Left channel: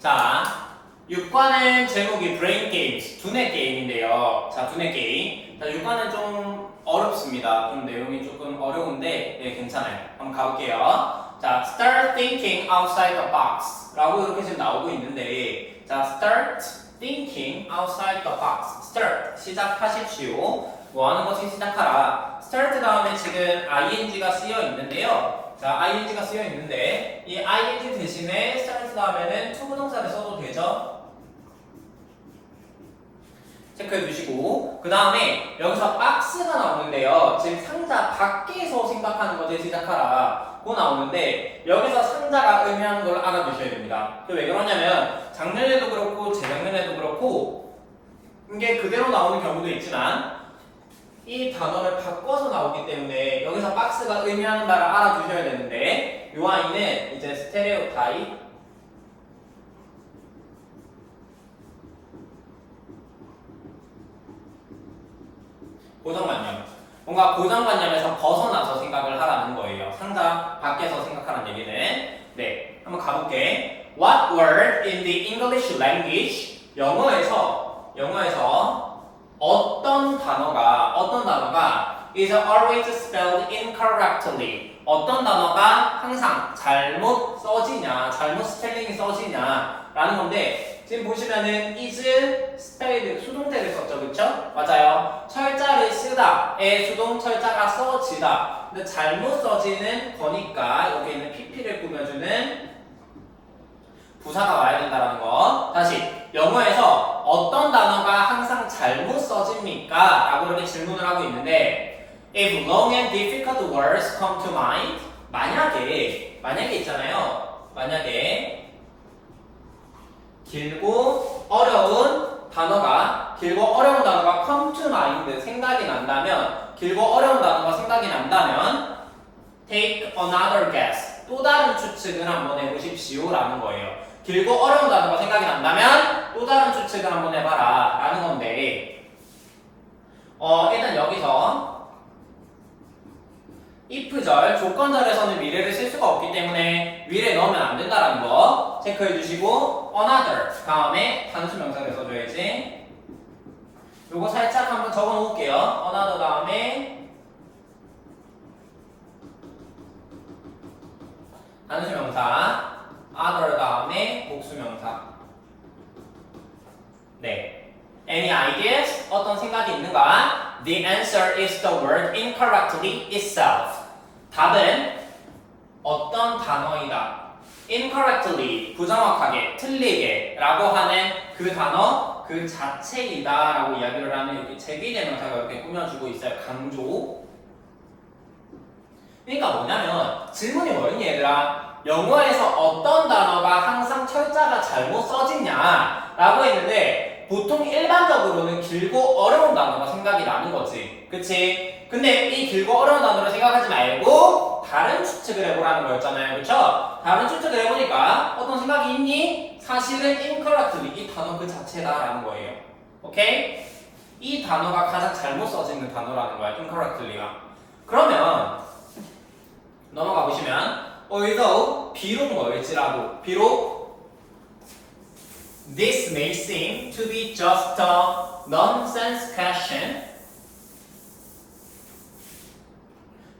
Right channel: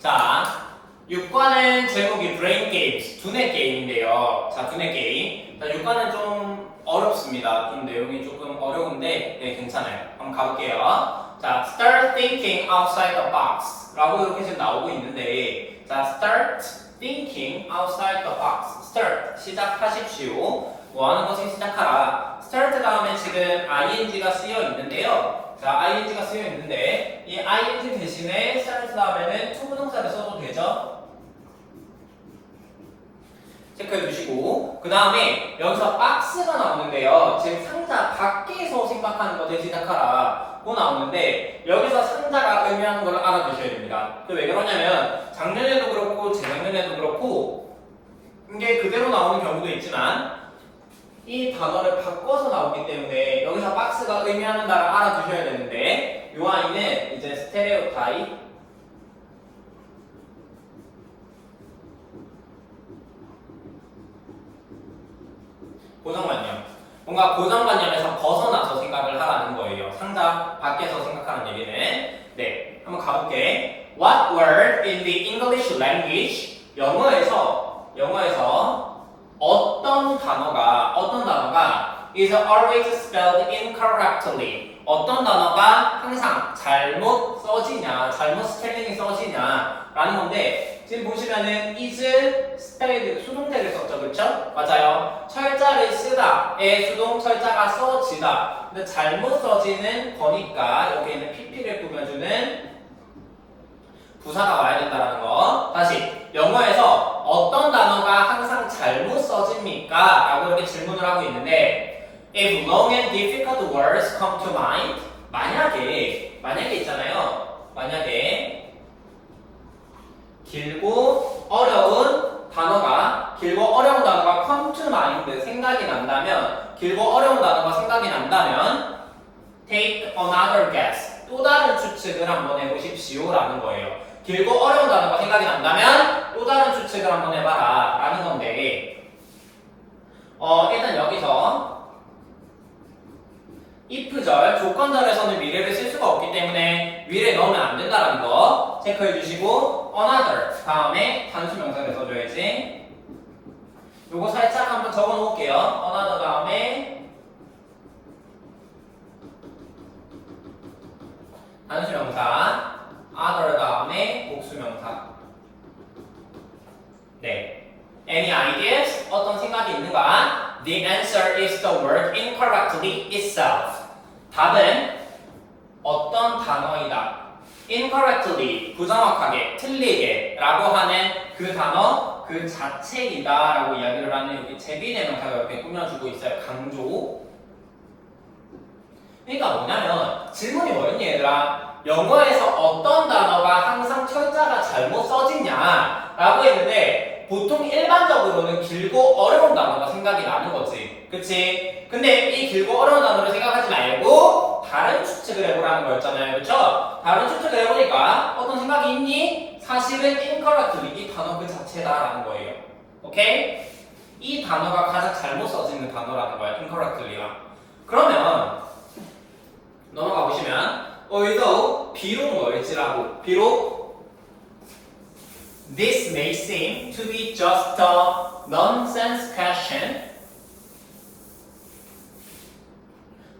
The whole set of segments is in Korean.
자, 6과는 제목이 브레인 게임스, 두뇌 게임인데요. 자, 두뇌 게임. 자, 6과는 좀 어렵습니다. 좀 내용이 조금 어려운데, 네, 괜찮아요. 한번 가볼게요. 자, start thinking outside the box. 라고 이렇게 지금 나오고 있는데, 자, start thinking outside the box. start, 시작하십시오. 뭐 하는 것을 시작하라. start 다음에 지금 ing가 쓰여 있는데요. 자, ing가 쓰여 있는데, 이 ing 대신에 start 다음에는 to 부동사를 써도 되죠? 체크해 주시고, 그 다음에 여기서 박스가 나오는데요. 지금 상자 밖에서 생각하는 것을 시작하라 고 나오는데, 여기서 상자가 의미하는 걸 알아두셔야 됩니다. 왜 그러냐면 작년에도 그렇고 재작년에도 그렇고 이게 그대로 나오는 경우도 있지만 이 단어를 바꿔서 나오기 때문에 여기서 박스가 의미하는 바를 알아두셔야 되는데, 이 아이는 이제 스테레오타입 고정관념, 뭔가 고정관념에서 벗어나서 생각을 하라는 거예요. 상자 밖에서 생각하는 얘기는. 네, 한번 가볼게. What word in the English language? 영어에서 어떤 단어가 is always spelled incorrectly. 어떤 단어가 항상 잘못 써지냐, 잘못 스펠링이 써지냐 라는 건데, 지금 보시면은 is spelled 수동태를 썼죠, 그렇죠? 맞아요. 철자를 쓰다의 수동 철자가 써지다. 근데 잘못 써지는 거니까 여기 있는 pp를 꾸며주는 부사가 와야 된다는 거. 다시, 영어에서 어떤 단어가 항상 잘못 써집니까? 라고 이렇게 질문을 하고 있는데, if long and difficult words come to mind, 만약에 있잖아요. 만약에 길고 어려운 단어가 come to mind, 생각이 난다면, take another guess, 또 다른 추측을 한번 해보십시오 라는 거예요. 길고 어려운 단어가 생각이 난다면 또 다른 추측을 한번 해봐라 라는 건데, 일단 여기서 if절, 조건절에서는 미래를 쓸 수가 없기 때문에 위에 넣으면 안 된다는 거 체크해 주시고, another 다음에 단수명사를 써줘야지. 요거 살짝 한번 적어 놓을게요. another 다음에 단수명사, other 다음에 복수명사. 네. Any ideas? 어떤 생각이 있는가? The answer is the word incorrectly itself. 답은 어떤 단어이다. incorrectly, 부정확하게, 틀리게 라고 하는 그 단어, 그 자체이다 라고 이야기를 하는 여기 제비대명사가 이렇게 꾸며주고 있어요. 강조. 그러니까 뭐냐면 질문이 뭐였니 얘들아? 영어에서 어떤 단어가 항상 철자가 잘못 써지냐 라고 했는데, 보통 일반적으로는 길고 어려운 단어가 생각이 나는 거지, 그치? 근데 이 길고 어려운 단어를 생각하지 말고 다른 추측을 해보라는 거였잖아요, 그쵸? 다른 추측을 해보니까 어떤 생각이 있니? 사실은 incorrectly, 이 단어 그 자체다라는 거예요. 오케이? 이 단어가 가장 잘못 써지는 단어라는 거야, incorrectly가. 그러면 넘어가 보시면, 여기서 비록 뭐일지라도, 비록 This may seem to be just a nonsense question.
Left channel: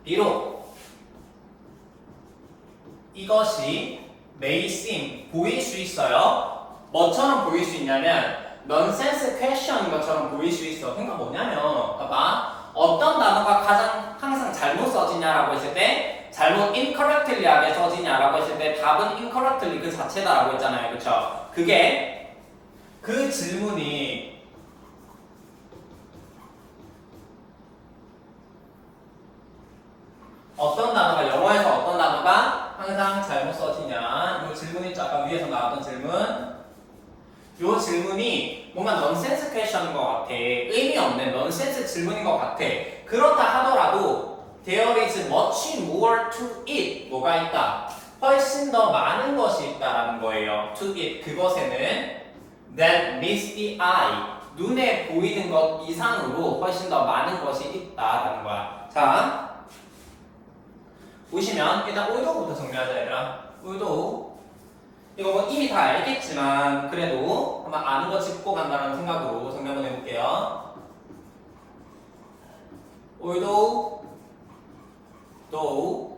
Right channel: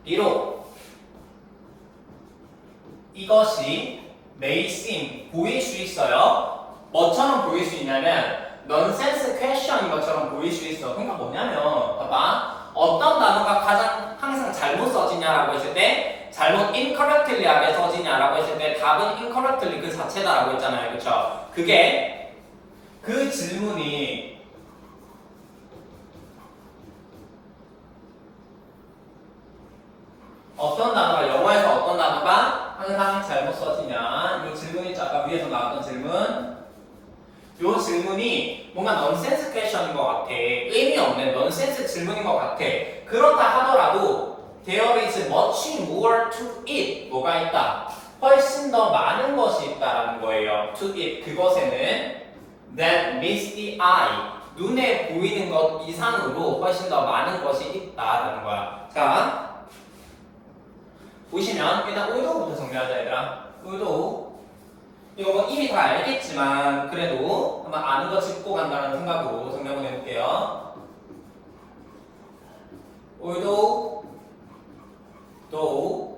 비록 이것이 may seem, 보일 수 있어요. 뭐처럼 보일 수 있냐면 nonsense question인 것처럼 보일 수 있어. 그러니까 뭐냐면, 봐봐. 어떤 단어가 가장 항상 잘못 써지냐라고 했을 때, 잘못 incorrectly하게 써지냐라고 했을 때 답은 incorrectly 그 자체다라고 했잖아요, 그쵸? 그게 그 질문이 어떤 단어가, 영어에서 어떤 단어가 항상 잘못 써지냐, 이 질문 있죠? 아까 위에서 나왔던 질문. 이 질문이 뭔가 넌센스 퀘션인 것 같아. 의미 없는 넌센스 질문인 것 같아. 그렇다 하더라도 there is much more to it. 뭐가 있다? 훨씬 더 많은 것이 있다라는 거예요. to it, 그것에는 that meets the eye, 눈에 보이는 것 이상으로 훨씬 더 많은 것이 있다라는 거야. 자, 보시면 일단 의도부터 정리하자 얘들아. 의도. 이거 뭐 이미 다 알겠지만 그래도 한번 아는 거 짚고 간다는 생각으로 정리한번 해볼게요. although, though,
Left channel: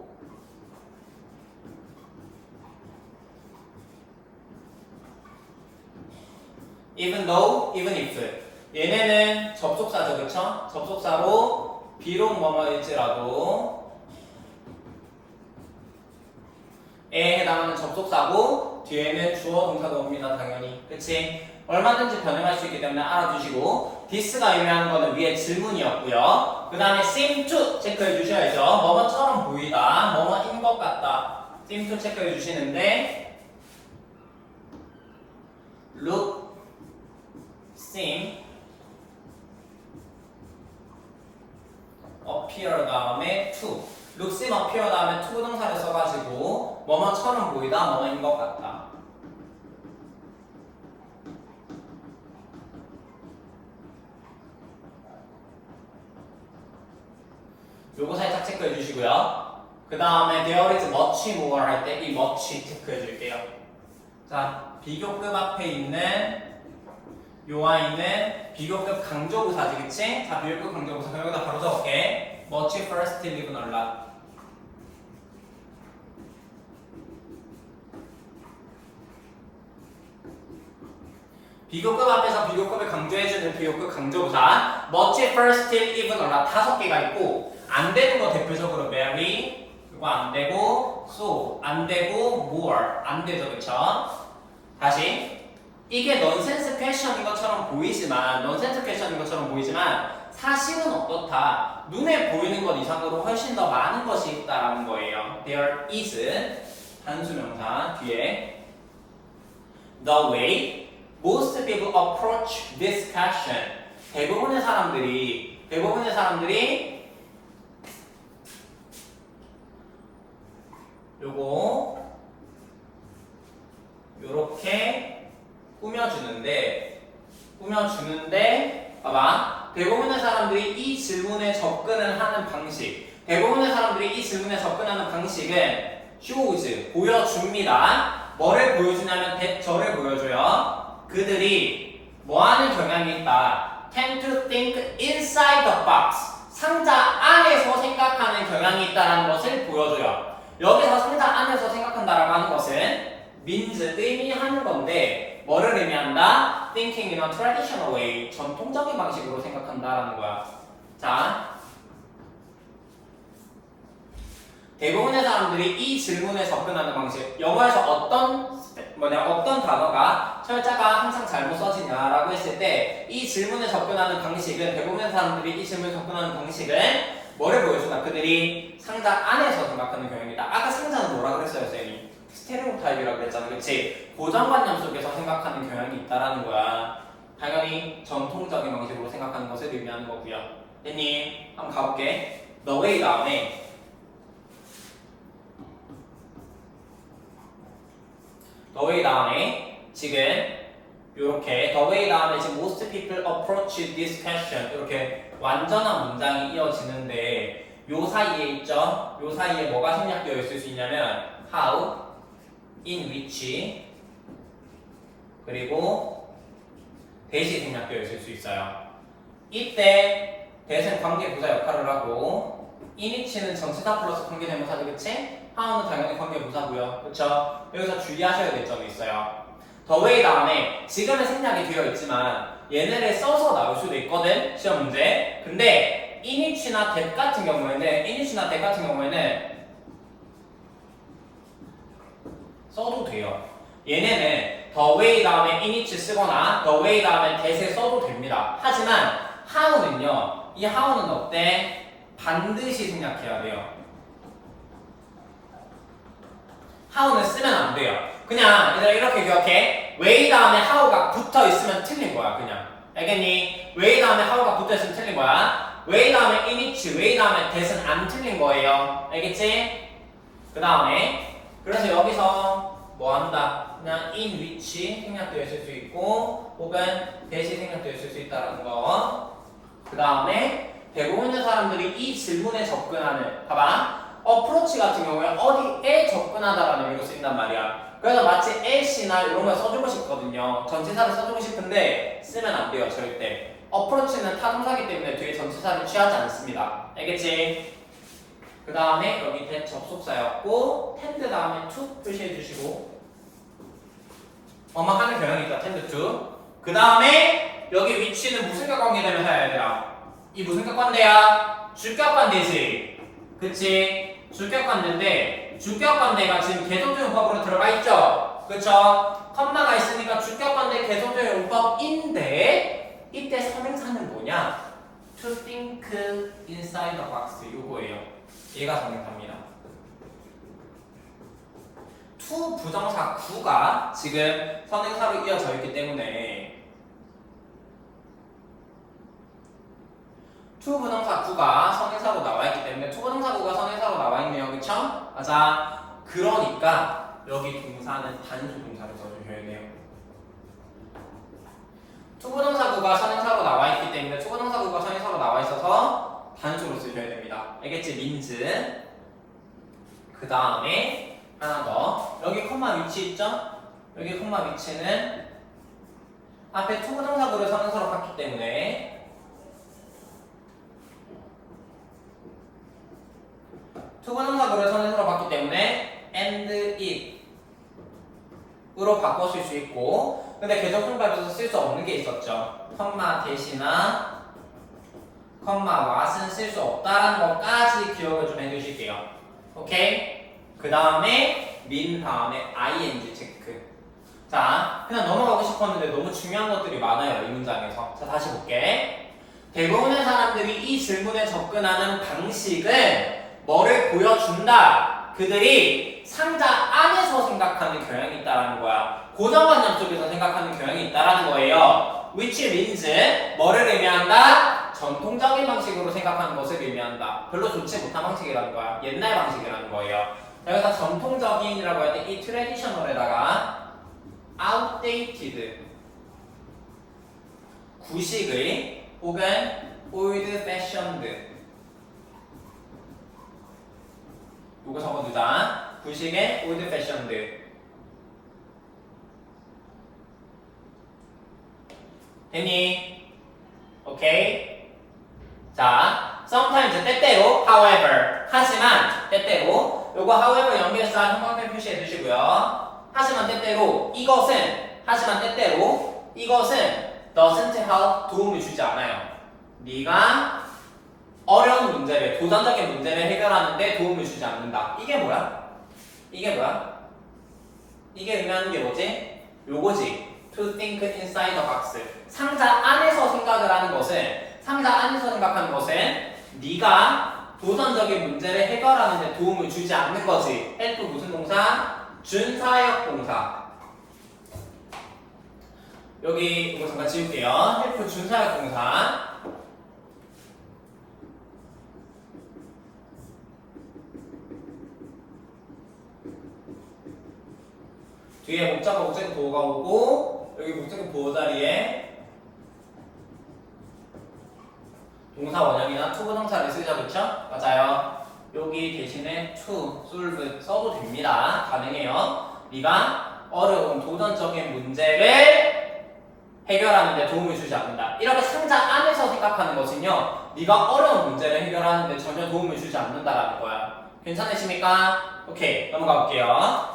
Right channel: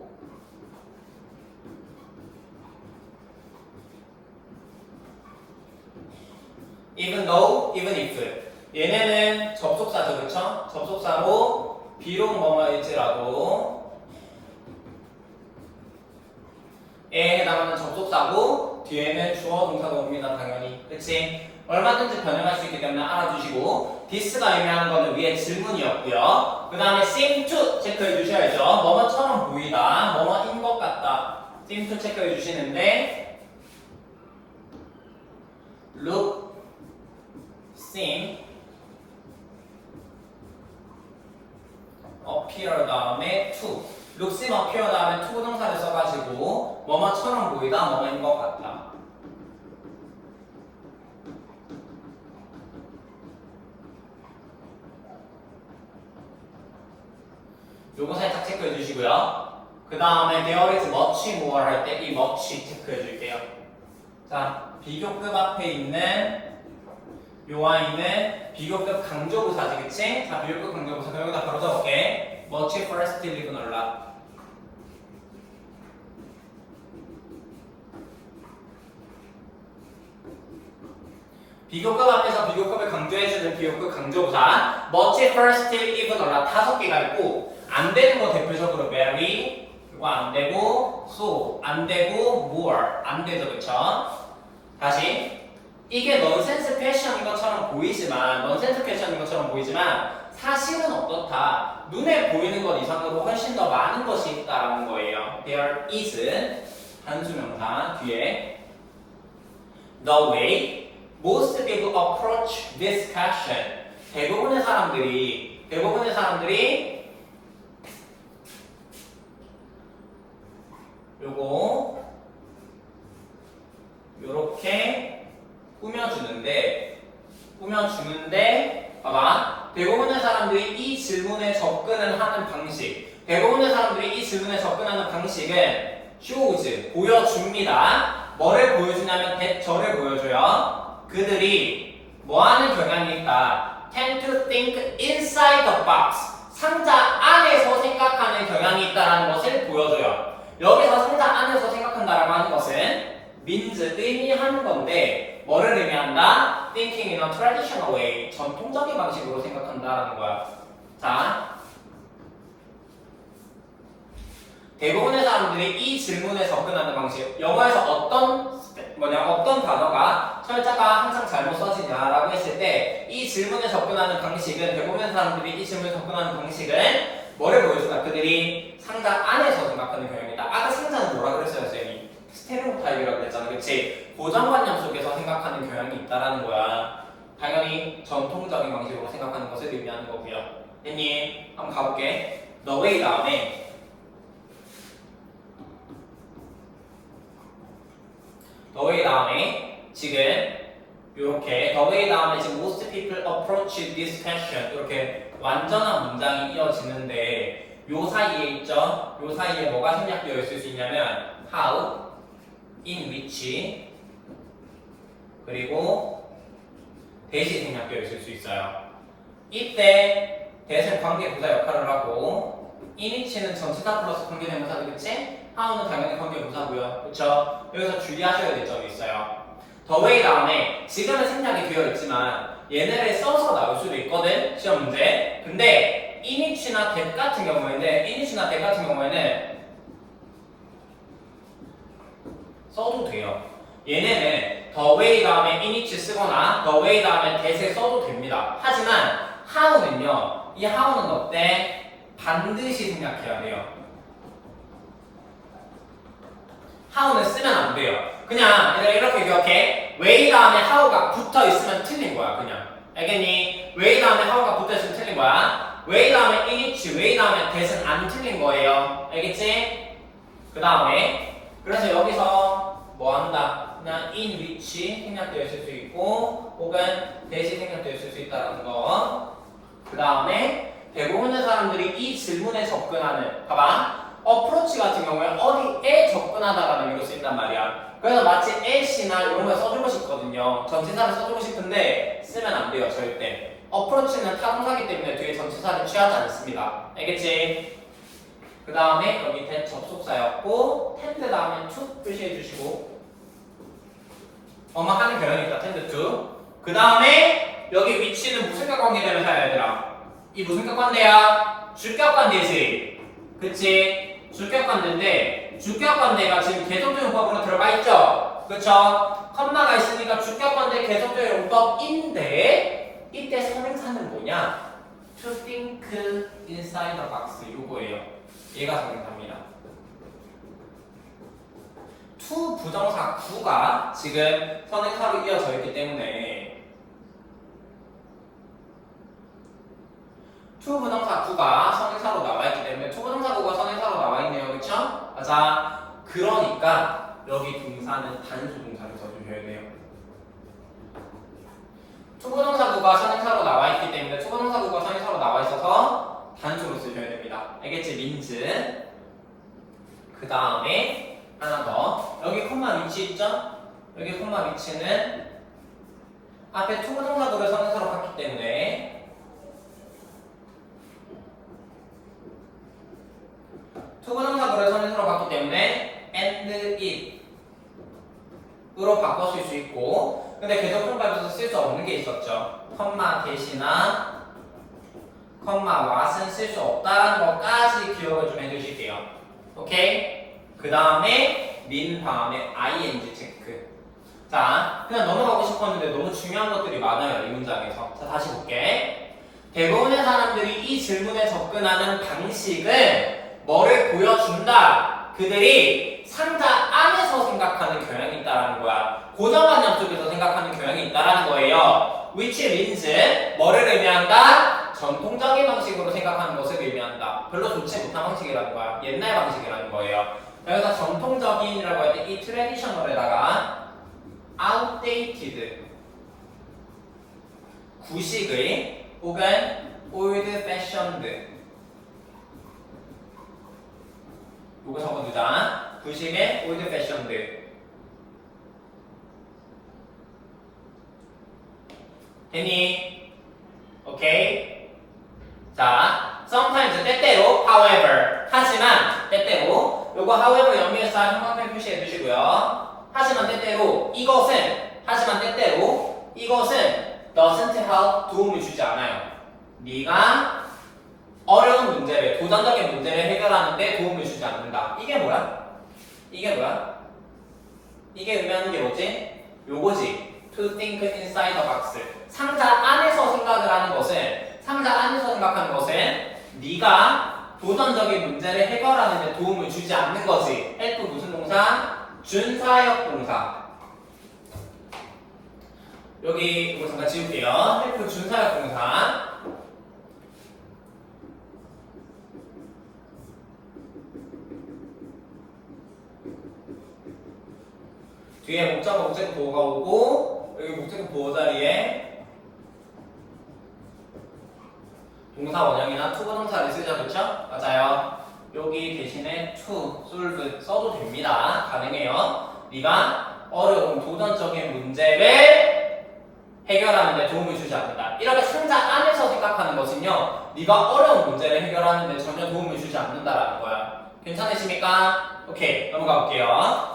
even though, even if. 얘네는 접속사죠, 그쵸? 접속사로 비록 뭐뭐일지라도 에 해당하는 접속사고 뒤에는 주어 동사가 옵니다, 당연히. 그치? 얼마든지 변형할 수 있기 때문에 알아두시고 this가 의미하는 거는 위에 질문이었고요. 그 다음에 seem to 체크해 주셔야죠. 뭐뭐처럼 보이다, 뭐뭐인 것 같다. seem to 체크해 주시는데 look, seem, appear 다음에 to. look, seem, appear 다음에 to 동사를 써가지고 뭐뭐처럼 보이다, 뭐뭐인 것 같다. 요거 살짝 체크해 주시고요. 그 다음에 there is much more 할 때 이 much 체크해 줄게요. 자, 비교급 앞에 있는 요 아이는 비교급 강조부사지, 그치? 자, 비교급 강조부사. 여기다 바로 적을게. much first live 놀라. 비교급 앞에서 비교급을 강조해주는 비교급 강조부사 much first live 놀라 5개가 있고 안 되는 거 대표적으로 very, 이거 안 되고 so, 안 되고 more, 안 되죠, 그쵸? 다시 이게 넌센스 패션인 것처럼 보이지만 사실은 어떻다. 눈에 보이는 것 이상으로 훨씬 더 많은 것이 있다라는 거예요. There is 단수명사 뒤에 the way most people approach this question. 대부분의 사람들이 요거 요렇게 꾸며주는데 봐봐. 대부분의 사람들이 이 질문에 접근을 하는 방식 은 shows, 보여줍니다. 뭐를 보여주냐면 대처를 보여줘요. 그들이 뭐하는 경향이 있다. tend to think inside the box. 상자 안에서 생각하는 경향이 있다는 것을 보여줘요. 여기서 상자 안에서 생각한다라고 하는 것은 means, 의미하는 건데 뭐를 의미한다? thinking in a traditional way, 전통적인 방식으로 생각한다라는 거야. 자, 대부분의 사람들이 이 질문에 접근하는 방식, 영어에서 어떤 단어가 철자가 항상 잘못 써지냐라고 했을 때 이 질문에 접근하는 방식은 대부분의 사람들이 이 질문에 접근하는 방식은 뭐를 보여줄까? 그들이 상자 안에서 생각하는 경향이다. 아까 상자는 뭐라 그랬어요, 선생님이? 스테레오타입이라고 그랬잖아, 그렇지? 고정관념 속에서 생각하는 경향이 있다라는 거야. 당연히 전통적인 방식으로 생각하는 것을 의미하는 거고요. 됐니? 한번 가볼게. The way 다음에 the way 다음에 지금 요렇게 the way 다음에 지금 most people approach this question 이렇게 완전한 문장이 이어지는데 요 사이에 있죠? 요 사이에 뭐가 생략되어 있을 수 있냐면 how, in which 그리고 대시 생략되어 있을 수 있어요. 이때 대신 관계부사 역할을 하고 in which는 전치사 플러스 관계대명사죠, 그치? how는 당연히 관계부사고요, 그쵸? 여기서 주의하셔야 될 점이 있어요. the way 다음에 지금은 생략이 되어 있지만 얘네를 써서 나올 수도 있거든, 시험 문제. 근데 in which나 that 같은 경우에는 써도 돼요. 얘네는 the way 다음에 in which 쓰거나 the way 다음에 that을 써도 됩니다. 하지만 how는요, 이 how는 어때? 반드시 생략해야 돼요. how는 쓰면 안 돼요. 그냥 이렇게 기억해. way 다음에 how가 붙어 있으면 틀린 거야, 그냥. 알겠니? way 다음에 how가 붙어 있으면 틀린 거야. way 다음에 in which, way 다음에 that은 안 틀린 거예요. 알겠지? 그 다음에 그래서 여기서 뭐 한다? 그냥 in which 생략되어 있을 수 있고 혹은 that이 생략되어 있을 수 있다는 거. 그 다음에 대부분의 사람들이 이 질문에 접근하는, 봐봐, approach 같은 경우에 어디에 접근하다라는 의미로 쓰인단 말이야. 그래서 마치 at이나 이런 걸 써주고 싶거든요. 전치사를 써주고 싶은데 쓰면 안 돼요, 절대. approach는 타동사기 때문에 뒤에 전치사를 취하지 않습니다. 알겠지? 그 다음에 여기 밑에 접속사였고 tend 다음에 to 표시해 주시고 하는 경향이 있다. tend to. 그 다음에 여기 위치는 무슨 격관계되면 얘들아? 이 무슨 격관계야? 주격관계지. 그치? 주격관계인데 주격관계가 지금 계속적 용법으로 들어가 있죠? 그쵸? 컴마가 있으니까 주격관계 계속적 용법인데 이때 선행사는 뭐냐? To think inside the box 요거예요. 얘가 선행사입니다. to 부정사 구가 지금 선행사로 이어져 있기 때문에 to 부정사 구가 선행사로 나와 있기 때문에 to 부정사 구가 선행사로 나와 있네요. 그쵸? 맞아. 그러니까 여기 동사는 단수 동사를 써주셔야 돼요. to 부정사 구가 선행사로 나와 있기 때문에 to 부정사 구가 선행사로 나와 있어서 단수로 쓰셔야 됩니다. 알겠지? means. 그 다음에 하나 더. 여기 콤마 위치 있죠? 여기 콤마 위치는 앞에 to 부정사구를 선행사로 봤기 때문에 to 부정사구를 선행사로 봤기 때문에 and it 으로 바꿔 쓸 수 있고 근데 계속종법에서 쓸 수 없는 게 있었죠. 컴마 대신나 컴마 what은 쓸 수 없다는 것까지 기억을 좀 해주실게요. 오케이? 그 다음에 min 다음에 ing 체크. 자, 그냥 넘어가고 싶었는데 너무 중요한 것들이 많아요. 이 문장에서. 자, 다시 볼게. 대부분의 사람들이 이 질문에 접근하는 방식은 뭐를 보여준다. 그들이 상자 안에서 생각하는 경향이 있다는 거야. 고정관념 쪽에서 생각하는 경향이 있다는 거예요. which means 뭐를 의미한다? 전통적인 방식으로 생각하는 것을 의미한다. 별로 좋지 못한 방식이라는 거야. 옛날 방식이라는 거예요. 여기서 전통적인이라고 할 때 이 traditional에다가 outdated 구식의 혹은 old fashioned 요거 적어두자. 구식의 old fashioned 됐니? 오케이. 자, sometimes 때때로 however 하지만 때때로 요거 however 연결사 형광펜 표시해 주시고요. 하지만 때때로 이것은 하지만 때때로 이것은 doesn't help 도움을 주지 않아요. 네가 어려운 문제를 도전적인 문제를 해결하는데 도움을 주지 않는다. 이게 뭐야? 이게 뭐야? 이게 의미하는 게 뭐지? 요거지. To think inside the box. 상자 안에서 생각을 하는 것은 상자 안에서 생각하는 것은 네가 도전적인 문제를 해결하는 데 도움을 주지 않는 거지. help 무슨 동사? 준사역 동사. 여기 이거 잠깐 지울게요. help 준사역 동사. 뒤에 목적어 목적어 보호가 오고 여기 목적어 보호 자리에 동사 원형이나 to 부정사를 쓰자. 그렇죠? 맞아요. 여기 대신에 to, solve 써도 됩니다. 가능해요. 네가 어려운 도전적인 문제를 해결하는 데 도움을 주지 않는다. 이렇게 상자 안에서 생각하는 것은요. 네가 어려운 문제를 해결하는 데 전혀 도움을 주지 않는다라는 거야. 괜찮으십니까? 오케이. 넘어가 볼게요.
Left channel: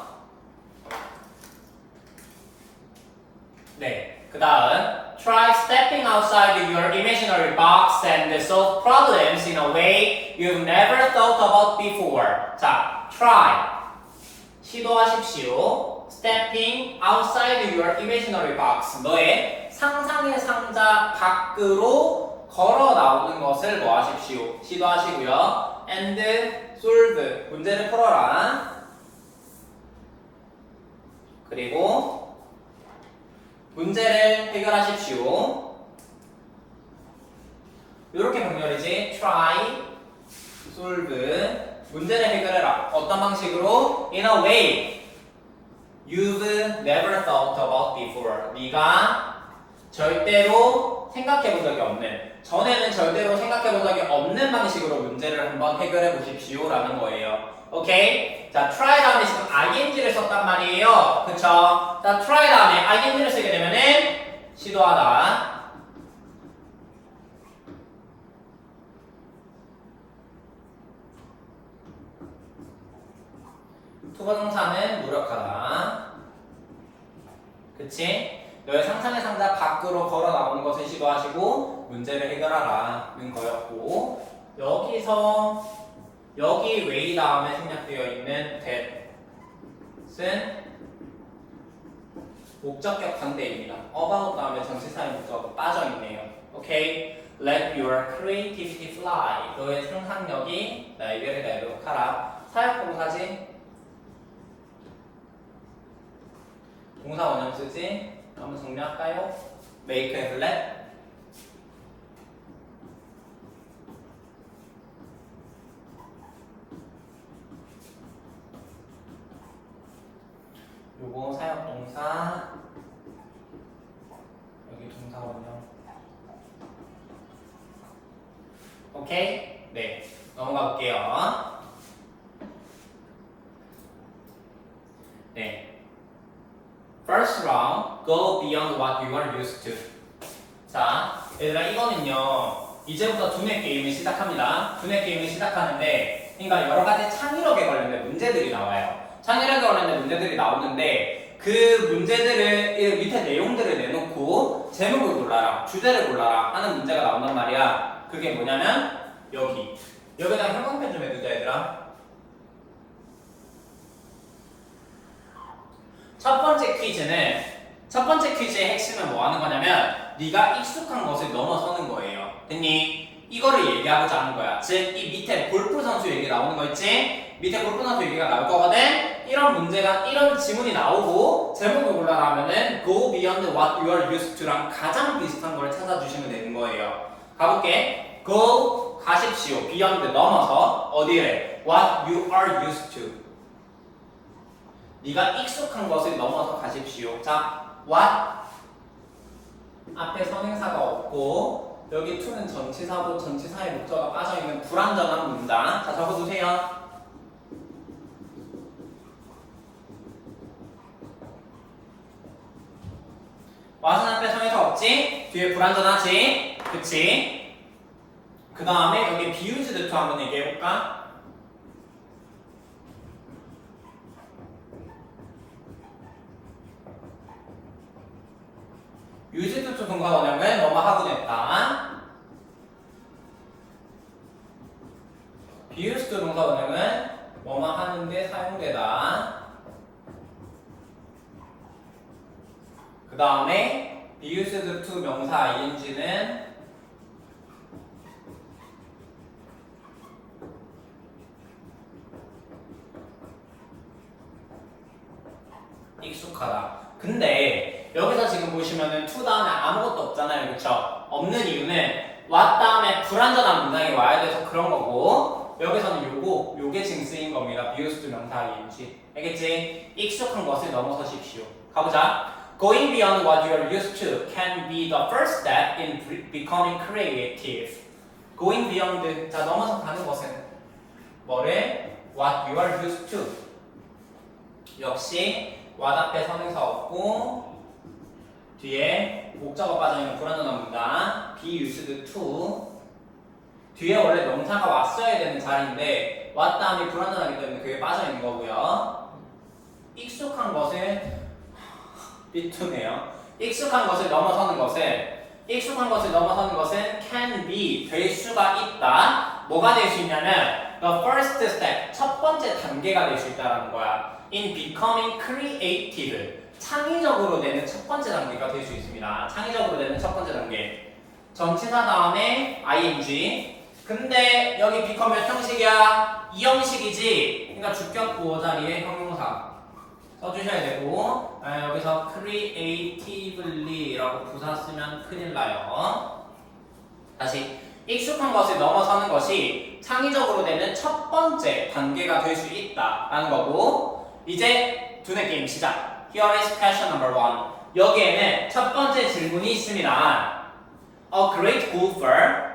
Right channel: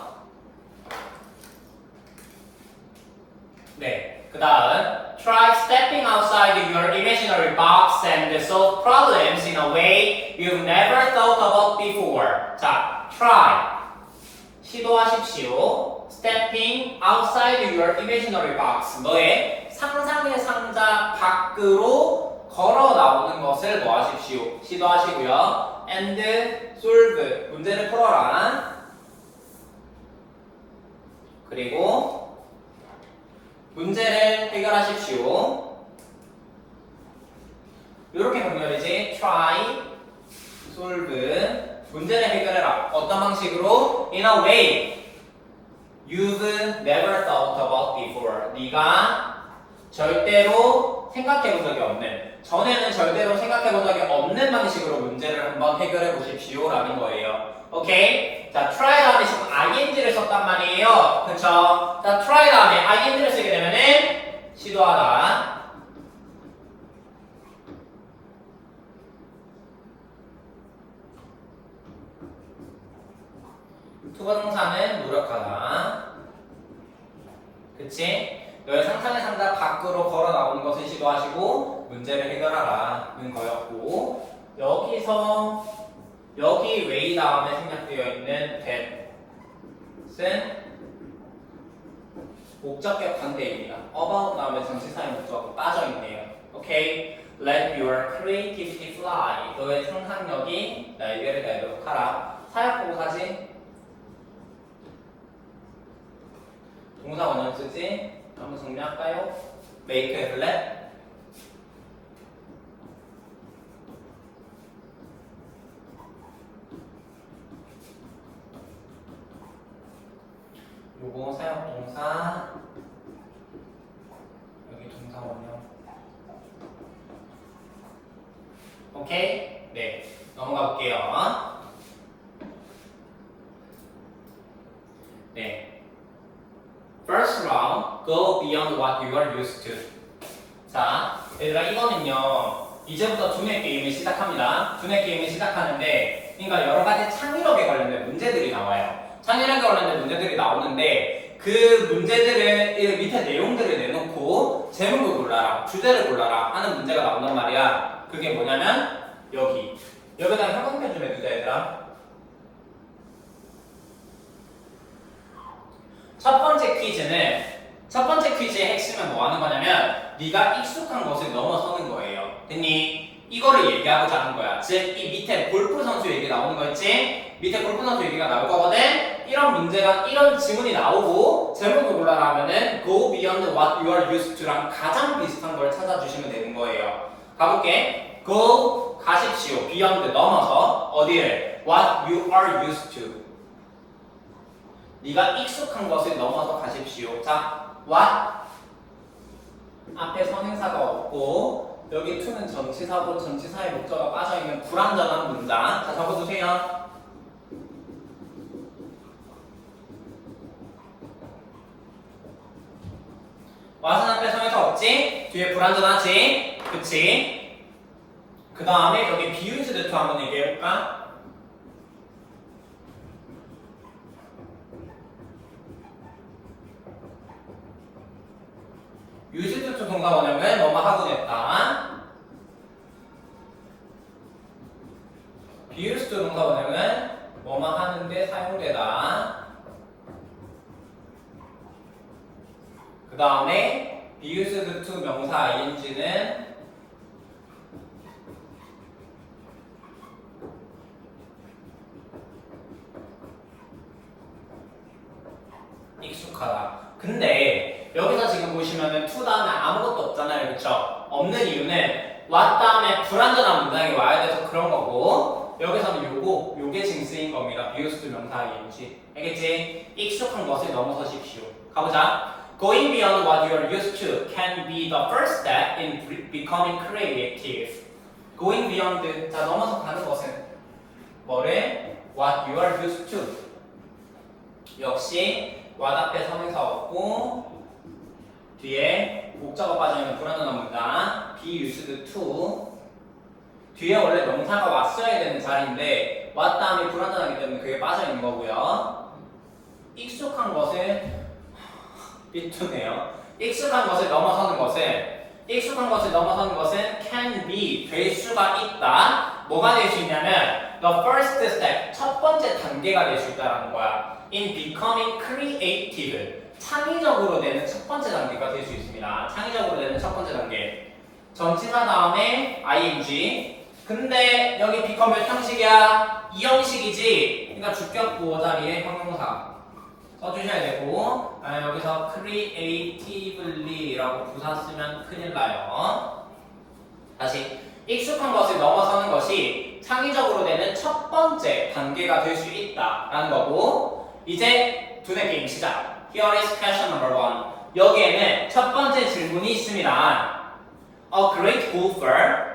네, 그 다음 Try stepping outside your imaginary box and solve problems in a way you've never thought about before. 자, try 시도하십시오. Stepping outside your imaginary box. 너의 상상의 상자 밖으로 걸어 나오는 것을 뭐 하십시오? 시도하시고요. And solve 문제를 풀어라. 그리고 문제를 해결하십시오. 이렇게 병렬이지. Try, solve, 문제를 해결해라. 어떤 방식으로? In a way you've never thought about before. 네가 절대로 생각해본 적이 없는, 전에는 절대로 생각해본 적이 없는 방식으로 문제를 한번 해결해 보십시오라는 거예요. 오케이? 자, try 다음에 지금 ing를 썼단 말이에요. 그쵸? 자, try 다음에 ing를 쓰게 되면은 시도하다. 투부정사는 노력하다. 그치? 너의 상상의 상자 밖으로 걸어 나오는 것을 시도하시고 문제를 해결하라는 거였고, 여기서 여기 way 다음에 생략되어 있는 that은 목적격 반대입니다. about 다음에 전치사의 목적어 빠져있네요. 오케이? Let your creativity fly. 너의 상상력이 날개를 달도록 하라. 사역동사지? 동사 원형 쓰지? 한번 정리할까요? make, have, let. 요거 사역동사, 여기 동사 원형. 오케이? 네, 넘어가 볼게요. 네. First round, go beyond what you are used to. 자, 얘들아 이거는요, 이제부터 두뇌 게임을 시작합니다. 두뇌 게임을 시작하는데, 그러니까 여러 가지 창의력에 관련된 문제들이 나와요. 창의력에 관련된 문제들이 나오는데, 그 문제들을 밑에 내용들을 내놓고 제목을 골라라, 주제를 골라라 하는 문제가 나온단 말이야. 그게 뭐냐면 여기다가 형광펜 좀 해주자 얘들아. 첫 번째 퀴즈의 핵심은 뭐 하는 거냐면 네가 익숙한 것을 넘어서는 거예요. 됐니? 이거를 얘기하고자 하는 거야. 즉 이 밑에 골프 선수 얘기 나오는 거 있지? 밑에 골프 선수 얘기가 나올 거거든? 이런 질문이 나오고 제목을 골라라 하면은 go beyond what you are used to랑 가장 비슷한 걸 찾아주시면 되는 거예요. 가볼게. go 가십시오. beyond 넘어서 어디를? what you are used to. 네가 익숙한 것을 넘어서 가십시오. 자, what? 앞에 선행사가 없고 여기 to는 전치사고 전치사의 목적어가 빠져있는 불완전한 문장. 자, 적어보세요. what은 앞에 선행사 없지? 뒤에 불완전하지? 그치? 그 다음에 여기 be used to 한번 얘기해볼까? used to 동사 원형은 뭐뭐 하고 됐다. be used to 동사 원형은 뭐뭐 하는데 사용되다. 그 다음에 be used to 명사 ing는 익숙하다. 근데 여기서 지금 보시면은 to 다음에 아무것도 없잖아요. 그쵸? 없는 이유는 what 다음에 불완전한 문장이 와야 돼서 그런 거고, 여기서는 요게 지금 쓰인 겁니다. be used to 명사 ing. 알겠지? 익숙한 것을 넘어서십시오. 가보자. Going beyond what you are used to can be the first step in becoming creative. Going beyond, 자 넘어서 가는 것은 뭐를? What you are used to. 역시 what 앞에 선행사 없고 뒤에 목적어 빠져있는 불완전한 문장 be used to. 뒤에 원래 명사가 왔어야 되는 자리인데 what 다음에 불완전하기 때문에 그게 빠져있는 거고요. 익숙한 것은 삐뚤네요. 익숙한 것을 넘어서는 것은 can be, 될 수가 있다. 뭐가 될 수 있냐면 the first step, 첫 번째 단계가 될 수 있다는 거야. in becoming creative, 창의적으로 되는 첫 번째 단계가 될 수 있습니다. 창의적으로 되는 첫 번째 단계. 전치사 다음에 ing. 근데 여기 become 몇 형식이야? 이 형식이지. 그러니까 주격 부호 자리에 형용사 써주셔야 되고, 여기서 creatively라고 부사 쓰면 큰일 나요. 다시 익숙한 것을 넘어서는 것이 창의적으로 되는 첫 번째 단계가 될 수 있다라는 거고, 이제 두뇌 게임 시작. Here is question number 1. 여기에는 첫 번째 질문이 있습니다. A great golfer,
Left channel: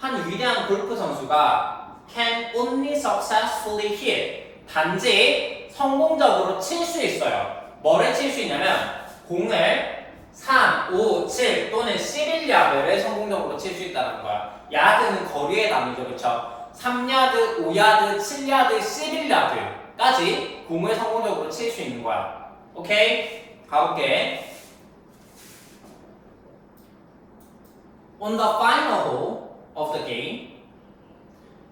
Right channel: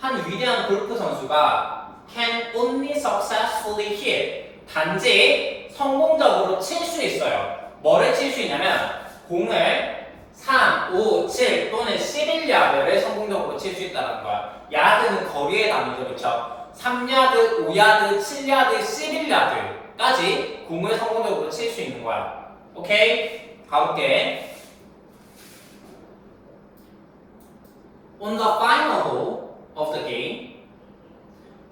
한 위대한 골프 선수가 can only successfully hit, 단지 성공적으로 칠 수 있어요. 뭐를 칠 수 있냐면 공을 3, 5, 7 또는 11야드를 성공적으로 칠 수 있다는 거야. 야드는 거리의 단위죠, 그쵸? 3야드, 5야드, 7야드, 11야드까지 공을 성공적으로 칠 수 있는 거야. 오케이? 가볼게. On the final hole of the game,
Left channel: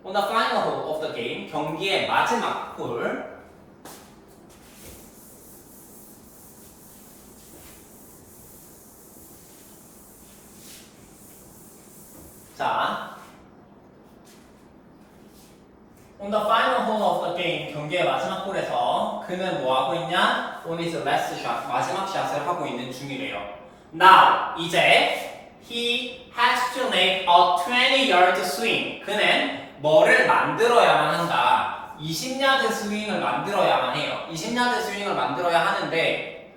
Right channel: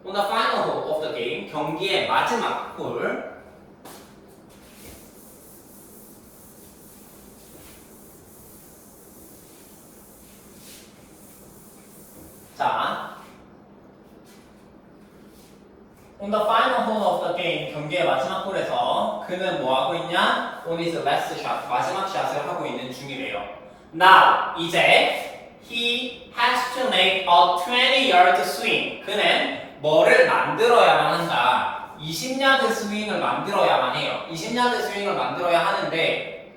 on the final hole of the game, 경기의 마지막 홀. 자, on the final hole of the game, 경기의 마지막 홀에서 그는 뭐 하고 있냐? On his last shot, 마지막 샷을 하고 있는 중이래요. Now, 이제 he has to make a 20-yard swing. 그는 뭐를 만들어야만 한다. 20야드 스윙을 만들어야만 해요. 20야드 스윙을 만들어야 하는데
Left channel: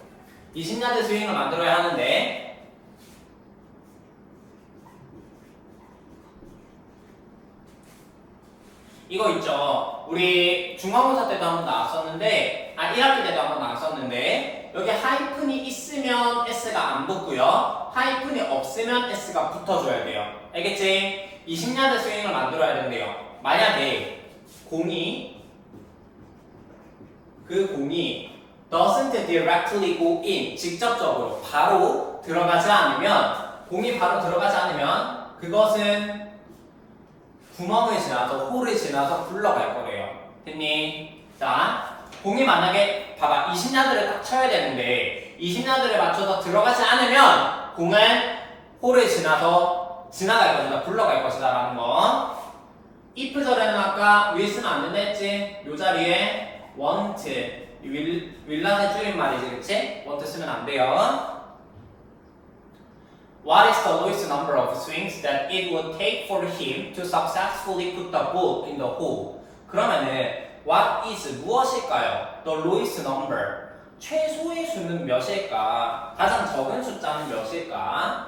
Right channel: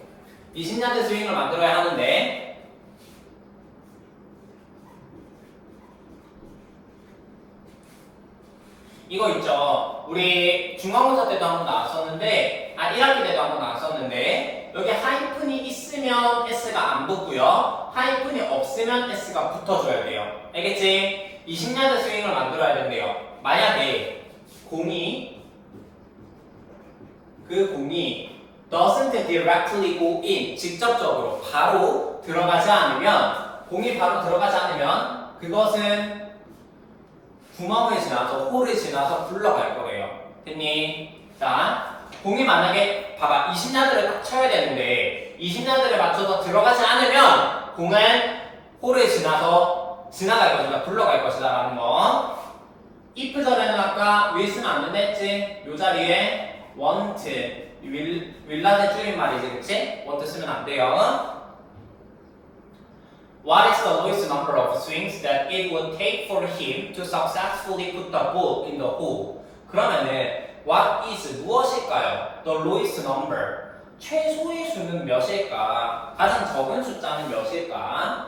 이거 있죠. 우리 중간고사 때도 한번 나왔었는데 1학기 때도 한번 나왔었는데 여기 하이픈이 있으면 S가 안 붙고요. 하이픈이 없으면 S가 붙어줘야 돼요. 알겠지? 20야드 스윙을 만들어야 된대요. 만약에 그 공이 doesn't directly go in, 직접적으로 바로 들어가지 않으면 그것은 구멍을 지나서 홀을 지나서 굴러갈 거래요. 됐니? 자, 공이 만약에 봐봐 20야드를 딱 쳐야 되는데 20야드를 맞춰서 들어가지 않으면 공은 홀을 지나갈 것이다, 굴러갈 것이다 라는 거. if 전에는 아까 will 쓰면 안 된다 했지? 요 자리에 want, will라는 줄임말이지, 그치? want 쓰면 안 돼요. What is the lowest number of swings that it would take for him to successfully put the ball in the hole? 그러면은 what is 무엇일까요? The lowest number. 최소의 수는 몇일까? 가장 적은 숫자는 몇일까?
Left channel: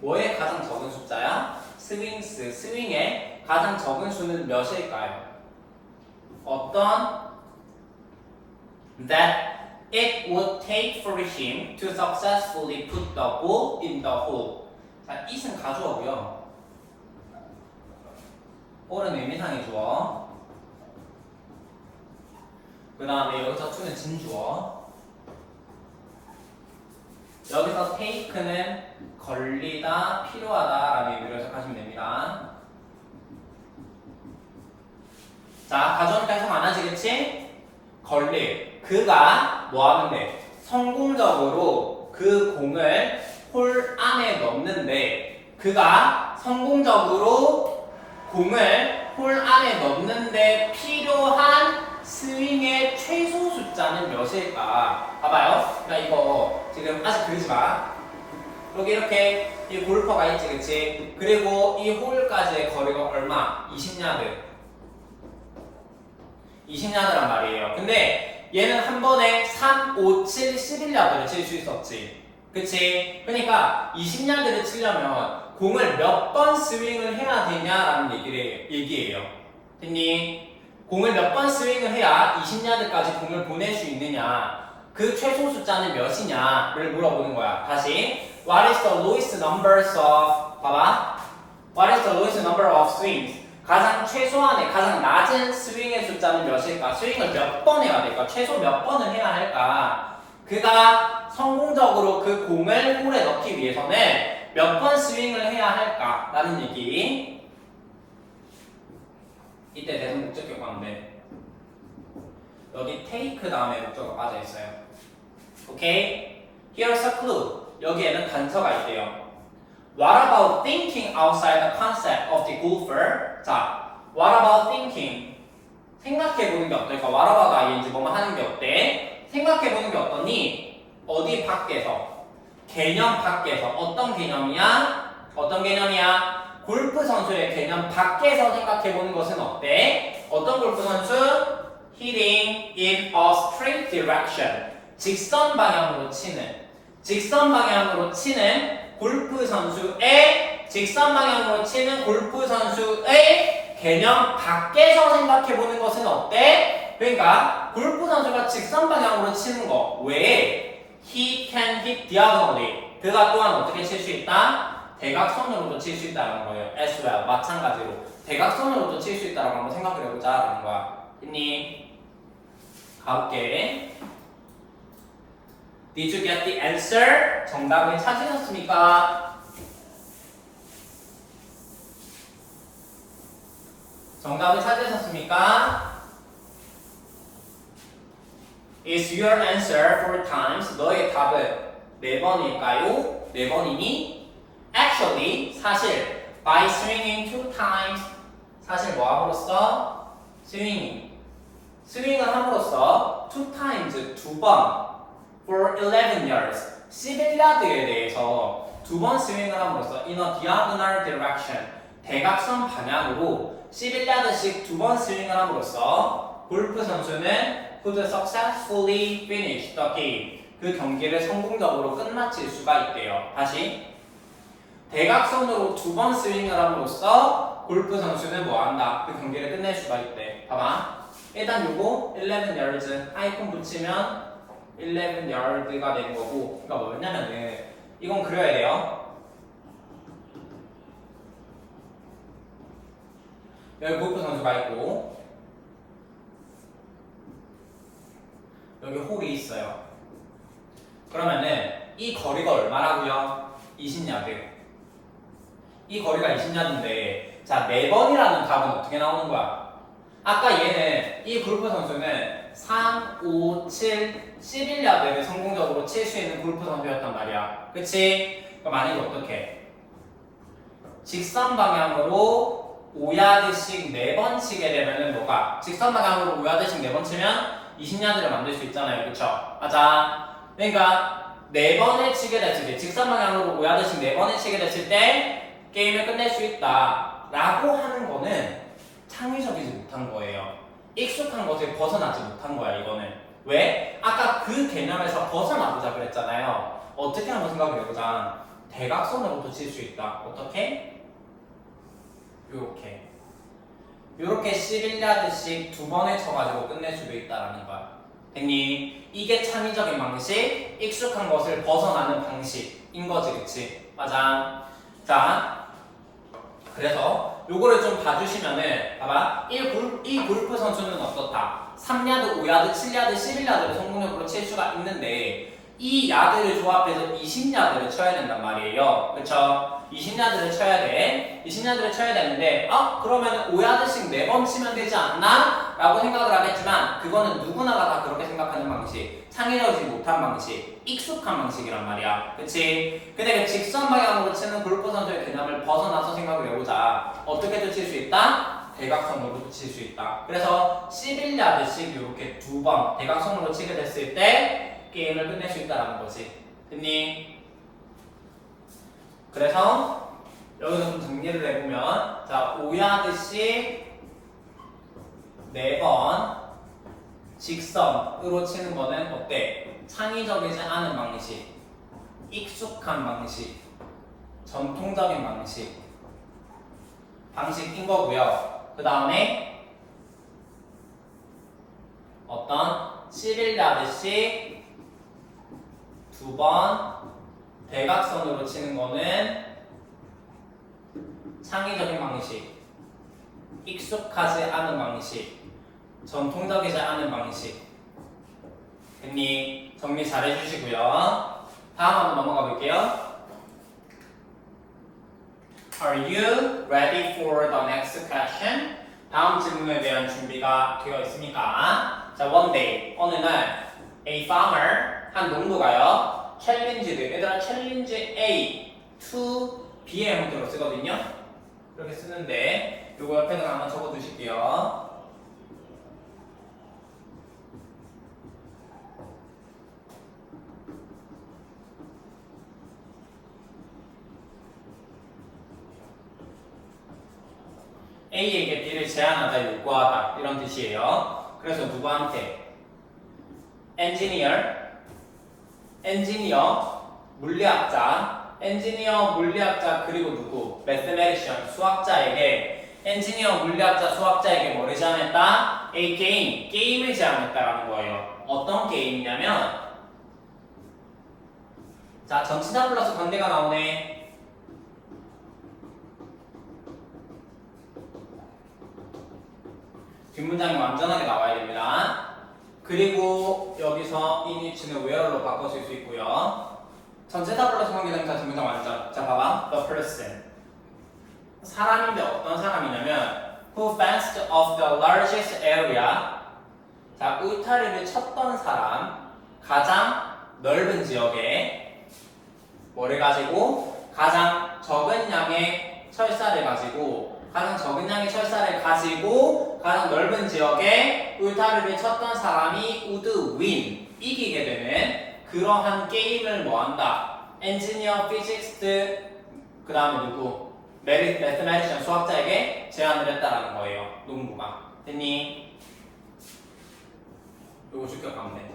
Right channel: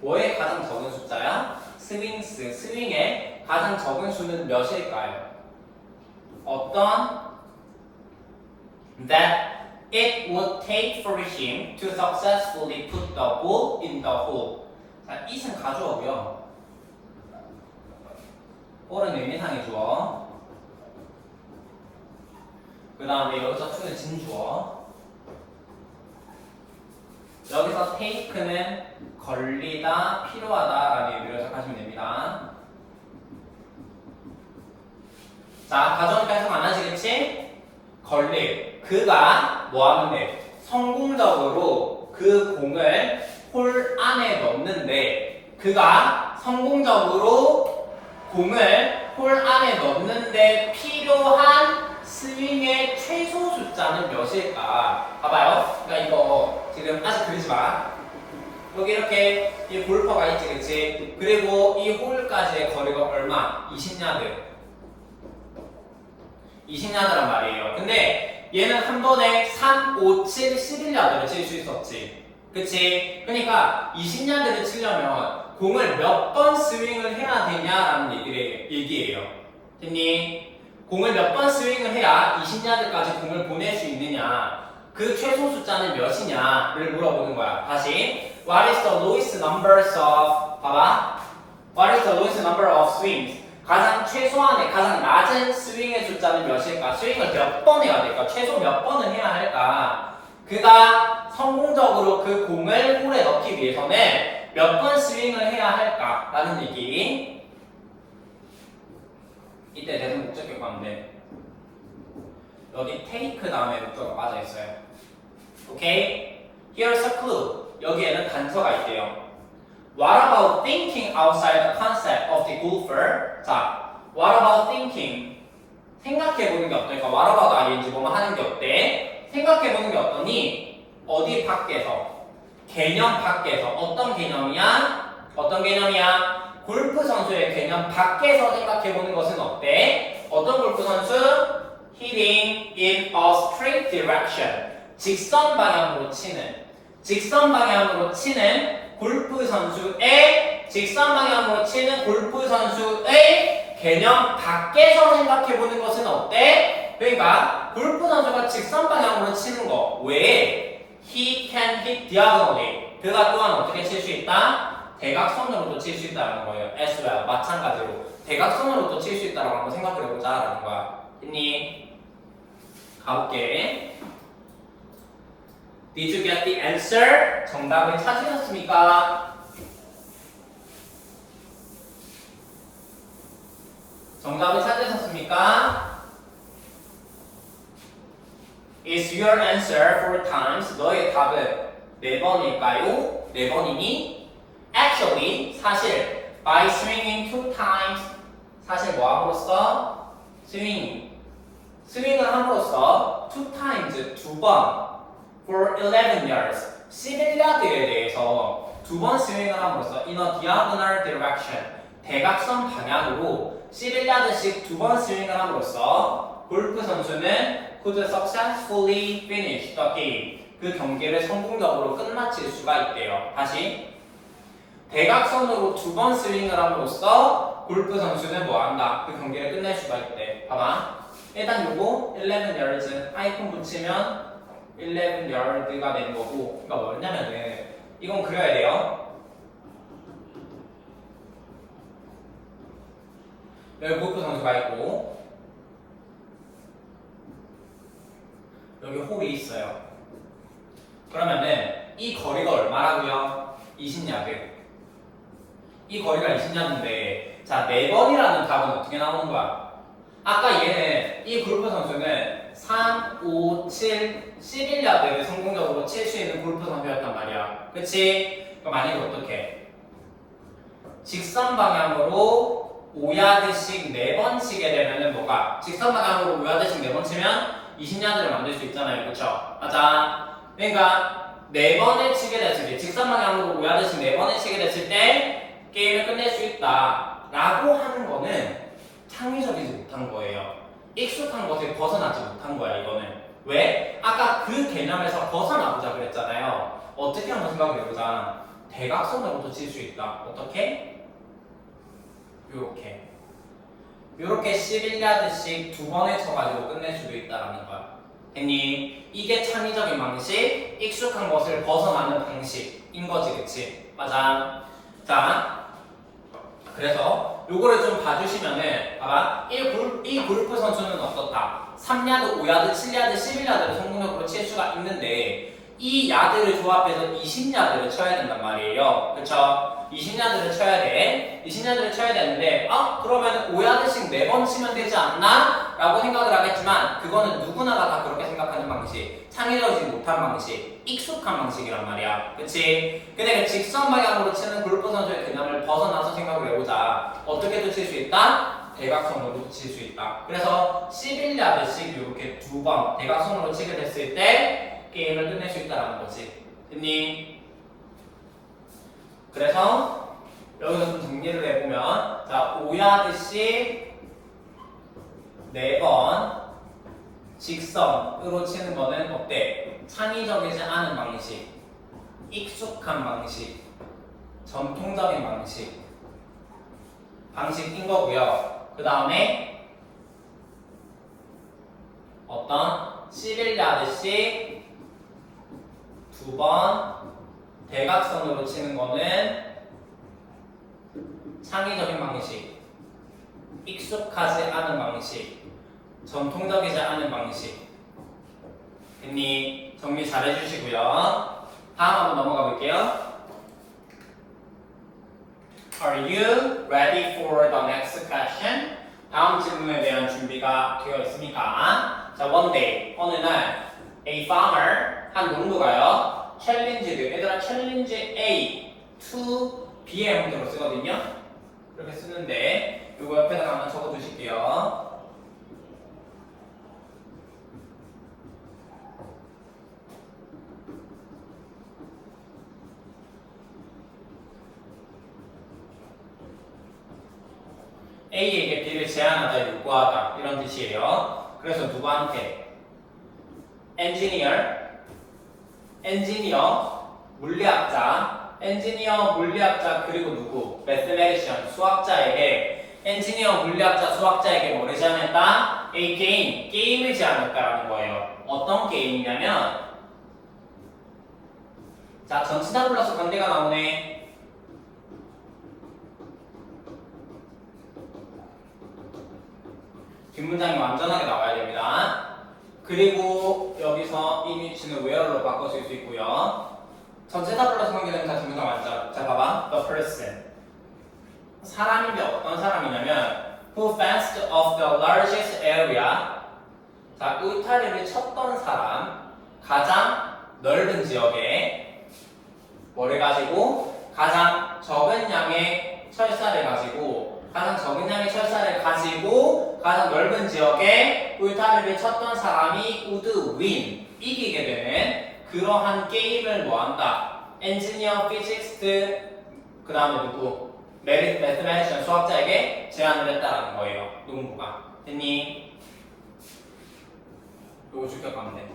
뭐의 가장 적은 숫자야? 스윙스, 스윙의 가장 적은 수는 몇일까요? 어떤 that it would take for him to successfully put the ball in the hole. 자, it은 가주어고요. all은 의미상의 주어. 그 다음에 여기서 to는 진주어. 여기서 take는 걸리다, 필요하다라는 의미로 해석하시면 됩니다. 자, 가져오니까 해석 안 하시겠지? 걸릴. 그가 뭐 하는데? 성공적으로 그 공을 홀 안에 넣는데, 그가 성공적으로 공을 홀 안에 넣는데 필요한 스윙의 최소 숫자는 몇일까? 봐봐요. 그러니까 이거 지금 아직 그리지 마. 여기 이렇게 이 골퍼가 있지, 그치? 그리고 이 홀까지의 거리가 얼마? 20야드란 말이에요. 근데 얘는 한 번에 3, 5, 7, 11야드를 칠 수 있었지. 그치? 그러니까 20야드를 치려면 공을 몇 번 스윙을 해야 되냐라는 얘기예요. 됐니? 공을 몇 번 스윙을 해야 20야드까지 공을 보낼 수 있느냐, 그 최소 숫자는 몇이냐를 물어보는 거야. 다시 What is the lowest numbers of, 봐봐, What is the lowest number of swings? 가장 최소한의, 가장 낮은 스윙의 숫자는 몇일까? 스윙을 몇 번 해야 될까? 최소 몇 번을 해야 할까? 그가 성공적으로 그 공을 홀에 넣기 위해서는 몇 번 스윙을 해야 할까? 라는 얘기. 이때 대상 목적격 가운데 여기 take 다음에 목적어가 빠져 있어요. 오케이? Here's a clue. 여기에는 단서가 있대요. What about thinking outside the concept of the golfer? 자, what about thinking? 생각해보는 게 어떨까? What about ing 뭐뭐 하는 게 어때? 생각해보는 게 어떠니? 어디 밖에서? 개념 밖에서. 어떤 개념이야? 어떤 개념이야? 골프 선수의 개념 밖에서 생각해보는 것은 어때? 어떤 골프 선수? Hitting in a straight direction. 직선 방향으로 치는 골프 선수의 직선 방향으로 치는 골프 선수의 개념 밖에서 생각해보는 것은 어때? 그러니까 골프 선수가 직선 방향으로 치는 거 왜? He can hit diagonally. 그가 또한 어떻게 칠 수 있다? 대각선으로도 칠 수 있다는 거예요. as well. 마찬가지로 대각선으로도 칠 수 있다고 한번 생각을 해보자라는 거야. 했니? 가볼게. Did you get the answer? 정답을 찾으셨습니까? 정답을 찾으셨습니까? Is your answer 4 times? 너의 답은 4번일까요? 4번이니? Actually, 사실 by swinging 2 times 사실 뭐 함으로써? 스윙을 함으로써 2 times 2번 for 11 yards 11야드에 대해서 2번 스윙을 함으로써 in a diagonal direction 대각선 방향으로 11야드씩 2번 스윙을 함으로써 골프 선수는 could successfully finish the game 그 경기를 성공적으로 끝마칠 수가 있대요. 다시 대각선으로 2번 스윙을 함으로써 골프 선수는 뭐한다? 그 경기를 끝낼 수가 있대. 봐봐. 일단 요거 11 yards 아이콘 붙이면 11 yard가 되는 거고 그러니까 뭐냐면은 이건 그려야 돼요. 여기 골프 선수가 있고 여기 홀이 있어요. 그러면은 이 거리가 얼마라고요? 20야드. 이 거리가 20야드인데 자 4번이라는 답은 어떻게 나오는 거야? 아까 얘는 이 골프 선수는 3, 5, 7, 11야드를 성공적으로 칠 수 있는 골프 선수였단 말이야. 그치? 그럼 만약에 어떻게? 직선 방향으로 5야드씩 4번 치게 되면은 뭐가? 직선 방향으로 5야드씩 4번 치면 20야드를 만들 수 있잖아요. 그쵸? 맞아. 그러니까 4번을 치게 됐을 때 직선 방향으로 5야드씩 4번을 치게 됐을 때 게임을 끝낼 수 있다 라고 하는 거는 창의적이지 못한 거예요. 익숙한 것에 벗어나지 못한 거야 이거는. 왜? 아까 그 개념에서 벗어나보자 그랬잖아요. 어떻게 한번 생각을 해보자. 대각선으로도 칠 수 있다. 어떻게? 요렇게 요렇게 11야드씩 2번에 쳐가지고 끝낼 수도 있다라는 거야. 됐니? 이게 창의적인 방식, 익숙한 것을 벗어나는 방식인 거지, 그치? 맞아. 자, 그래서 요거를 좀 봐주시면은 봐봐. 이 골프 선수는 어떻다? 3야드, 5야드, 7야드, 11야드를 성공적으로 칠 수가 있는데 이 야드를 조합해서 20야드를 쳐야 된단 말이에요. 그쵸? 20야드를 쳐야 돼. 20야드를 쳐야 되는데 그러면 5야드씩 4번 치면 되지 않나? 라고 생각을 하겠지만 그거는 누구나가 다 그렇게 생각하는 방식, 창의적이지 못한 방식, 익숙한 방식이란 말이야. 그치? 근데 그 직선 방향으로 치는 골프 선수의 개념을 벗어나서 생각을 해보자. 어떻게도 칠 수 있다? 대각선으로 칠 수 있다. 그래서 11야드씩 이렇게 2번 대각선으로 치게 됐을 때 게임을 끝낼 수 있다는 거지. 됐니? 그래서 여기서 좀 정리를 해보면 자 5야드씩 4번 직선으로 치는 거는 어때? 창의적이지 않은 방식, 익숙한 방식, 전통적인 방식인 거고요. 그 다음에 어떤 11야드씩 2번 대각선으로 치는 거는 창의적인 방식, 익숙하지 않은 방식, 전통적이지 않은 방식. 됐니? 정리 잘 해주시고요. 다음 한번 넘어가 볼게요. Are you ready for the next question? 다음 질문에 대한 준비가 되어 있습니까? 자, one day, 어느 날 a farmer, 한 농부가요. challenged, 얘들아 challenge A to B의 형태로 쓰거든요. 이렇게 쓰는데 이거 옆에다가 한번 적어 두실게요. A에게 B를 제한하다, 요구하다 이런 뜻이에요. 그래서 누구한테? 엔지니어, 물리학자 엔지니어, 물리학자, 그리고 누구? 매스메리션, 수학자에게 엔지니어, 물리학자, 수학자에게 뭐를 제안했다? A game, 게임을 제안했다라는 거예요. 어떤 게임이냐면 자, 전치사 플러스 관계가 나오네. 뒷문장이 완전하게 나와야 됩니다. 그리고 여기서 이 위치는 where로 바꿔줄 수 있고요. 전치사 플러스 관계되니까 뒷문장 완전. 자, 봐봐. The person. 사람인데 어떤 사람이냐면 who fenced off the largest area. 자, 울타리를 쳤던 사람. 가장 넓은 지역에 뭐를 가지고? 가장 적은 양의 철사를 가지고 가장 적은 양의 철사를 가지고 가장 넓은 지역에 울타리를 쳤던 사람이 would win, 이기게 되는 그러한 게임을 뭐한다? 엔지니어, 피직스트, 그 다음에 누구? 매스메티션, 수학자에게 제안을 했다라는 거예요. 농구가. 됐니? 요거 출격하면 돼.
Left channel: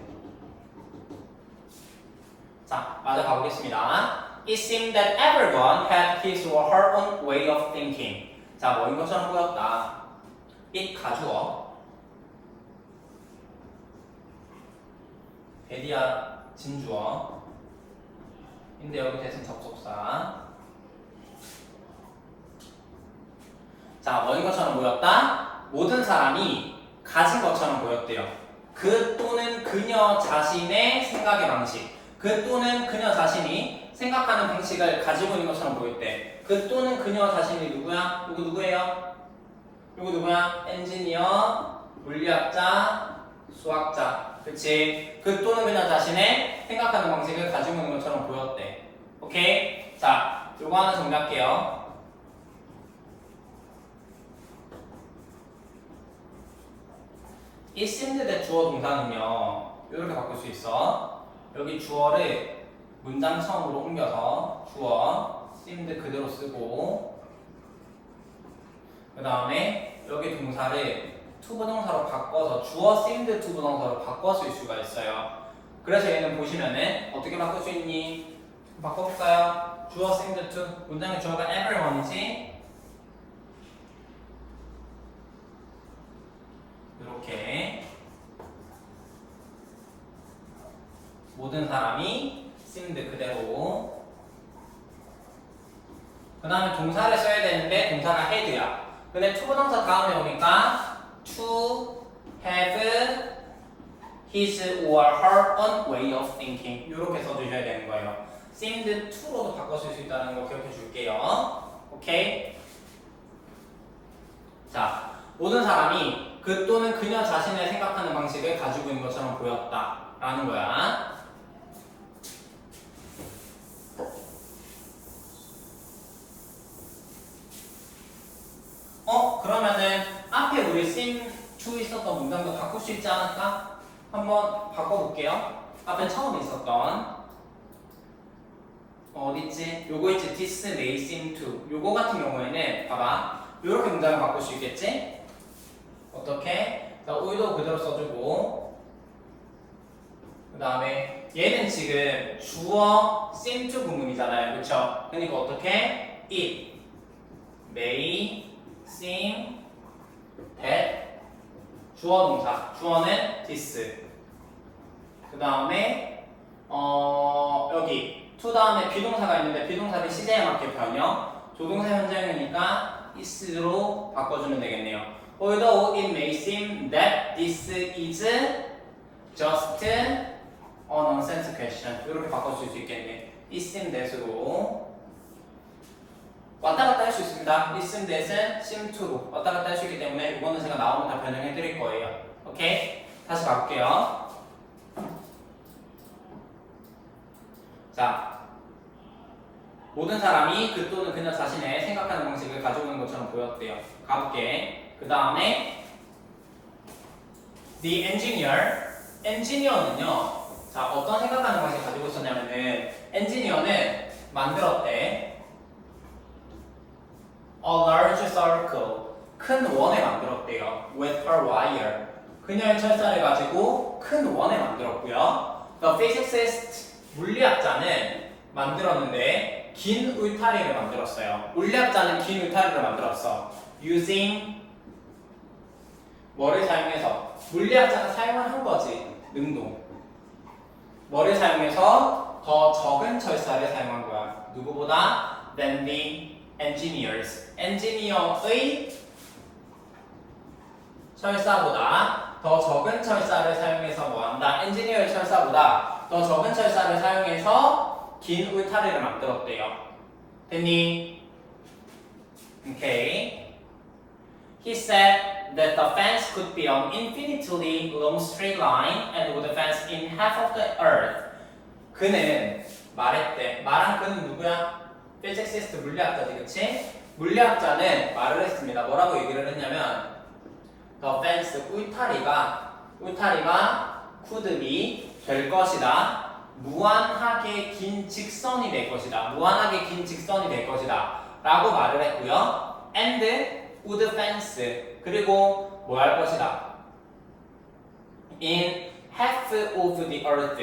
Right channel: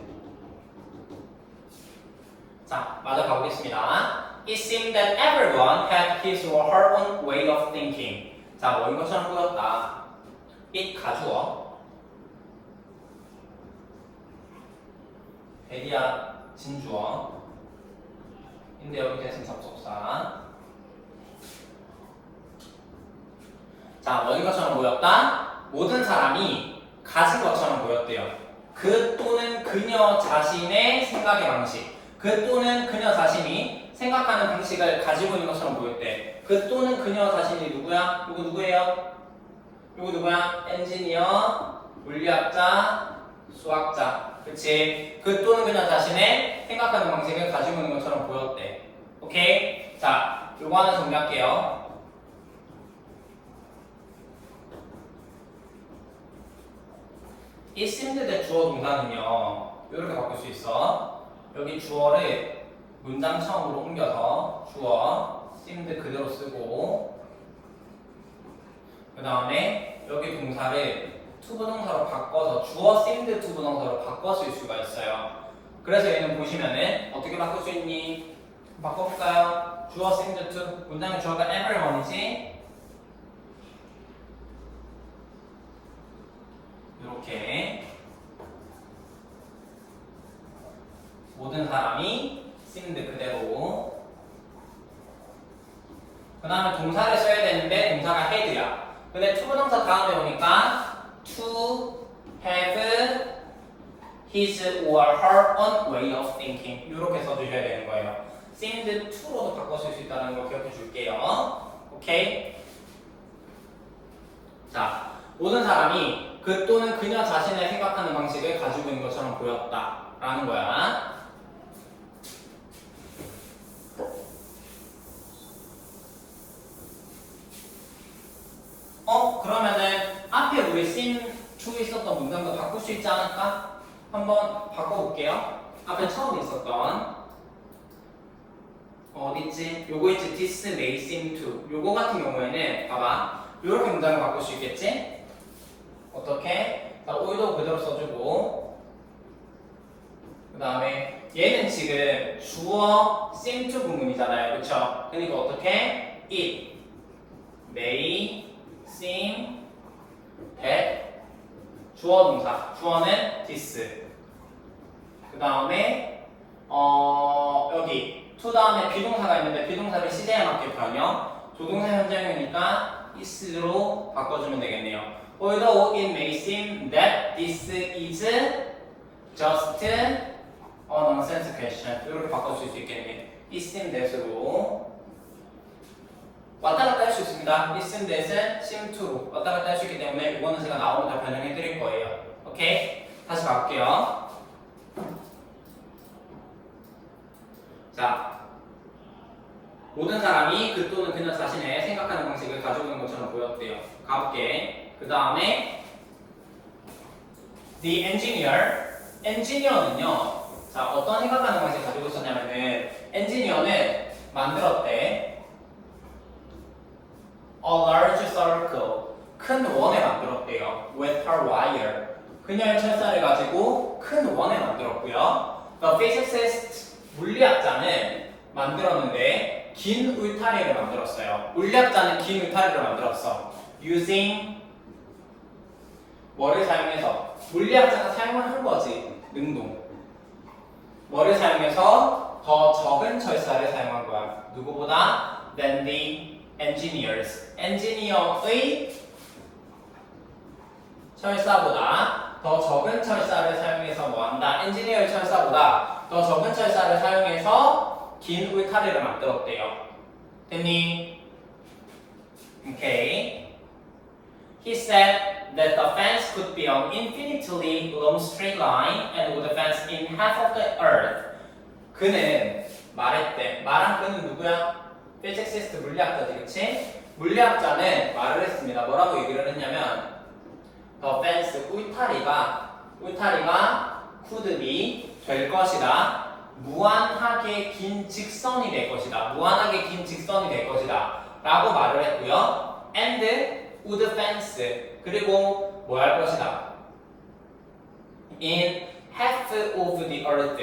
자, 맞아 가보겠습니다. It seemed that everyone had his or her own way of thinking. 자, 뭐 이런 것처럼 보였다. it 가주어. 에리아 진주어. 근데 여기 대신 접속사. 자, 뭐 이런 것처럼 보였다. 모든 사람이 가진 것처럼 보였대요. 그 또는 그녀 자신의 생각의 방식. 그 또는 그녀 자신이 생각하는 방식을 가지고 있는 것처럼 보였대. 그 또는 그녀 자신이 누구야? 누구예요? 이거 누구야? 엔지니어, 물리학자, 수학자. 그치? 그 또는 그녀 자신의 생각하는 방식을 가지고 있는 것처럼 보였대. 오케이? 자, 요거 하나 정리할게요. It seemed that 주어 동사는요, 이렇게 바꿀 수 있어. 여기 주어를 문장 처음으로 옮겨서 주어 seemed 그대로 쓰고, 그 다음에 여기 동사를 to 부동사로 바꿔서 주어 seemed to 부동사로 바꿔 쓸 수가 있어요. 그래서 얘는 보시면은 어떻게 바꿀 수 있니? 바꿔볼까요? 주어 seemed to, 문장의 주어가 everyone이지? 이렇게 모든 사람이 seemed 그대로. 그 다음에 동사를 써야 되는데 동사가 had야. 근데 to 부동사 다음에 오니까 to have his or her own way of thinking 이렇게 써주셔야 되는 거예요. seemed to로도 바꿔줄 수 있다는 거 기억해 줄게요. 오케이? 자, 모든 사람이 그 또는 그녀 자신의 생각하는 방식을 가지고 있는 것처럼 보였다 라는 거야. 그러면은 앞에 우리 seem to 있었던 문장도 바꿀 수 있지 않을까? 한번 바꿔볼게요. 앞에 처음 있었던 어디있지? 요거 있지? This may seem to. 요거 같은 경우에는 봐봐. 요렇게 문장을 바꿀 수 있겠지? 어떻게? 자, 오이도 그대로 써주고, 그 다음에 얘는 지금 주어 seem to 구문이잖아요. 그쵸? 그러니까 어떻게? It may seem that 주어 동사. 주어는 this. 그 다음에 여기 to 다음에 비동사가 있는데 비동사를 시제에 맞게 변형. 조동사 현장이니까 is로 바꿔주면 되겠네요. Although it may seem that this is just a nonsense question. 이렇게 바꿔줄 수 있겠네. It seem that으로 왔다 갔다 할 수 있습니다. It seem that은 seem to로 왔다 갔다 할 수 있기 때문에 이거는 제가 나오면 다 변형해 드릴 거예요. 오케이? 다시 가볼게요. 자, 모든 사람이 그 또는 그녀 자신의 생각하는 방식을 가지고 있는 것처럼 보였대요. 가볼게. 그 다음에 the engineer는요, 자, 어떤 생각하는 방식을 가지고 있었냐면은 엔지니어는 만들었대. A large circle, 큰 원을 만들었대요. With her wire, 그녀의 철사를 가지고 큰 원을 만들었고요. The physicist, 물리학자는 만들었는데 긴 울타리를 만들었어요. 물리학자는 긴 울타리를 만들었어. using 뭐를 사용해서? 물리학자가 사용을 한 거지. 능동. 뭐를 사용해서? 더 적은 철사를 사용한 거야. 누구보다? than the engineers. 엔지니어의 철사보다 더 적은 철사를 사용해서 뭐한다? 엔지니어의 철사보다 더 적은 철사를 사용해서 긴 울타리를 만들었대요. 됐니? Okay. He said that the fence could be an infinitely long straight line and would fence in half of the earth. 그는 말했대. 말한 그는 누구야? 피직시스트 물리학자지, 그치? 물리학자는 말을 했습니다. 뭐라고 얘기를 했냐면 the fence, 울타리가 could be 될 것이다. 무한하게 긴 직선이 될 것이다. 무한하게 긴 직선이 될 것이다. 라고 말을 했고요. and would fence, 그리고 뭐 할 것이다. in half of the earth,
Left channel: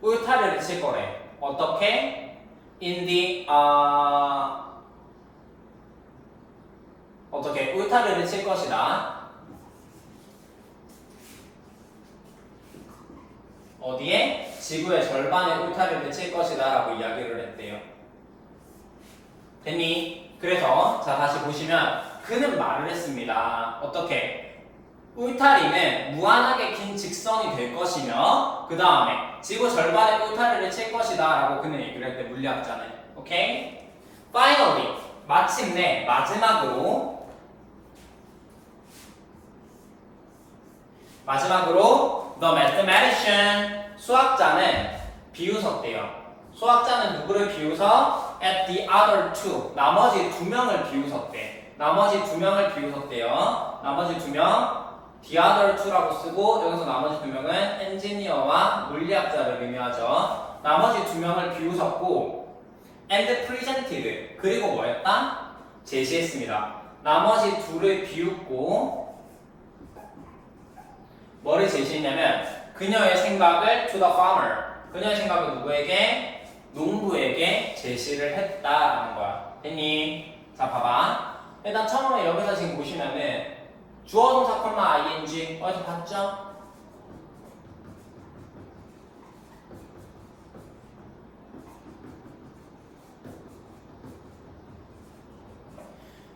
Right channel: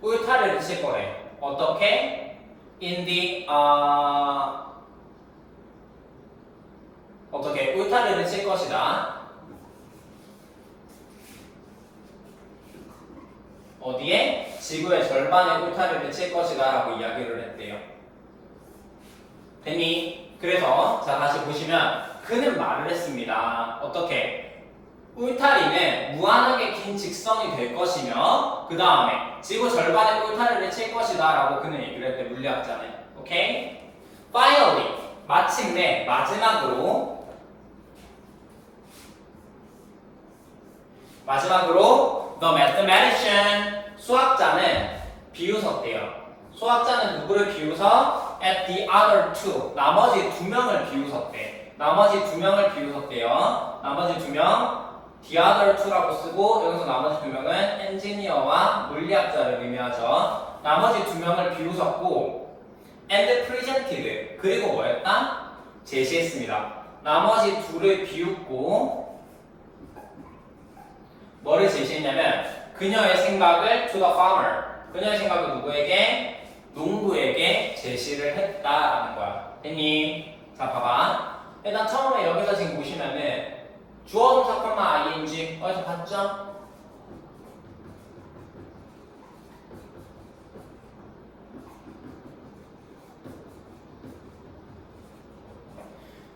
울타리를 칠 거래. 어떻게? in the 어떻게? 울타리를 칠 것이다. 어디에? 지구의 절반의 울타리를 칠 것이다 라고 이야기를 했대요. 됐니? 그래서 자 다시 보시면 그는 말을 했습니다. 어떻게? 울타리는 무한하게 긴 직선이 될 것이며 그 다음에 지구 절반의 울타리를 칠 것이다 라고 그는 얘기를 했대. 물리학자는. 오케이? Finally, 마침내 마지막으로 the mathematician, 수학자는 비웃었대요. 수학자는 누구를 비웃어? At the other two, 나머지 두 명을 비웃었대. 나머지 두 명을 비웃었대요. 나머지 두 명, the other two라고 쓰고 여기서 나머지 두 명은 엔지니어와 물리학자를 의미하죠. 나머지 두 명을 비웃었고 and presented, 그리고 뭐였다? 제시했습니다. 나머지 둘을 비웃고 뭐를 제시했냐면 그녀의 생각을 to the farmer, 그녀의 생각을 누구에게? 농부에게 제시를 했다라는 거야. 됐니? 자 봐봐. 일단 처음에 여기서 지금 보시면은 주어 동사 콤마 ing 어디서 봤죠?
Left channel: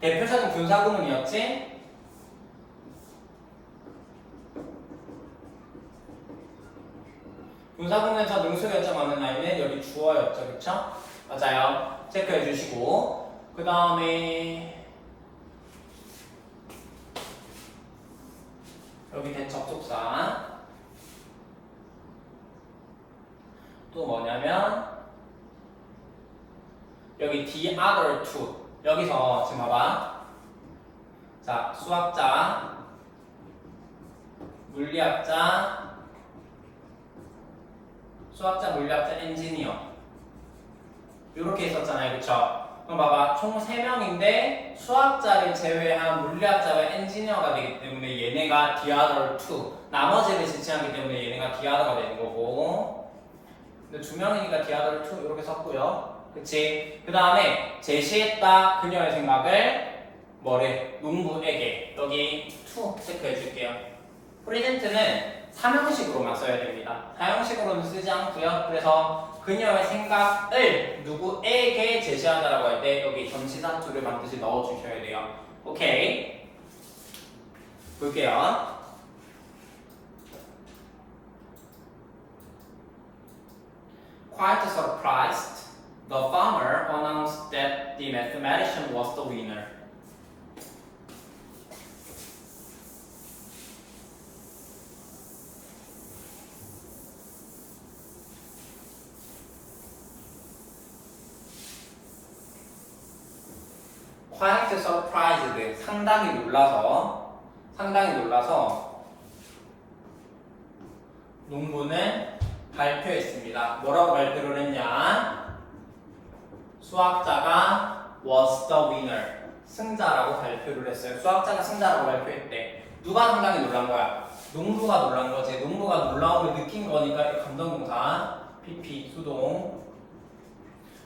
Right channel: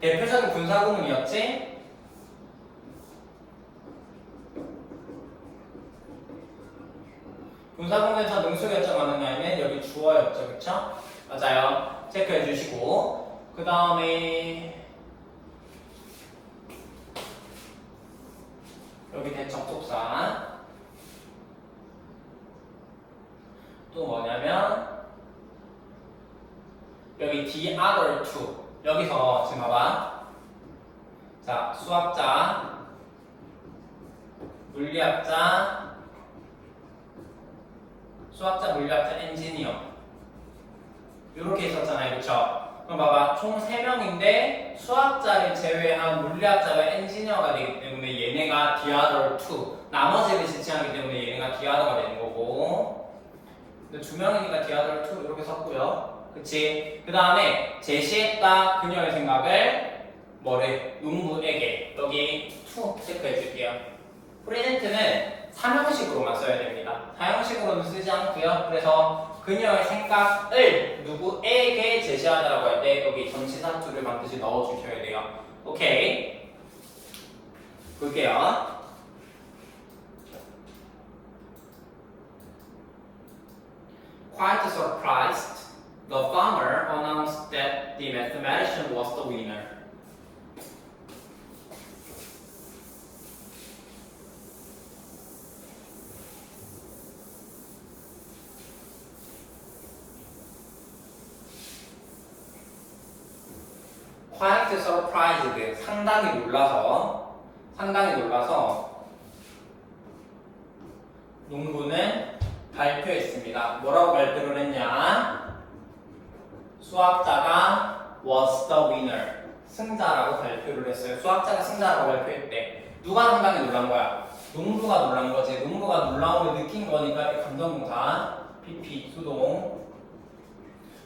대표적인 분사구문이었지? 분사구문에서 능수 결정하는 라인은 여기 주어였죠, 그쵸? 맞아요. 체크해 주시고 그 다음에 여기 된 접속사 또 뭐냐면 여기 the other two, 여기서 지금 봐봐. 자, 수학자, 물리학자, 엔지니어 이렇게 있었잖아요, 그쵸? 그럼 봐봐, 총 3명인데 수학자를 제외한 물리학자와 엔지니어가 되기 때문에 얘네가 the other two, 나머지를 지칭하기 때문에 얘네가 the other가 되는 거고, 근데 2명이니까 the other two 이렇게 썼고요, 그치? 그 다음에 제시했다 그녀의 생각을 뭐래? 농부에게. 여기 to 체크해 줄게요. present는 3형식으로만 써야 됩니다. 4형식으로는 쓰지 않고요. 그래서 그녀의 생각을 누구에게 제시하다라고 할 때 여기 전치사 to를 반드시 넣어주셔야 돼요. 오케이. 볼게요. Quite surprised, the farmer announced that the mathematician was the winner. quite surprised, 상당히 놀라서 농부는 발표했습니다. 뭐라고 발표를 했냐? 수학자가 was the winner, 승자라고 발표를 했어요. 수학자가 승자라고 발표했대. 누가 상당히 놀란 거야? 농부가 놀란 거지. 농부가 놀라움을 느낀 거니까 감정동사 PP 수동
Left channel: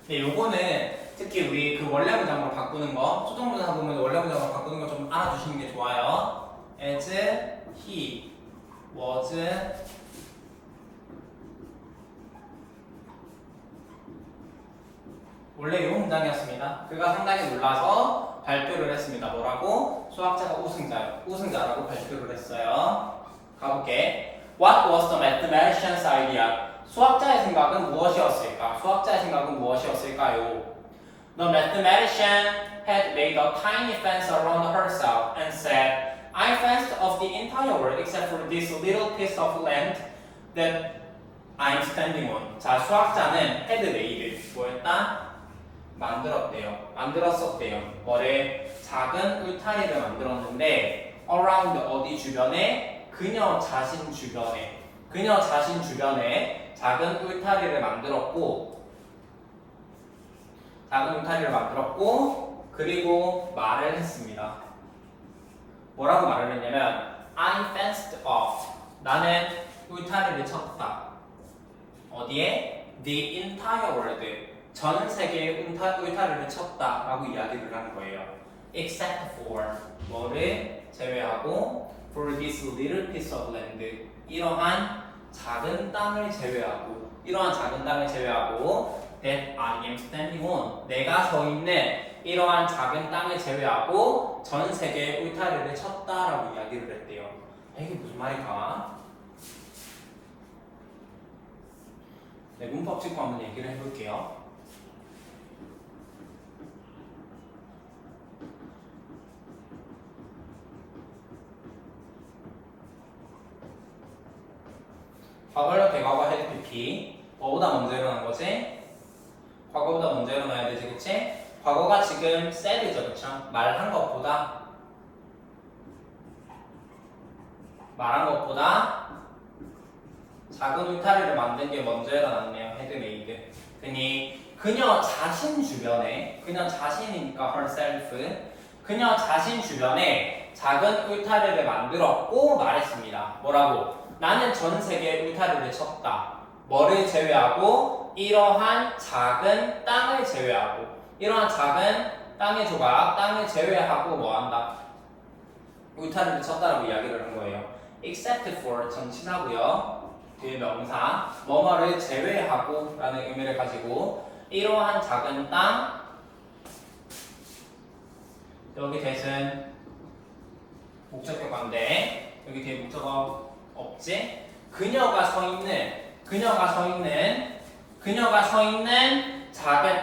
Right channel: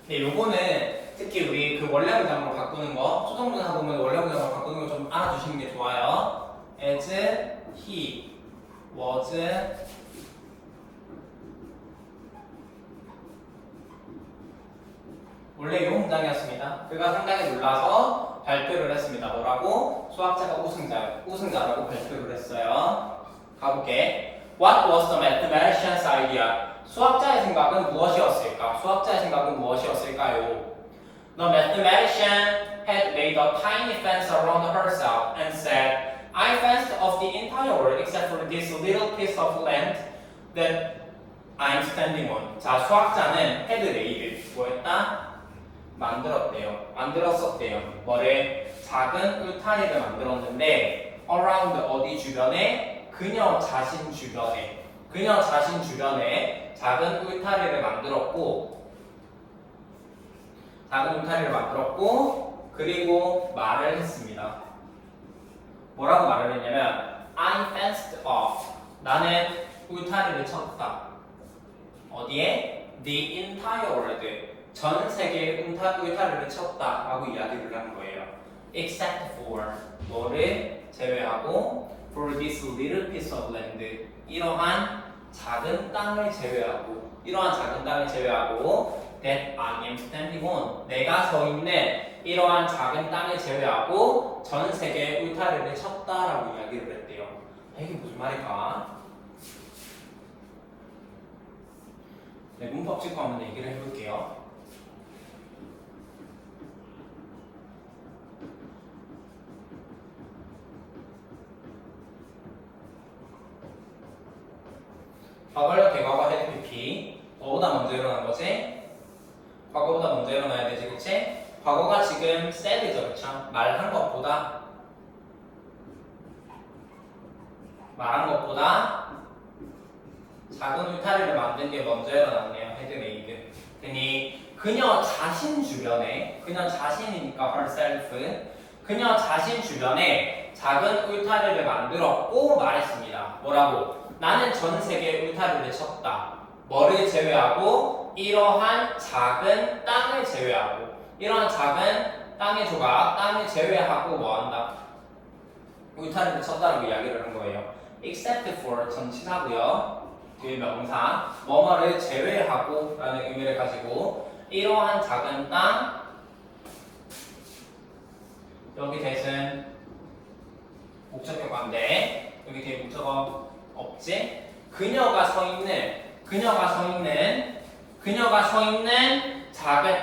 네, 요거는 특히 우리 그 원래 문장으로 바꾸는 거, 수동문장 보면 원래 문장으로 바꾸는 거 좀 알아두시는 게 좋아요. As he was 원래 이 문장이었습니다. 그가 상당히 놀라서 발표를 했습니다. 뭐라고? 수학자가 우승자라고 발표를 했어요. 가볼게. What was the mathematician's idea? 수학자의 생각은 무엇이었을까? 수학자의 생각은 무엇이었을까요? The mathematician had made a tiny fence around herself and said, I fenced off the entire world except for this little piece of land that I'm standing on. 자, 수학자는 had made 뭐였다? 만들었었대요. 뭐래? 작은 울타리를 만들었는데 around 어디 주변에? 그녀 자신 주변에 작은 울타리를 만들었고 그리고 말을 했습니다. 뭐라고 말을 했냐면 I fenced off 나는 울타리를 쳤다. 어디에? The entire world 전 세계의 울타리를 쳤다라고 이야기를 하는 거예요. Except for 뭐를 제외하고 for this little piece of land 이러한 작은 땅을 제외하고 that I am standing on 내가 서 있는 이러한 작은 땅을 제외하고 전 세계의 울타리를 쳤다라고 이야기를 했대요. 이게 무슨 말일까? 네, 문법 찍고 한번 얘기를 해볼게요. 과거력 대과거 헤드 PP 뭐보다 먼저 일어난 거지? 과거보다 먼저 일어나야 되지, 그치? 과거가 지금 said죠, 그쵸? 말한 것보다 작은 울타리를 만든 게 먼저 일어났네요, 헤드 메이드. 그녀 자신 주변에 그녀 자신이니까 herself 그녀 자신 주변에 작은 울타리를 만들었고 말했습니다. 뭐라고? 나는 전 세계의 울타리를 쳤다. 뭐를 제외하고? 이러한 작은 땅을 제외하고 이러한 작은 땅의 조각, 땅을 제외하고 뭐한다? 울타리를 쳤다라고 이야기를 한 거예요. Except for 전치사고요. 뒤에 명사 뭐뭐를 제외하고 라는 의미를 가지고 이러한 작은 땅 여기 대신 목적격과인데 여기 뒤에 목적어 없지? 그녀가 서 있는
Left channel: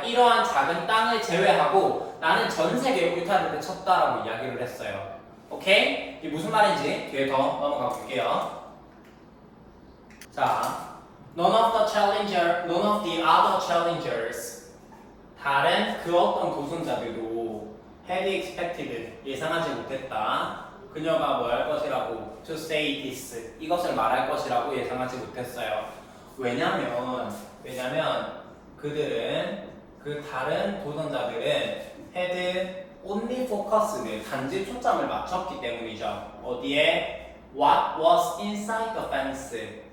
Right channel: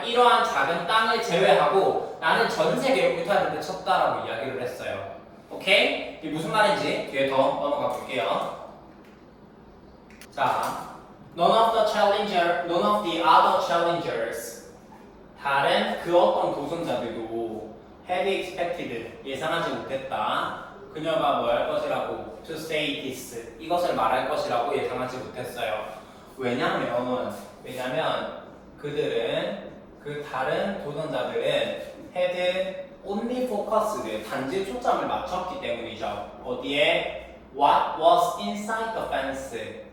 이러한 작은 땅을 제외하고 나는 전 세계의 울타리를 쳤다라고 이야기를 했어요. 오케이? 이게 무슨 말인지 뒤에 더 넘어가 볼게요. 자, none of the other challengers 다른 그 어떤 도전자들도 had expected 예상하지 못했다. 그녀가 뭐 할 것이라고 to say this 이것을 말할 것이라고 예상하지 못했어요. 왜냐면 그들은 그 다른 도전자들은 had only focused 단지 초점을 맞췄기 때문이죠. 어디에? What was inside the fence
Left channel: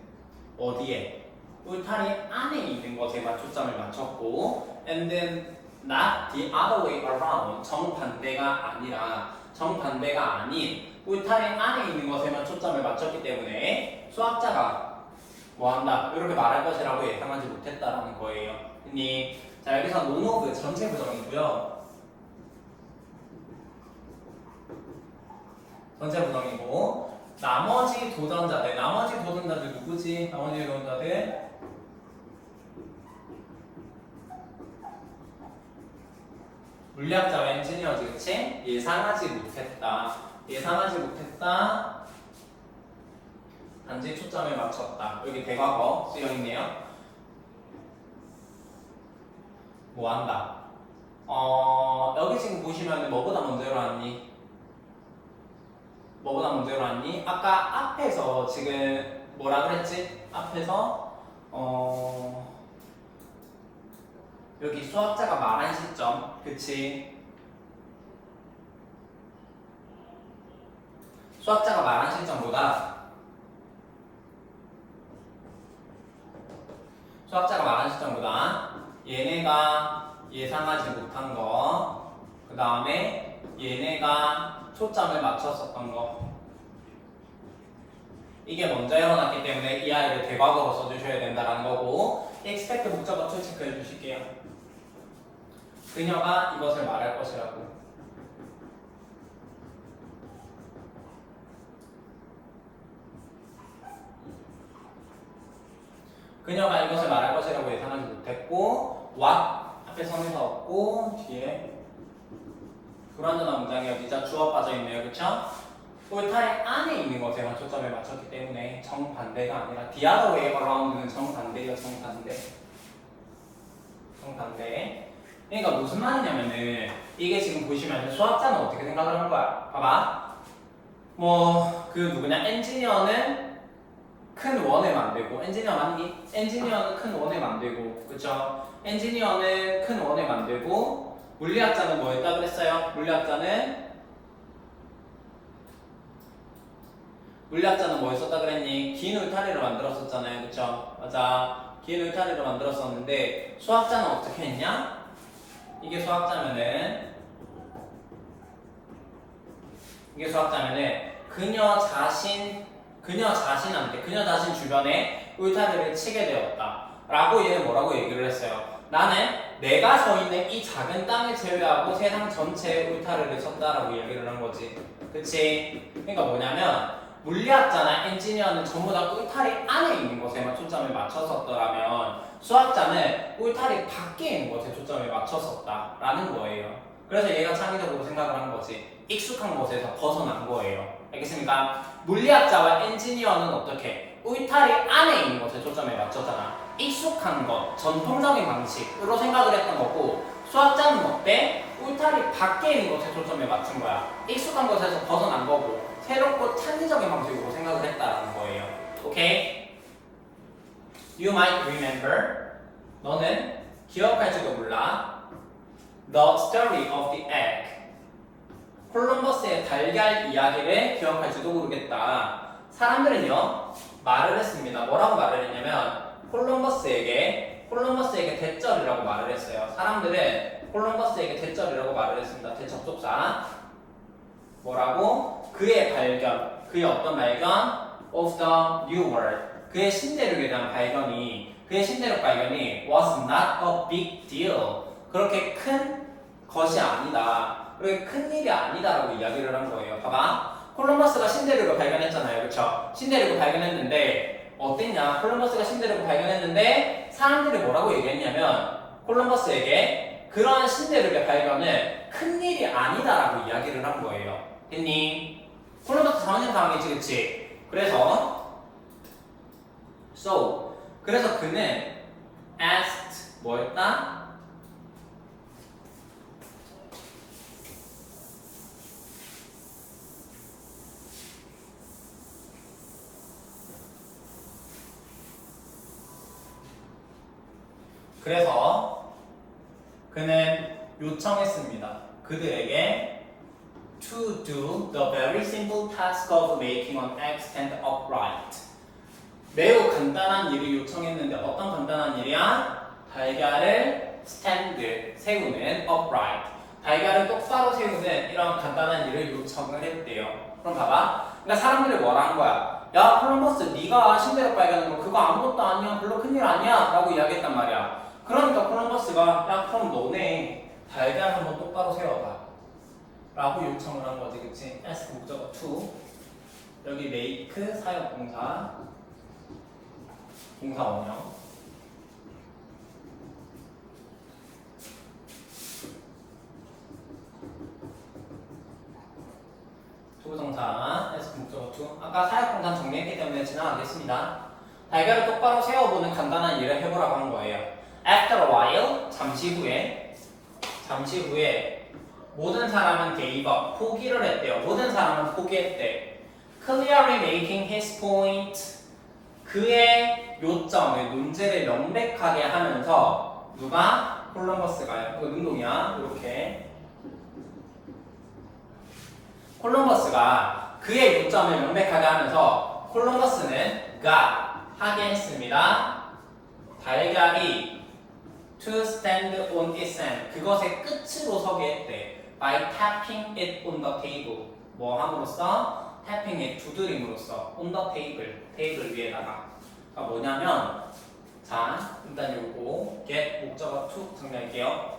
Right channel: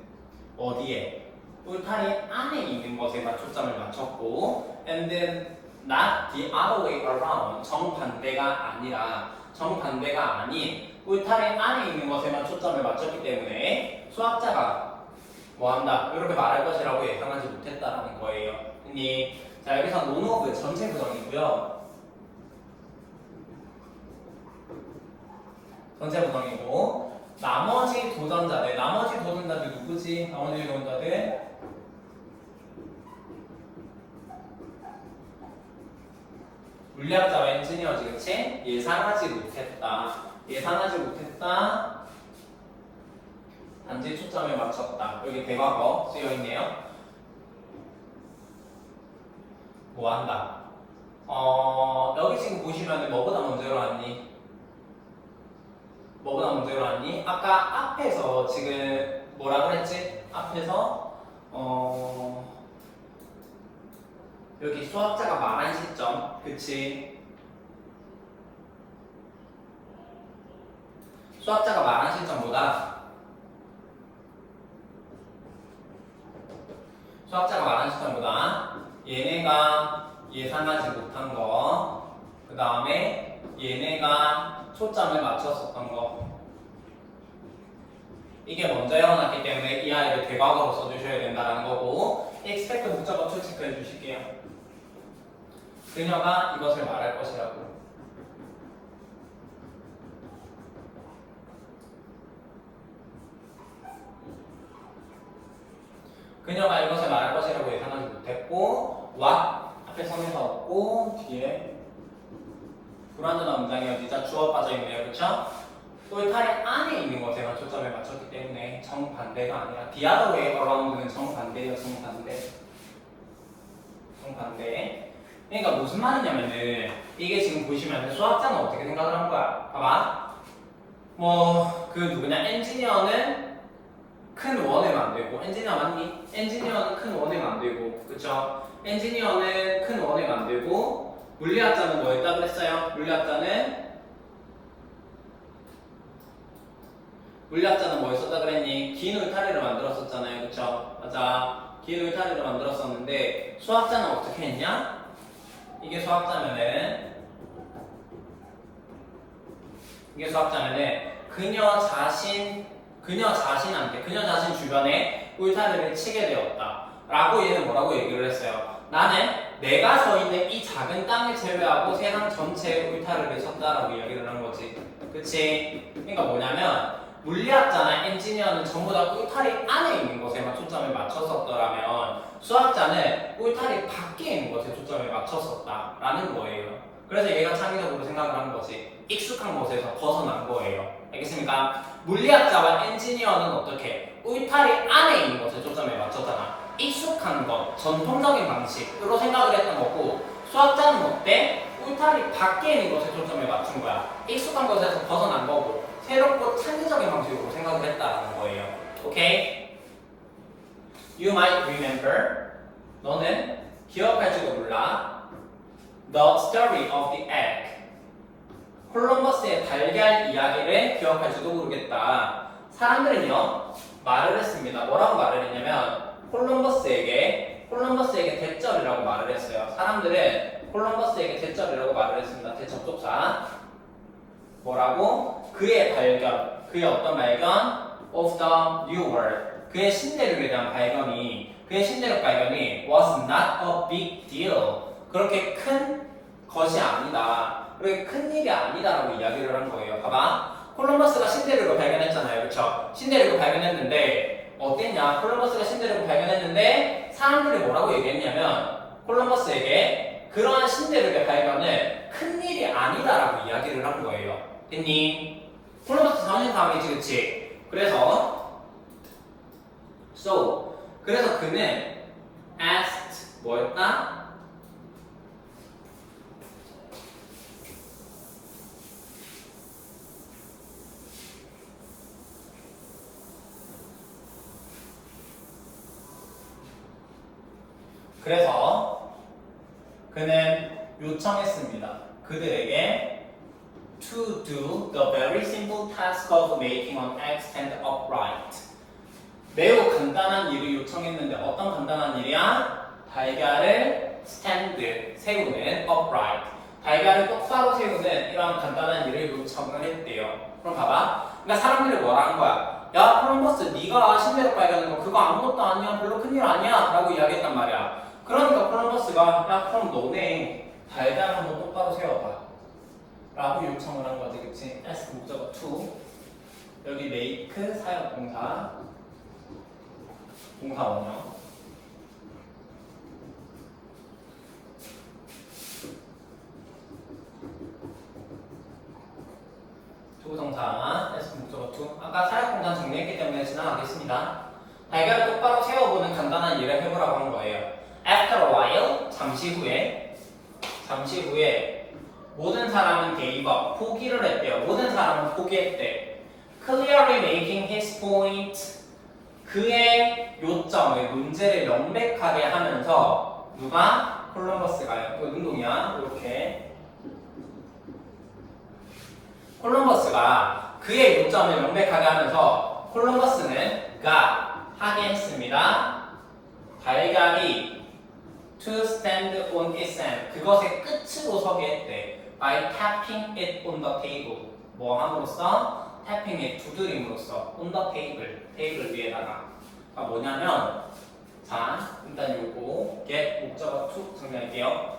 어디에? 울타리 안에 있는 것에다 초점을 맞췄고 and then not the other way around 정반대가 아닌 울타리 안에 있는 것에만 초점을 맞췄기 때문에 수학자가 뭐한다? 이렇게 말할 것이라고 예상하지 못했다라는 거예요. 자 여기서 none of 전체 부정이고요. 전체 부정이고 나머지 도전자들 누구지? 나머지 도전자들 물리학자와 엔지니어지, 그치? 예상하지 못했다. 단지 초점을 맞췄다. 여기 대과거 쓰여있네요. 뭐한다? 여기 지금 보시면 뭐보다 먼저 일어났니? 아까 앞에서 지금 뭐라 그랬지? 앞에서 여기 수학자가 말한 시점, 그치? 수학자가 말한 시점보다 얘네가 예상하지 못한 거, 그 다음에 얘네가 초점을 맞췄었던 거. 이게 먼저 일어났기 때문에 이 아이를 대과거로 써주셔야 된다는 거고, expect 목적어 to 체크해 주실게요. 그녀가 이것을 말할 것이라고. 그녀가 이것을 말할 것이라고 예상하지 못했고, what 앞에 성에서 없고 뒤에 불완전한 문장이 어디죠? 주어 빠져있네요. 그쵸? 똘타리 안에 있는 것에만 초점을 맞췄기 때문에 정반대가 아니라 the other way around는 정반대예요. 정반대. 그러니까 무슨 말이냐면은 이게 지금 보시면 수학자는 어떻게 생각을 한 거야? 봐봐. 뭐 그 누구냐? 엔지니어는 큰 원을 만들고, 엔지니어 맞니? 엔지니어는 큰 원을 만들고, 그쵸? 엔지니어는 큰 원을 만들고, 물리학자는 뭐 했다 그랬어요? 물리학자는 뭐 했었다 그랬니? 긴 울타리를 만들었었잖아요. 그쵸? 맞아. 긴 울타리를 만들었었는데, 수학자는 어떻게 했냐? 이게 수학자면은 그녀 자신 주변에 울타리를 치게 되었다 라고 얘는 뭐라고 얘기를 했어요. 나는 내가 서 있는 이 작은 땅을 제외하고 세상 전체에 울타리를 쳤다라고 이야기를 한 거지. 그치? 그러니까 뭐냐면 물리학자나 엔지니어는 전부 다 울타리 안에 있는 곳에만 초점을 맞췄었더라면 수학자는 울타리 밖에 있는 곳에 초점을 맞췄었다라는 거예요. 그래서 얘가 창의적으로 생각을 한 거지. 익숙한 곳에서 벗어난 거예요. 알겠습니까? 물리학자와 엔지니어는 어떻게? 울타리 안에 있는 곳에 초점을 맞췄잖아. 익숙한 것, 전통적인 방식으로 생각을 했던 거고, 수학자는 어때? 울타리 밖에 있는 곳에 초점을 맞춘 거야. 익숙한 곳에서 벗어난 거고, 새롭고 창의적인 방식으로 생각을 했다는 거예요. 오케이? You might remember. 너는 기억할지도 몰라. The story of the egg. 콜럼버스의 달걀 이야기를 기억할지도 모르겠다. 사람들은요 말을 했습니다. 뭐라고 말을 했냐면 콜럼버스에게 대절이라고 말을 했어요. 사람들은 콜럼버스에게 대절이라고 말을 했습니다. 대접속사 뭐라고? 그의 어떤 발견? Of the new world. 그의 신대륙에 대한 발견이 was not a big deal. 그렇게 큰 것이 아니다. 그렇게 큰 일이 아니다라고 이야기를 한 거예요. 봐봐. 콜럼버스가 신대륙을 발견했잖아요. 그렇죠? 신대륙을 발견했는데 어땠냐? 콜럼버스가 신대륙을 발견했는데 사람들이 뭐라고 얘기했냐면 콜럼버스에게 그러한 신대륙의 발견은 큰 일이 아니다라고 이야기를 한 거예요. 됐니? 콜럼버스 4년 다음이지, 그치? 그래서 그는 asked 뭐였다? 그래서 그는 요청했습니다. 그들에게 to do the very simple task of making an egg stand upright. 매우 간단한 일을 요청했는데 어떤 간단한 일이야? 달걀을 세우는 upright. 달걀을 똑바로 세우는 이런 간단한 일을 요청을 했대요. 그럼 봐봐. 그러니까 사람들이 뭐라 한 거야? 야 콜럼버스 네가 신대륙 발견한 거 그거 아무것도 아니야. 별로 큰일 아니야. 라고 이야기했단 말이야. 그러니까 콜럼버스가 야 그럼 너네 달걀 한번 똑바로 세워봐 라고 요청을 한 거지. 그치? ask 목적어 to 여기 make 사역동사 동사 원형 조동사 ask 목적어 to 아까 사역동사 정리했기 때문에 지나가겠습니다. 달걀을 똑바로 세워보는 간단한 일을 해보라고 한 거예요. After a while, 잠시 후에 모든 사람은 gave up, 포기를 했대요. 모든 사람은 포기했대. Clearly making his point, 그의 요점을, 문제를 명백하게 하면서 누가? 콜럼버스가요. 이거 능동이야. 이렇게 콜럼버스가 그의 요점을 명백하게 하면서 콜럼버스는 got 하게 했습니다. 달걀이 to stand on its end. 그것의 끝으로 서게 했대. by tapping it on the table. 뭐 함으로써? tapping it, 두드림으로써 on the table, 테이블 위에다가. 뭐냐면 자, 일단 요거 get 목적어 to 정리할게요.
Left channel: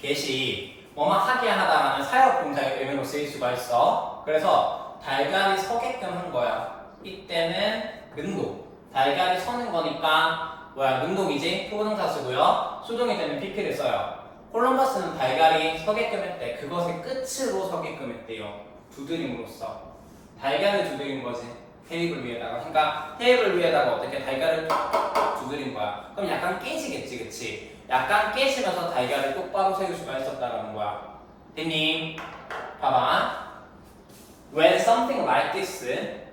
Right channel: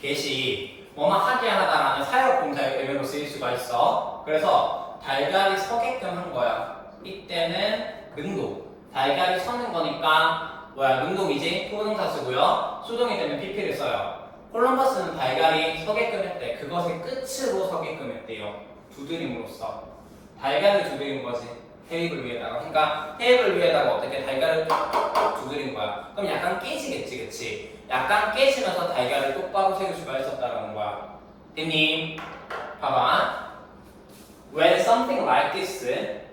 get이 뭐만 하게 하다라는 사역 동사의 의미로 쓰일 수가 있어. 그래서 달걀이 서게끔 한 거야. 이때는 능동. 달걀이 서는 거니까 뭐야? 능동이지? 토부동사 쓰고요. 수동이 되면 pp를 써요. 콜럼버스는 달걀이 서게끔 했대. 그것의 끝으로 서게끔 했대요. 두드림으로써. 달걀을 두드린 거지. 테이블 위에다가. 그러니까 테이블 위에다가 어떻게 달걀을 두드린 거야. 그럼 약간 깨지겠지, 그치? 약간 깨지면서 달걀을 똑바로 세울 수가 있었다라는 거야. 됐니? 봐봐. When something like this,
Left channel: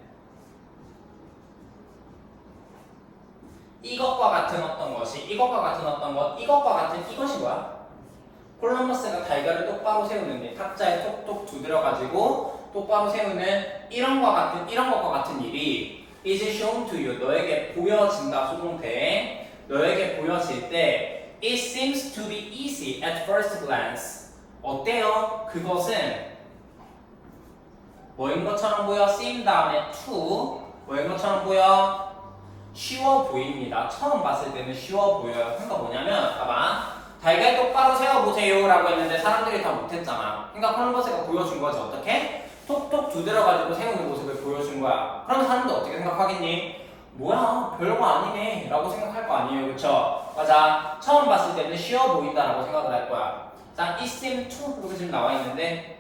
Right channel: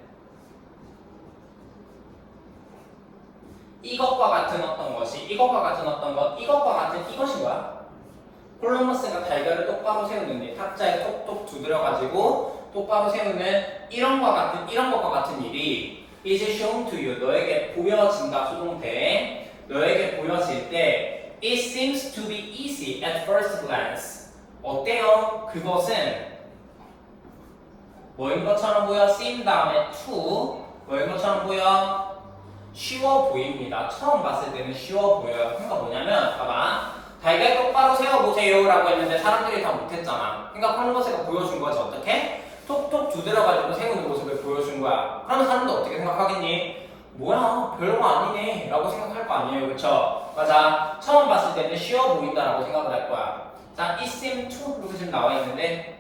이것과 같은 어떤 것이, 이것과 같은 어떤 것, 이것과 같은 이것이 뭐야? 콜럼버스가 달걀을 똑바로 세우는데 탁자에 톡톡 두드려가지고 똑바로 세우는 이런 것과 같은 일이 is shown to you, 너에게 보여진다 수동태, 너에게 보여질 때 it seems to be easy at first glance. 어때요? 그것은 뭐인 것처럼 보여? seem 다음에 to 뭐인 것처럼 보여? 쉬워 보입니다. 처음 봤을 때는 쉬워 보여요. 그러니까 뭐냐면 봐봐. 달걀 똑바로 세워보세요 라고 했는데 사람들이 다 못했잖아. 그러니까 콜럼버스가 보여준 거지. 어떻게? 톡톡 두드려가지고 세우는 모습을 보여준 거야. 그러면 사람들 어떻게 생각하겠니? 뭐야 별거 아니네 라고 생각할 거 아니에요. 그쵸? 맞아. 처음 봤을 때는 쉬워 보인다 라고 생각을 할 거야. 자, it seem to 이렇게 지금 나와 있는데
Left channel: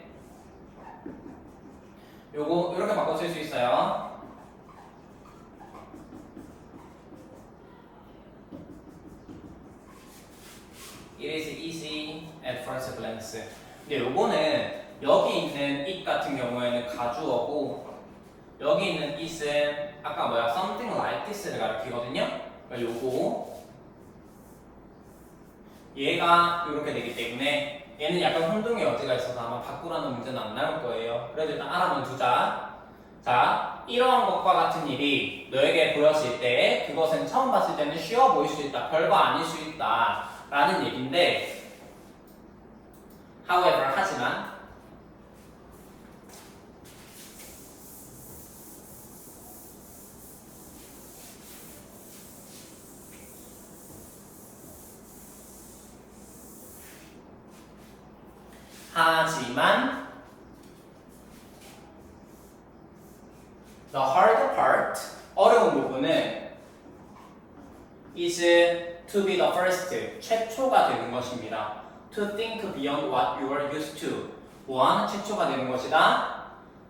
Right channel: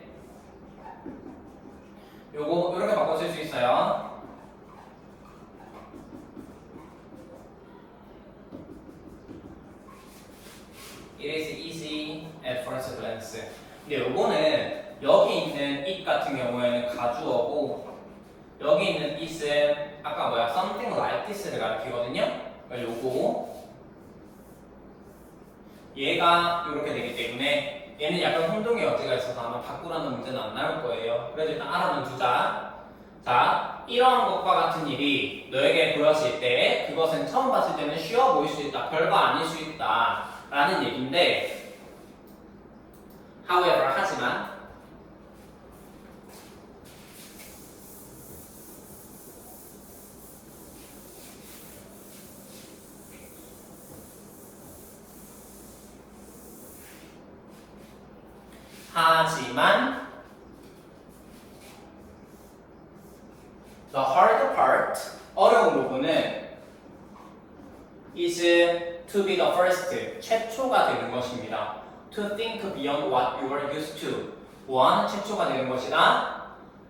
요거 이렇게 바꿔 쓸 수 있어요. It is easy at first glance. 근데 요거는 여기 있는 it 같은 경우에는 가주어고 여기 있는 it은 아까 뭐야 something like this를 가리키거든요. 요거 얘가 이렇게 되기 때문에 얘는 약간 혼동의 여지가 있어서 아마 바꾸라는 문제는 안 나올 거예요. 그래도 일단 알아만 두자. 자, 이러한 것과 같은 일이 너에게 보였을 때 그것은 처음 봤을 때는 쉬워 보일 수 있다. 별거 아닐 수 있다. 라는 얘기인데 however, 하지만 the hard part, 어려운 부분은 is to be the first, 최초가 되는 것입니다. To think beyond what you are used to, 뭐하는 최초가 되는 것이다?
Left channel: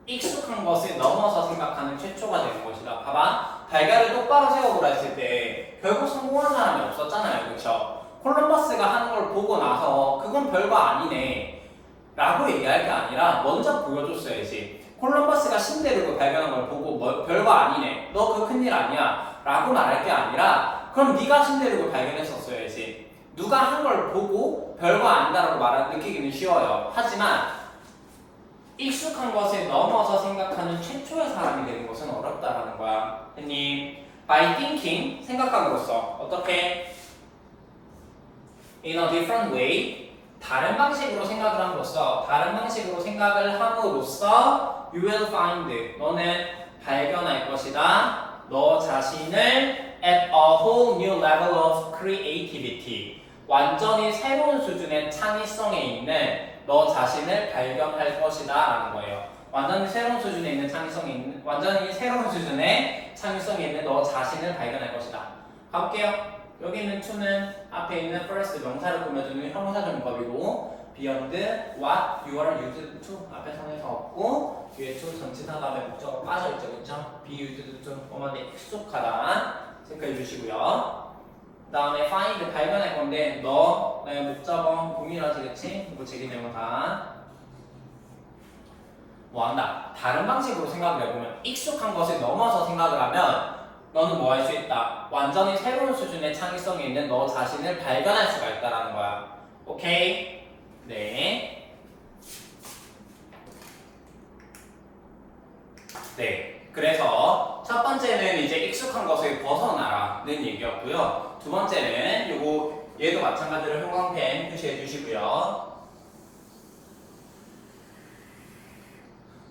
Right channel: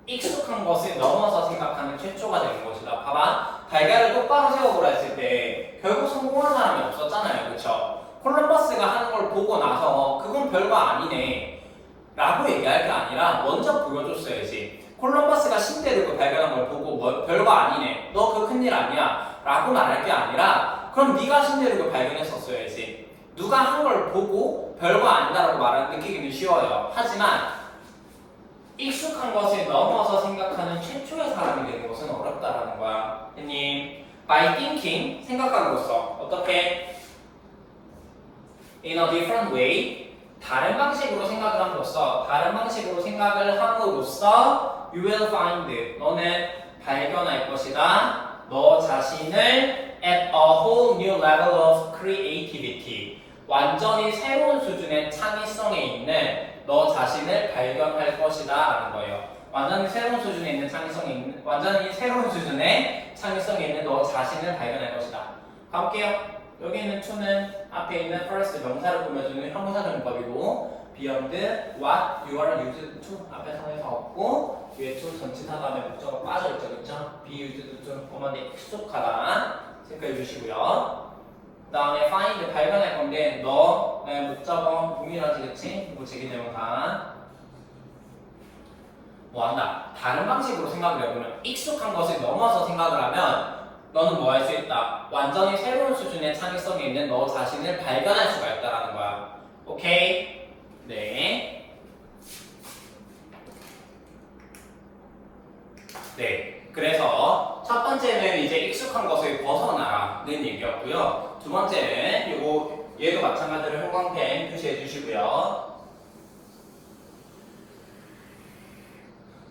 익숙한 것을 넘어서 생각하는 최초가 되는 것이다. 봐봐, 달걀을 똑바로 세우고 했을 때 결국 성공한 사람이 없었잖아요. 그쵸? 콜럼버스가 하는 걸 보고 나서 그건 별거 아니네 라고 얘기할 게 아니라 먼저 보여줬어야지. 콜럼버스가 신대륙을 발견한 걸 보고 뭐 별거 아니네, 너 그거 큰일 아니야 라고 말할 게 아니라 그럼 네가 신대륙을 발견했었어야지. 누가 한 걸 보고 별거 아니다라고 말하는 느끼기는 쉬워요. 하지만 익숙한 것을 넘어서 생각하는 최초의 사람이 되는 것은 어렵다라는 거야. 했니? By thinking, 생각함으로써 어떻게? In a different way, 다른 방식으로 생각을 함으로써, 다른 방식으로 생각을 함으로써 you will find, 너는 발견할 것이다. 너 자신을 at a whole new level of creativity, 완전히 새로운 수준의 창의성에 있는 너 자신을 발견할 것이다 라는 거예요. 완전히 새로운 수준에 있는 완전히 새로운 수준의 창의성에 있는 너 자신을 발견할 것이다. 가볼게요. 여기 있는 to는 앞에 있는 first 명사를 꾸며주는 형용사적인 법이고 beyond what you are used to 앞에 상에서 없고 뒤에 to 전치사 다음에 목적어가 빠져있죠. 그쵸? be used to 뭐만에 익숙하다 체크해 주시고요. 그 다음에 find 발견할 건데 너의 목적어 동일하지 그치? 이거 제기 내용 다 뭐한다? 다른 방식으로 생각을 해보면 익숙한 것을 넘어서 생각을 하면 너는 뭐 할 수 있다? 완전히 새로운 수준의 창의성이 있는 너 자신을 발견할 수가 있다는 거야. 오케이? 네. 네, 그래서 첫 번째는 이제 익숙한 것을 벗어나라는 얘기였고요. 두 번째는 요거 얘도 마찬가지로 형광펜 표시해 주시고요.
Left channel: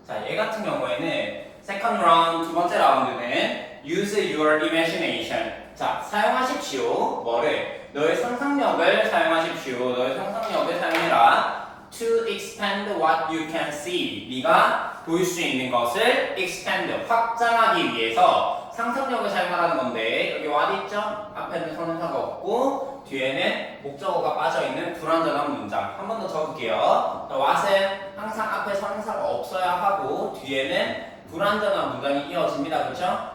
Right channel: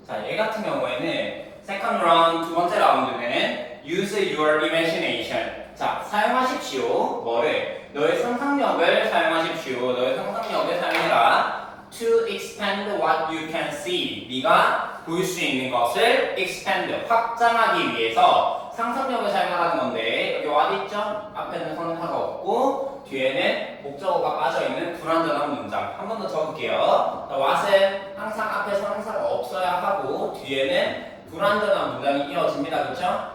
자, 얘 같은 경우에는 second round 두 번째 라운드는 use your imagination. 자, 사용하십시오. 뭐를? 너의 상상력을 사용하십시오. 너의 상상력을 사용해라. To expand what you can see. 네가 볼 수 있는 것을 expand, 확장하기 위해서 상상력을 사용하라는 건데 여기 what 있죠? 앞에는 성사가 없고 뒤에는 목적어가 빠져있는 불완전한 문장. 한 번 더 적을게요. what은 항상 앞에 성사가 없어야 하고 뒤에는 불완전한 문장이 이어집니다. 그렇죠?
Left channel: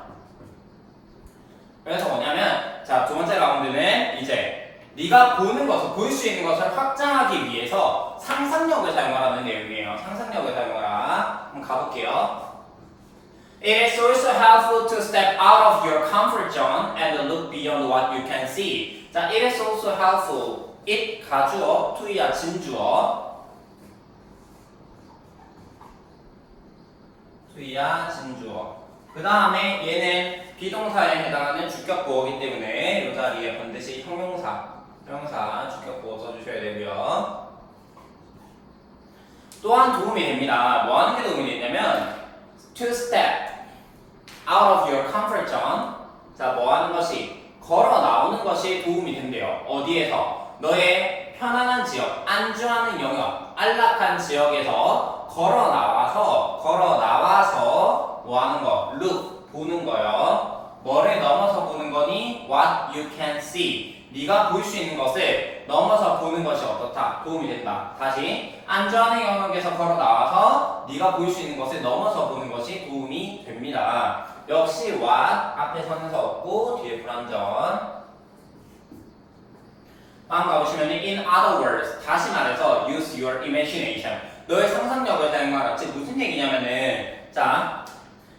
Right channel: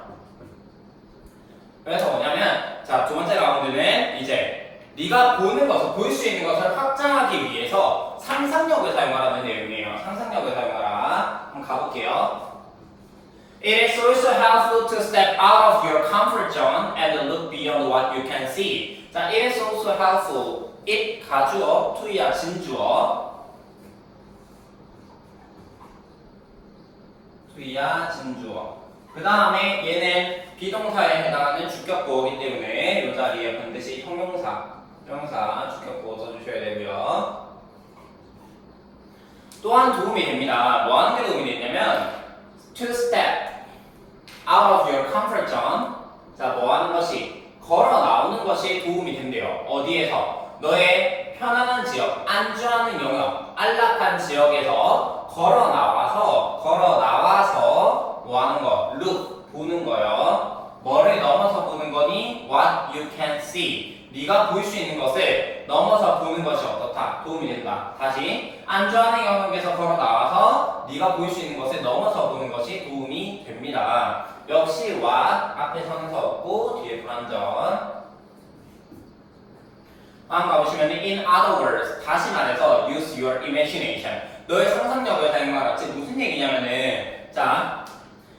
그래서 뭐냐면 자, 두 번째 라운드는 이제 네가 보는 것을, 볼 수 있는 것을 확장하기 위해서 상상력을 사용하라는 내용이에요. 상상력을 사용하라. 한번 가볼게요. It is also helpful to step out of your comfort zone and look beyond what you can see. 자, it is also helpful. it 가주어, to야 진주어. to야 진주어. 그 다음에 얘는 비동사에 해당하는 주격보어이기 때문에 이 자리에 반드시 형용사 주격보어 써주셔야 되고요. 또한 도움이 됩니다. 뭐 하는 게 도움이 되냐면 to step out of your comfort zone. 자, 뭐 하는 것이? 걸어 나오는 것이 도움이 된대요. 어디에서? 너의 편안한 지역, 안주하는 영역, 안락한 지역에서 걸어 나와서 뭐 하는 거? look, 보는 거요. 뭐를 넘어서 보는 거니? what you can see. 네가 볼 수 있는 것을 넘어서 보는 것이 어떻다? 도움이 된다. 다시 안주하는 영역에서 걸어 나와서 네가 볼 수 있는 것을 넘어서 보는 것이 도움이 됩니다. 역시 what 앞에 선에서 없고 뒤에 불완전. 다음 가보시면 in other words, 다시 말해서 use your imagination. 너의 상상력을 사용하라. 즉 무슨 얘기냐면은 자,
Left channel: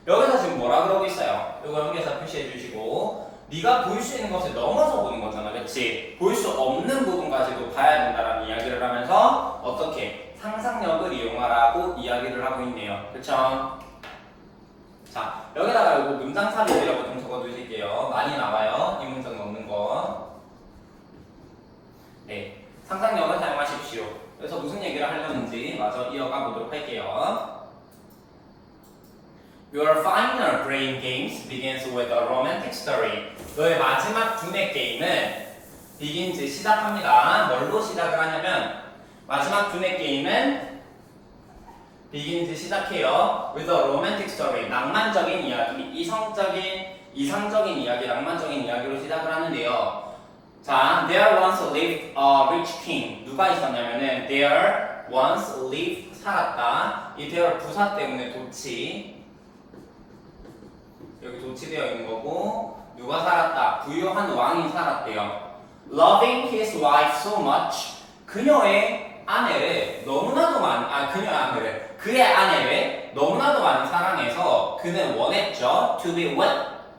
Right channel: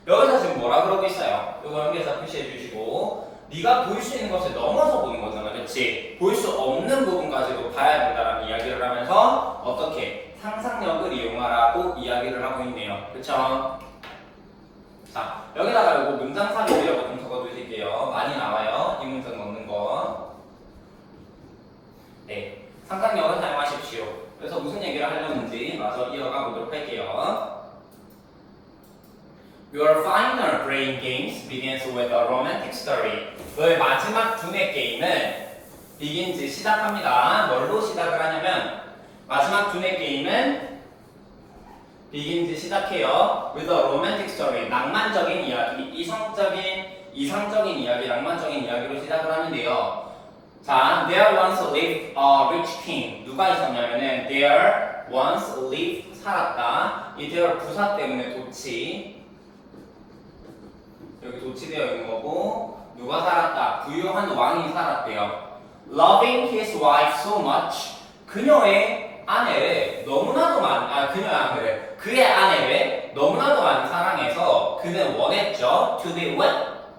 여기서 지금 뭐라 그러고 있어요? 이거 여기서 표시해 주시고 네가 볼 수 있는 것을 넘어서 보는 거잖아. 그렇지? 볼 수 없는 부분까지도 봐야 된다는 이야기를 하면서 어떻게 상상력을 이용하라고 이야기를 하고 있네요. 그렇죠? 자, 여기다가 이거 문장 삽입이라고 좀 적어주실게요. 많이 나와요. 이 문장 넣는 거. 네, 상상력을 사용하십시오. 그래서 무슨 얘기를 하려는지 마저 이어가 보도록 할게요. Your final brain games begins with a romantic story. 너의 마지막 두뇌 게임은 begins 시작합니다. 뭘로 시작을 하냐면 마지막 두뇌 게임은 begins 시작해요. with a romantic story. 낭만적인 이야기, 이상적인 이야기, 낭만적인 이야기로 시작을 하는데요. 자, there once lived a rich king. 누가 있었냐면은 there once lived 살았다. 이 there 부사 때문에 도치. 여기 도치되어 있는 거고 누가 살았다? 부유한 왕이 살았대요. Loving his wife so much. 그녀의 아내를 너무나도 그의 아내를 너무나도 많이 사랑해서 그는 원했죠. To be with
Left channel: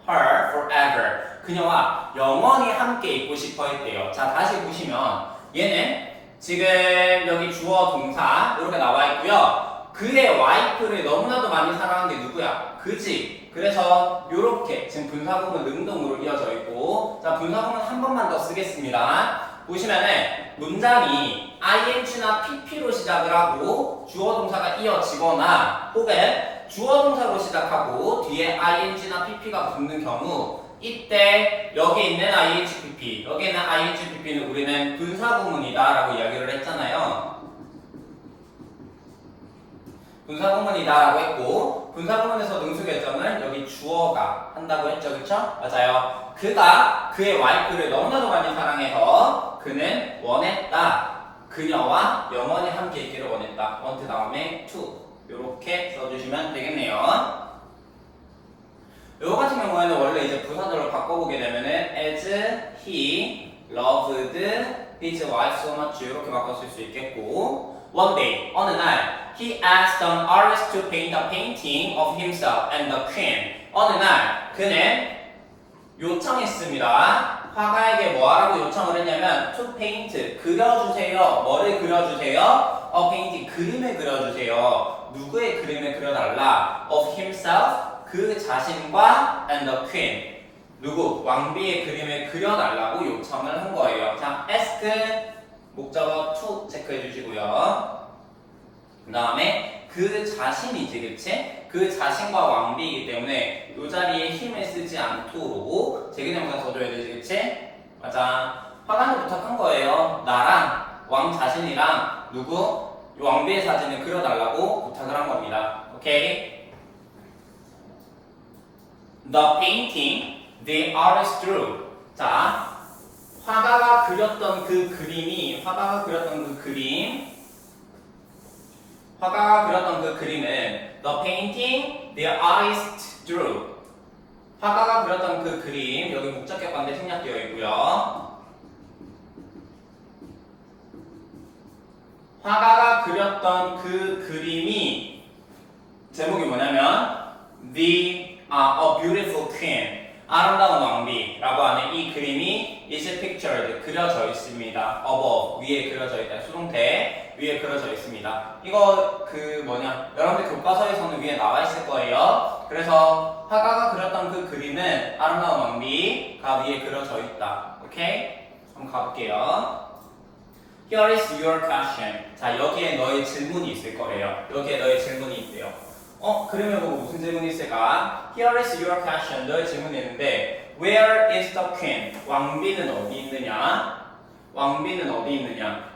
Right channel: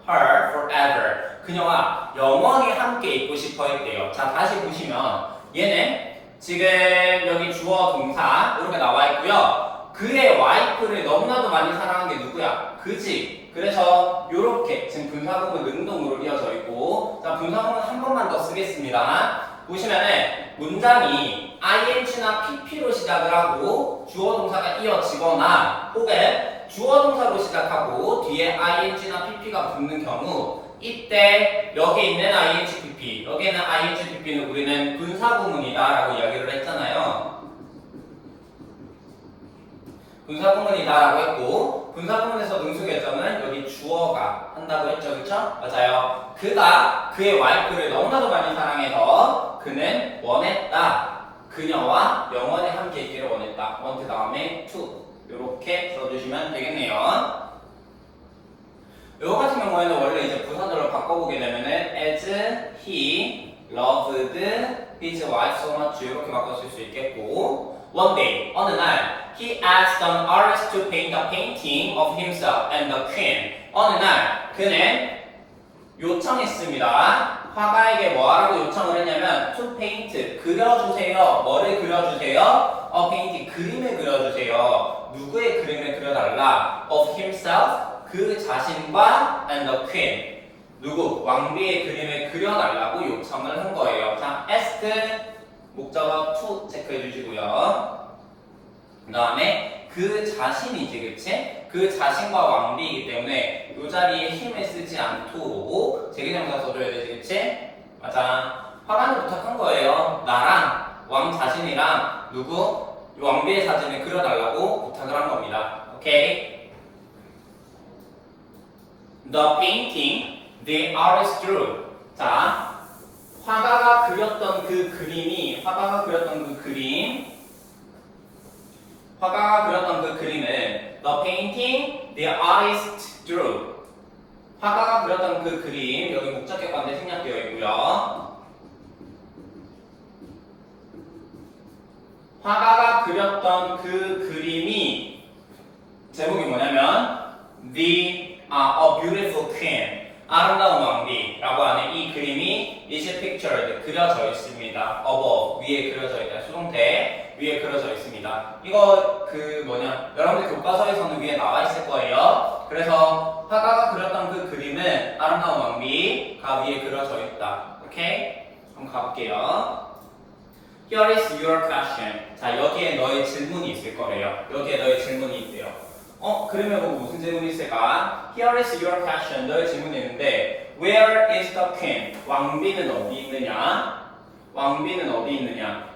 her forever. 그녀와 영원히 함께 있고 싶어 했대요. 자, 다시 보시면 얘는 지금 여기 주어 동사 이렇게 나와 있고요. 그의 와이프를 너무나도 많이 사랑한 게 누구야? 그지? 그래서 이렇게 지금 분사구문 능동으로 이어져 있고, 자, 분사구문 한 번만 더 쓰겠습니다. 보시면은 문장이 ing나 pp로 시작을 하고 주어 동사가 이어지거나 혹은 주어 동사로 시작하고 뒤에 ing나 pp가 붙는 경우 이때 여기 있는 ing pp, 여기 있는 ing pp는 우리는 분사구문이다라고 이야기를 했잖아요. 분사구문이다라고 했고 분사구문에서 능수 결정은 여기 주어가 한다고 했죠, 그렇죠? 맞아요. 그가 그의 와이프를 너무나도 많이 사랑해서 그는 원했다. 그녀와 영원히 함께 있기를 원했다. want 다음에 to 이렇게 써주시면 되겠네요. 이거 같은 경우에는 원래 이제 부사절로 바꿔보게 되면은 as he loved his wife so much 이렇게 바꿨을 수 있겠고 one day 어느 날 he asked an artist to paint a painting of himself and the queen. 어느 날 그는 요청했습니다. 화가에게 뭐 하라고 요청을 했냐면 to paint 그려주세요. 뭐를 그려주세요? paint 그림을 그려주세요. 누구의 그림을 그려달라? of himself 그 자신과 and the queen 누구? 왕비의 그림을 그려달라고 요청을 한 거예요. 자, ask 목적어 to 체크해 주시고요. 그 다음에 그 자신이지, 그치? 그 자신과 왕비이기 때문에 이 자리에 힘을 쓰지 않도록 제기정사 써줘야 되지, 그치? 맞아. 화가는 부탁한 거예요. 나랑 왕 자신이랑 누구? 이 왕비의 사진을 그려달라고 부탁을 한 겁니다. 오케이? The painting the artist drew. 자, 화가가 그렸던 그 그림을 the painting the artist drew. 화가가 그렸던 그 그림 여기 목적격관대 생략되어 있고요. 화가가 그렸던 그 그림이 제목이 뭐냐면 The A Beautiful Queen 아름다운 왕비라고 하는 이 그림이 is pictured 그려져 있습니다. above 위에 그려져 있다. 수동태 위에 그려져 있습니다. 이거 여러분들 교과서에서는 위에 나와 있을 거예요. 그래서 화가가 그렸던 그 그림은 아름다운 왕비가 위에 그려져 있다. 오케이? 한번 가볼게요. Here is your question. 자, 여기에 너의 질문이 있을 거래요. 여기에 너의 질문이 있대요. 그러면 뭐 무슨 질문이 있을까? Here is your question. 너의 질문이 있는데 Where is the queen? 왕비는 어디 있느냐? 왕비는 어디 있느냐?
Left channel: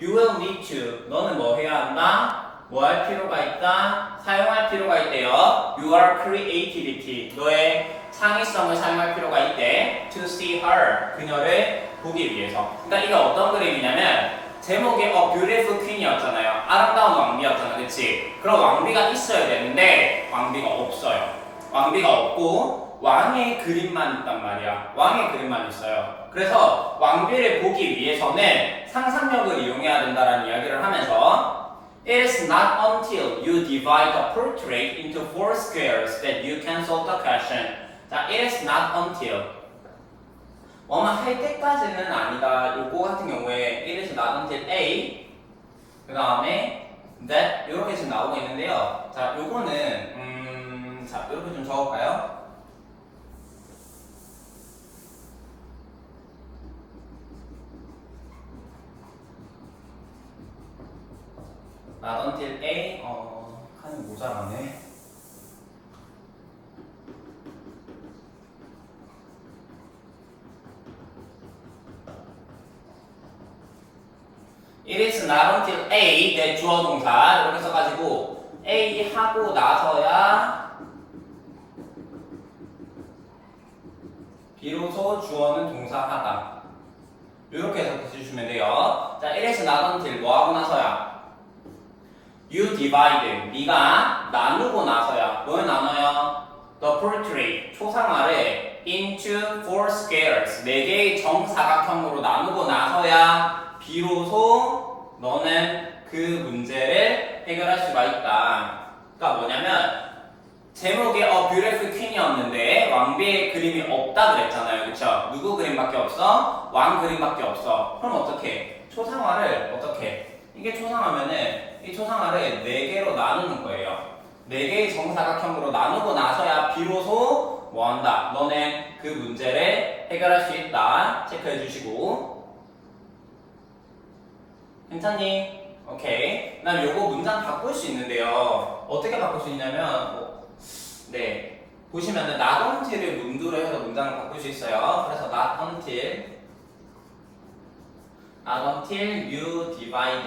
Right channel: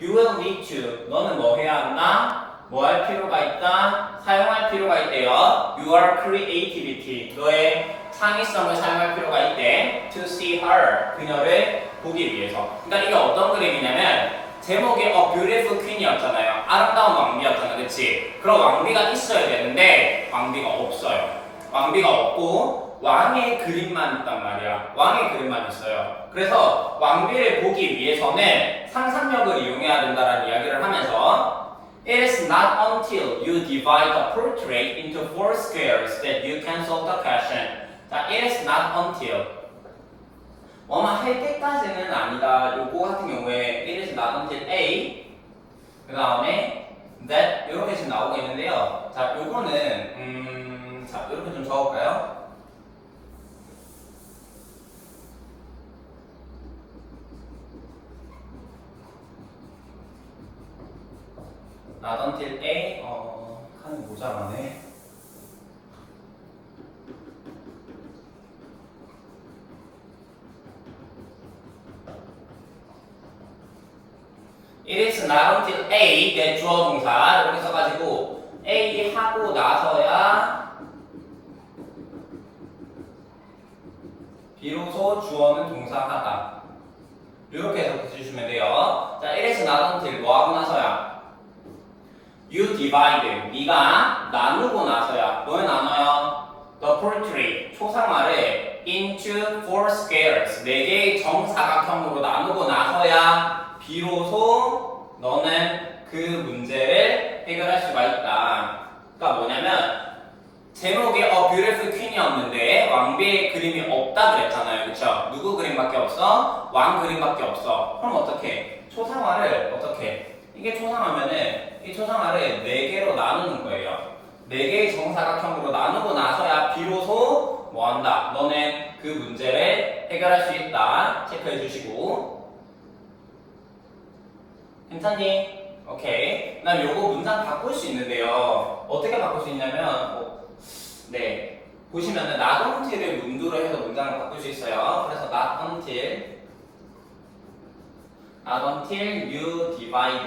You will need to. 너는 뭐 해야 한다? 뭐 할 필요가 있다? 사용할 필요가 있대요. Your creativity. 너의 창의성을 사용할 필요가 있대. To see her. 그녀를 보기 위해서. 그러니까 이게 어떤 그림이냐면 제목이 A Beautiful Queen이었잖아요. 아름다운 왕비였잖아, 그치? 그럼 왕비가 있어야 되는데 왕비가 없어요. 왕비가 없고 왕의 그림만 있단 말이야. 왕의 그림만 있어요. 그래서 왕비를 보기 위해서는 상상력을 이용해야 된다는 이야기를 하면서 It is not until you divide the portrait into 4 squares that you can solve the question. 자, it is not until 뭐만 할 때까지는 아니다. 요거 같은 경우에 it is not until A 그 다음에 that 이렇게 지금 나오고 있는데요. 자, 요거는 자 이렇게 좀 적어볼까요? not until A 칸이 모자라네. It is not until A that 주어 동사 이렇게 써가지고 A 하고 나서야 비로소 주어는 동사하다 이렇게 해석해 주시면 돼요. 자, it is not until 뭐 하고 나서야 You divide 네가 나누고 나서야 뭘 나눠요? The portrait 초상화를 into 4 squares 4개의 정사각형으로 나누고 나서야 비로소 너는 그 문제를 해결할 수가 있다. 그러니까 뭐냐면 제목이 A Beautiful Queen이었는데 왕비의 그림이 없다 그랬잖아요. 그쵸? 누구 그림밖에 없어? 왕 그림밖에 없어. 그럼 어떻게? 초상화를 어떻게? 이게 초상화면은 이 초상화를 4개로 나누는 거예요. 4개의 정사각형으로 나누고 나서야 비로소 뭐한다? 너는 그 문제를 해결할 수 있다. 체크해 주시고 괜찮니? 오케이. 그다음 요거 문장 바꿀 수 있는데요. 어떻게 바꿀 수 있냐면 네 보시면은 not until을 문두로 해서 문장을 바꿀 수 있어요. 그래서 not until you divide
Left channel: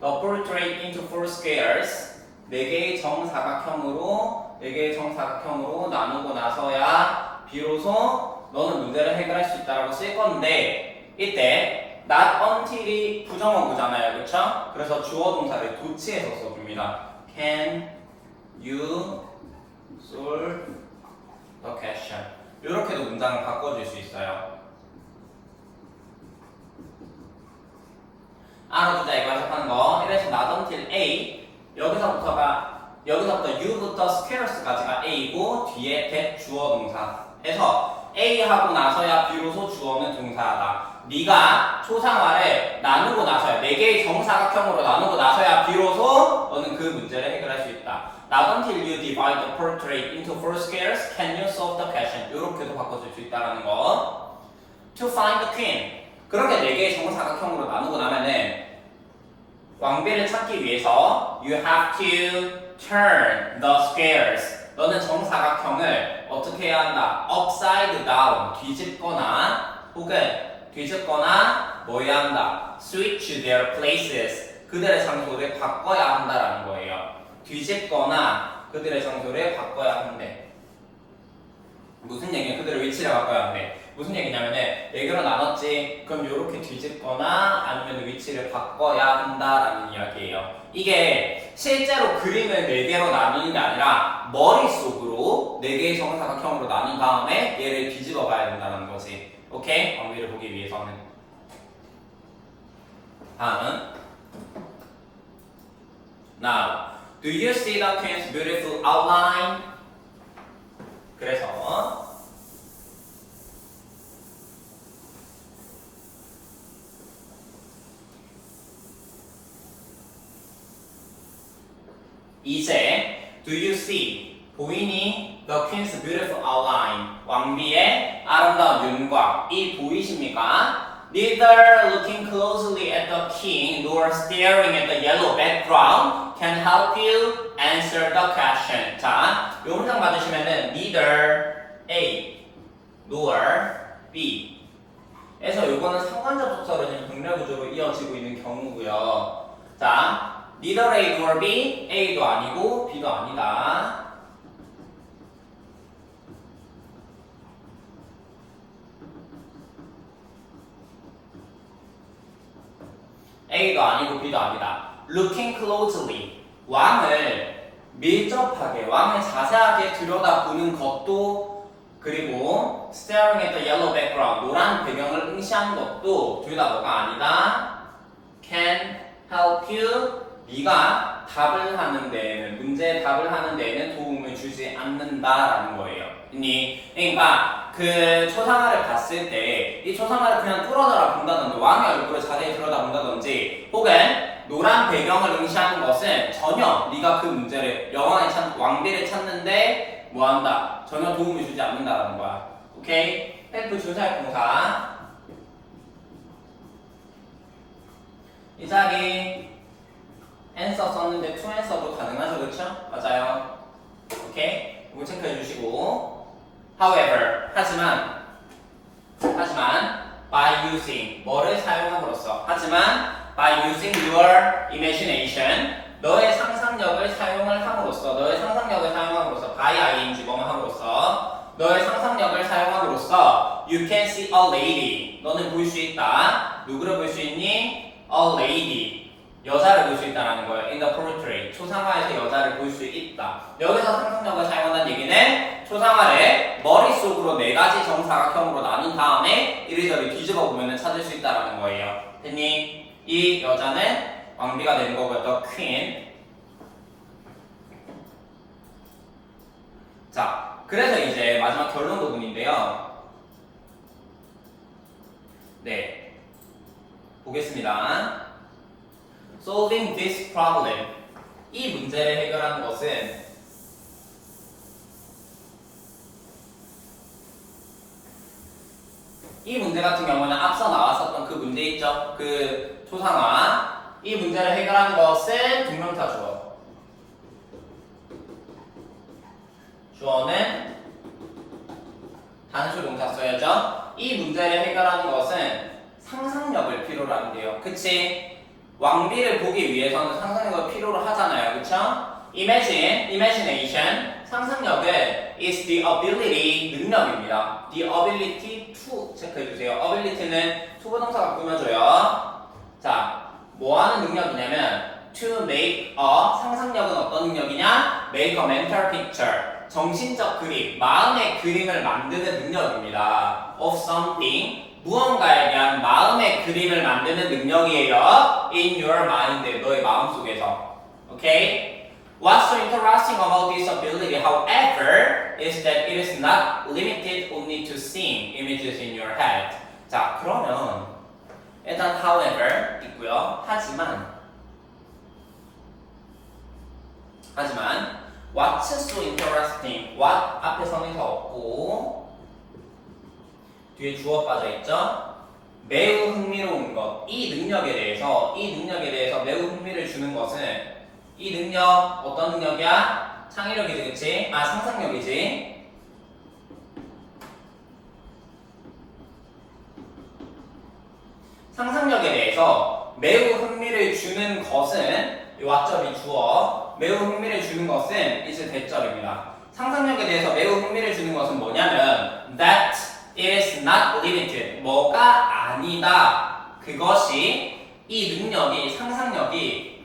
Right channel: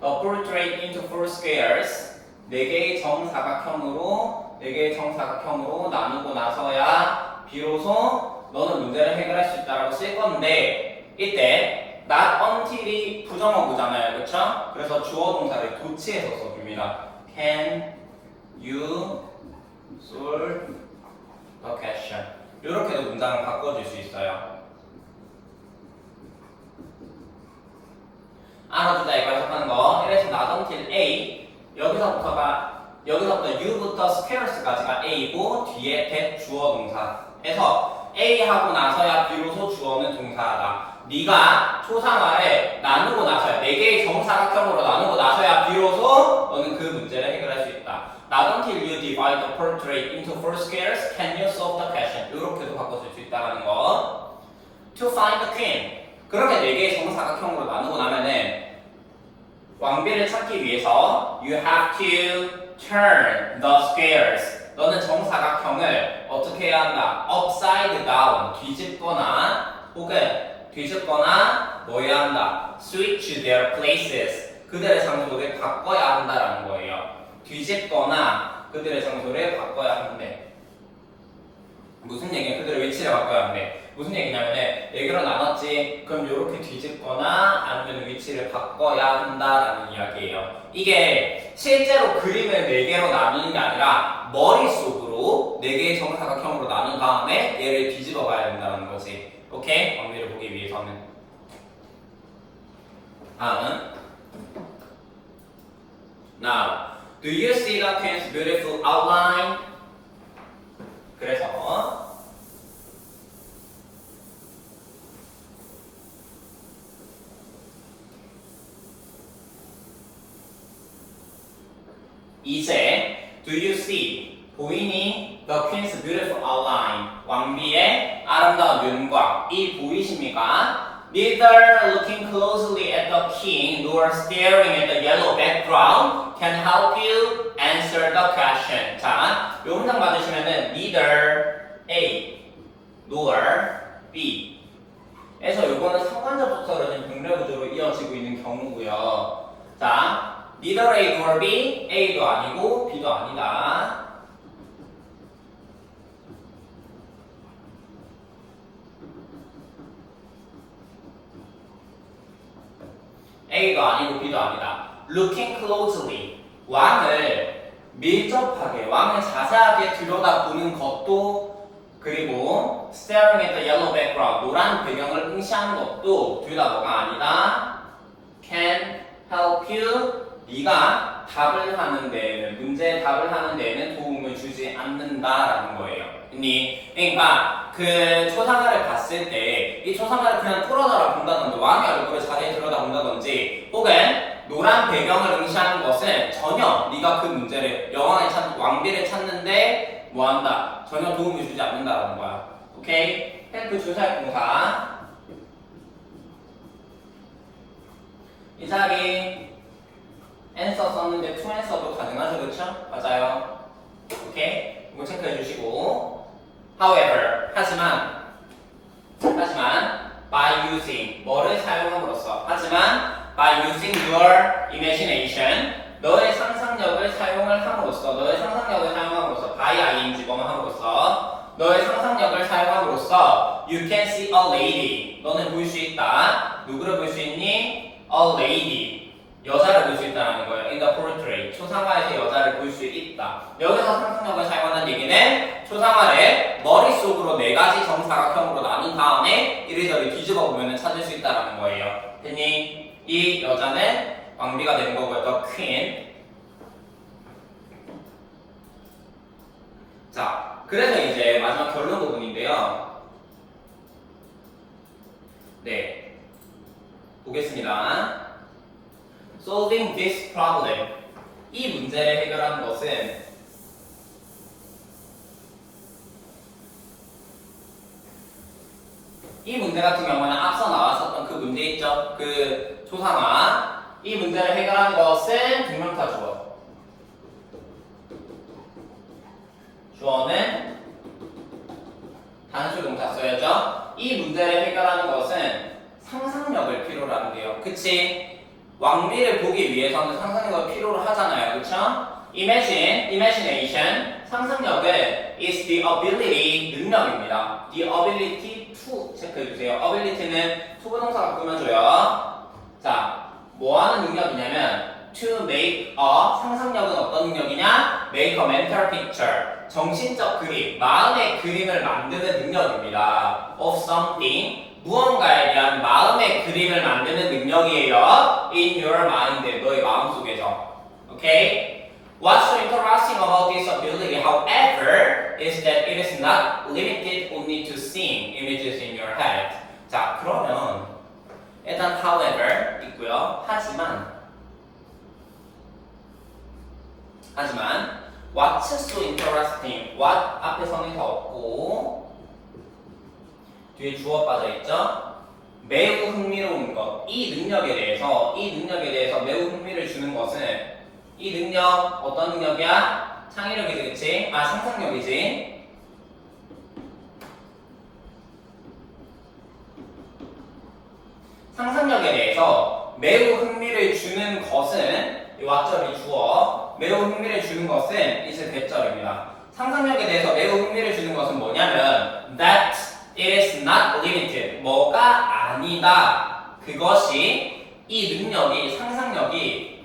the portrait into 4 squares 4개의 정사각형으로 나누고 나서야 비로소 너는 문제를 해결할 수 있다라고 쓸 건데 이때 not until이 부정어구잖아요. 그렇죠? 그래서 주어 동사를 도치해서 써줍니다. Can you solve the question? 이렇게도 문장을 바꿔줄 수 있어요. 알아두자 이거 해석하는 거. 이래서 not until A 여기서부터 U부터 squares까지가 A고 뒤에 that 주어 동사 해서 A 하고 나서야 비로소 주어는 동사하다. 네가 초상화를 나누고 나서야 4개의 정사각형으로 나누고 나서야 비로소 너는 그 문제를 해결할 수 있다. Not until you divide the portrait into 4 squares can you solve the question. 이렇게도 바꿔줄 수 있다는 거. To find the queen. 그렇게 4개의 정사각형으로 나누고 나면은 왕비를 찾기 위해서 you have to turn the squares. 너는 정사각형을 어떻게 해야 한다? upside down. 뒤집거나 혹은 뒤집거나 뭐 해야 한다? switch their places. 그들의 장소를 바꿔야 한다라는 거예요. 뒤집거나 그들의 장소를 바꿔야 하는데 무슨 얘기냐? 그들의 위치를 바꿔야 하는데 무슨 얘기냐면은 4개로 나눴지. 그럼 이렇게 뒤집거나 아니면 위치를 바꿔야 한다라는 이야기예요. 이게 실제로 그림을 4개로 나누는 게 아니라 머릿속으로 4개의 정사각형으로 나눈 다음에 얘를 뒤집어 봐야 된다는 거지. 오케이? 왕비를 보기 위해서는. 다음은 Now, do you see the queen's beautiful outline? 그래서 이제 do you see 보이니 the queen's beautiful outline 왕비의 아름다운 윤곽 이 보이십니까? Neither looking closely at the king nor staring at the yellow background can help you answer the question. 자, 요 문장 받으시면은 neither A nor B 에서 요거는 상관접속사로 지금 병렬구조로 이어지고 있는 경우고요. 자, neither A nor B, A도 아니고 B도 아니다. A도 아니고 B도 아니다. Looking closely, 왕을 밀접하게, 왕을 자세하게 들여다보는 것도 그리고 staring at the yellow background, 노란 배경을 응시하는 것도 둘 다 뭐가 아니다. Can help you, 네가 답을 하는 데에는, 문제에 답을 하는 데에는 도움을 주지 않는다라는 거예요. 그러니까 그 초상화를 봤을 때 이 초상화를 그냥 뚫어져라 본다든지 왕의 얼굴을 자세히 들여다본다든지 혹은 노란 배경을 응시하는 것은 전혀 네가 그 문제를 왕비를 찾는데 뭐한다? 전혀 도움을 주지 않는다라는 거야. 오케이? 헬프 주사역 동사 이 자리 answer 썼는데 to answer도 가능하죠, 그렇죠? 맞아요. 오케이? 이거 체크해 주시고 however, 하지만 by using 뭐를 사용함으로써 하지만 by using your imagination 너의 상상력을 사용을 함으로써 너의 상상력을 사용함으로써 by ing 뭐뭐 함으로써 너의 상상력을 사용함으로써 you can see a lady 너는 볼 수 있다 누구를 볼 수 있니? a lady 여자를 볼 수 있다는 거야. in the portrait 초상화에서 여자를 볼 수 있다. 여기서 상상력을 사용한다는 얘기는 초상화를 머릿속으로 4가지 정사각형으로 나눈 다음에 이리저리 뒤집어 보면 찾을 수 있다는 거예요. 됐니? 이 여자는 왕비가 되는 거고요. the queen. 자, 그래서 이제 마지막 결론 부분인데요. 네, 보겠습니다. Solving this problem. 이 문제를 해결하는 것은 이 문제 같은 경우는 앞서 나왔었던 그 문제 있죠? 그 초상화. 이 문제를 해결하는 것은 뒷명사 주어. 주어는 단수 동사 써야죠. 이 문제를 해결하는 것은 상상력을 필요로 하는데요. 그치? 왕비를 보기 위해서는 상상력을 필요로 하잖아요. 그쵸? imagination, 상상력은 is the ability, 능력입니다. the ability to, 체크해주세요. ability는 to 부동사가 꾸며줘요. 자, 뭐 하는 능력이냐면 to make a, 상상력은 어떤 능력이냐? make a mental picture, 정신적 그림, 마음의 그림을 만드는 능력입니다. of something, 무언가에 대한 마음의 그림을 만드는 능력이에요. In your mind, 너의 마음속에서. Okay? What's so interesting about this ability? However, is that it is not limited only to seeing images in your head. 자, 그러면 일단 however 있고요. 하지만 what's so interesting? what 앞에 성의가 없고 뒤에 주어 빠져 있죠? 매우 흥미로운 것. 이 능력에 대해서 매우 흥미를 주는 것은 이 능력 어떤 능력이야? 창의력이지, 그치? 상상력이지. 상상력에 대해서 매우 흥미를 주는 것은 이 왓절이 주어 매우 흥미를 주는 것은 이제 대절입니다. 상상력에 대해서 매우 흥미를 주는 것은 뭐냐면 that it is not limited 뭐가 아니다. 그것이 이 능력이 상상력이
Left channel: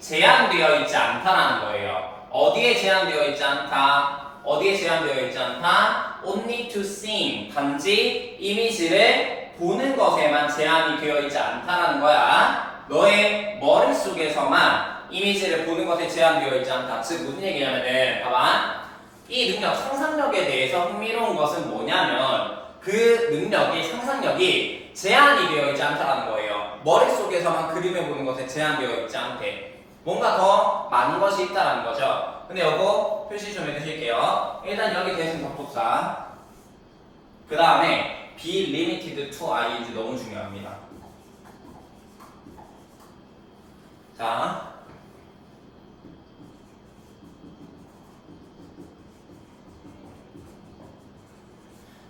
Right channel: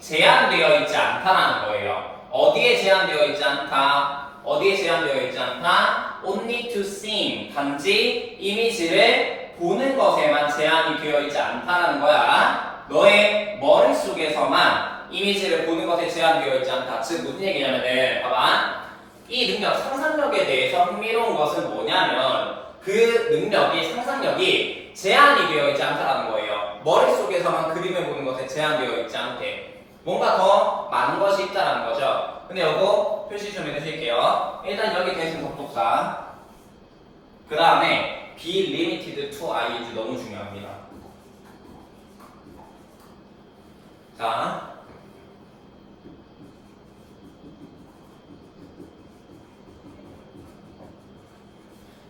제한되어 있지 않다라는 거예요. 어디에 제한되어 있지 않다? only to seeing 단지 이미지를 보는 것에만 제한이 되어 있지 않다라는 거야. 너의 머릿속에서만 이미지를 보는 것에 제한되어 있지 않다. 즉 무슨 얘기냐면은 봐봐. 이 능력 상상력에 대해서 흥미로운 것은 뭐냐면 그 능력이 상상력이 제한이 되어 있지 않다라는 거예요. 머릿속에서만 그림을 보는 것에 제한되어 있지 않게 뭔가 더 많은 것이 있다라는 거죠. 근데 요거 표시 좀 해주실게요. 일단 여기 대신 접속사 그 다음에 be limited to ing 너무 중요합니다. 자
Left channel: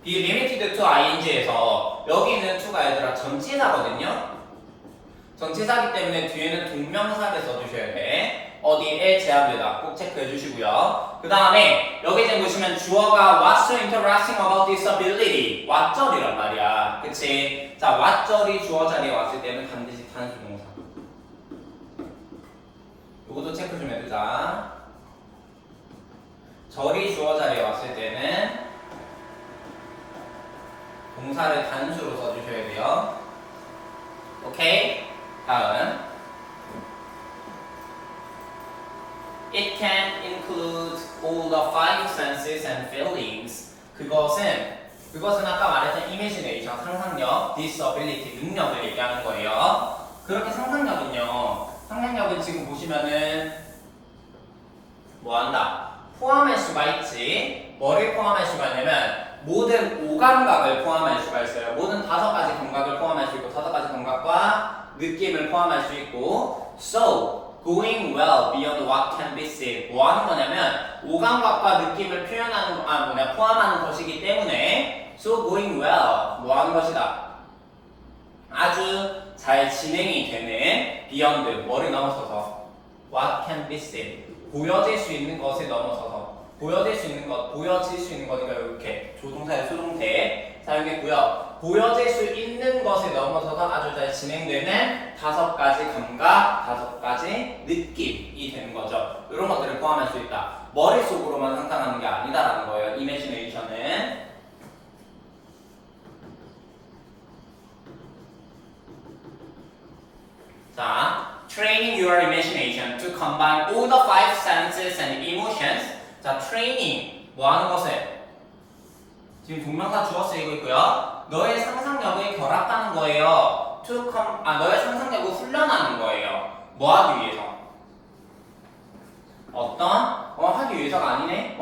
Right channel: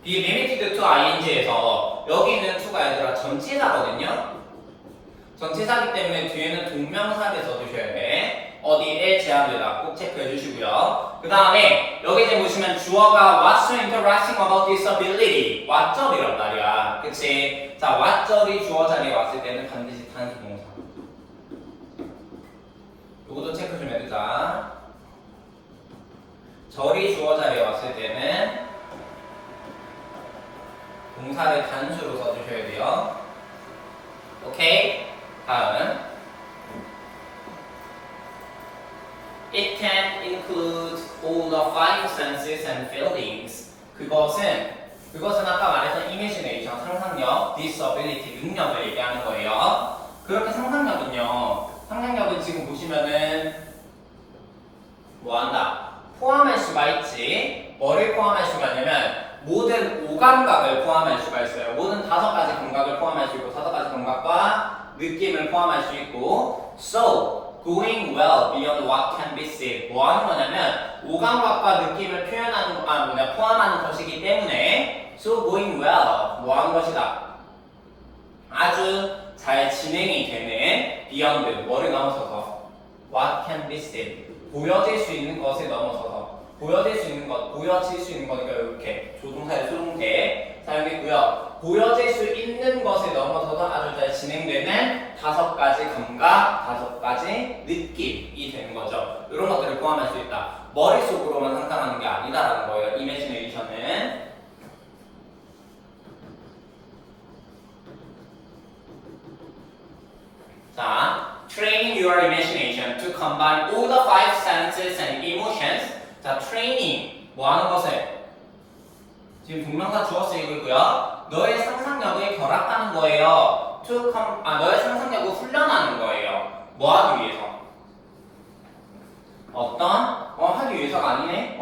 be limited to ing에서 여기 있는 to가 얘들아 전치사거든요. 전치사기 때문에 뒤에는 동명사를 써주셔야 돼. 어디에 제한되다 꼭 체크해 주시고요. 그 다음에 여기 이제 보시면 주어가 what's so interesting about disability 왓절이란 말이야. 그치? 자 왓절이 주어 자리에 왔을 때는 반드시 단수 동사. 요것도 체크 좀 해두자. 절이 주어 자리에 왔을 때는 동사를 단수로 써주셔야 돼요. 오케이? 다음 It can include all the five senses and feelings. 그것은 아까 말했던 imagination, 상상력, disability, 능력을 얘기하는 거예요. 그렇게 상상력은 지금 보시면은 뭐한다? 포함할 수가 있지. 뭐를 포함할 수가 있냐면 모든 오감각을 포함할 수가 있어요. 모든 5가지 감각을 포함할 수 있고 5가지 감각과 느낌을 포함할 수 있고 So going well beyond what can be seen. 뭐 하는 거냐면 오감각과 느낌을 포함하는 것이기 때문에 So going well 뭐 하는 것이다. 아주 잘 진행이 되는 beyond 뭐를 넘어서서 what can be seen 보여질 수 있는 것을 넘어서서 보여질 수 있는 거니까 이렇게 조동사의 수동태 사용했고요. 보여질 수 있는 것을 넘어서서 아주 잘 진행되는 5가지 감각, 5가지 느낌이 되는 거죠. 이런 것들을 포함할 수 있다. 머릿속으로만 상상하는 게 아니다라는 거예요. 이미지네이션은. 자, training your imagination to combine all the 5 senses and emotions. 자, training 뭐 하는 것을 지금 동명사 주어 쓰이고 있고요. 너의 상상력을 결합하는 거예요. 너의 상상력을 훈련하는 거예요. 뭐 하기 위해서? 하기 위해서가 아니네.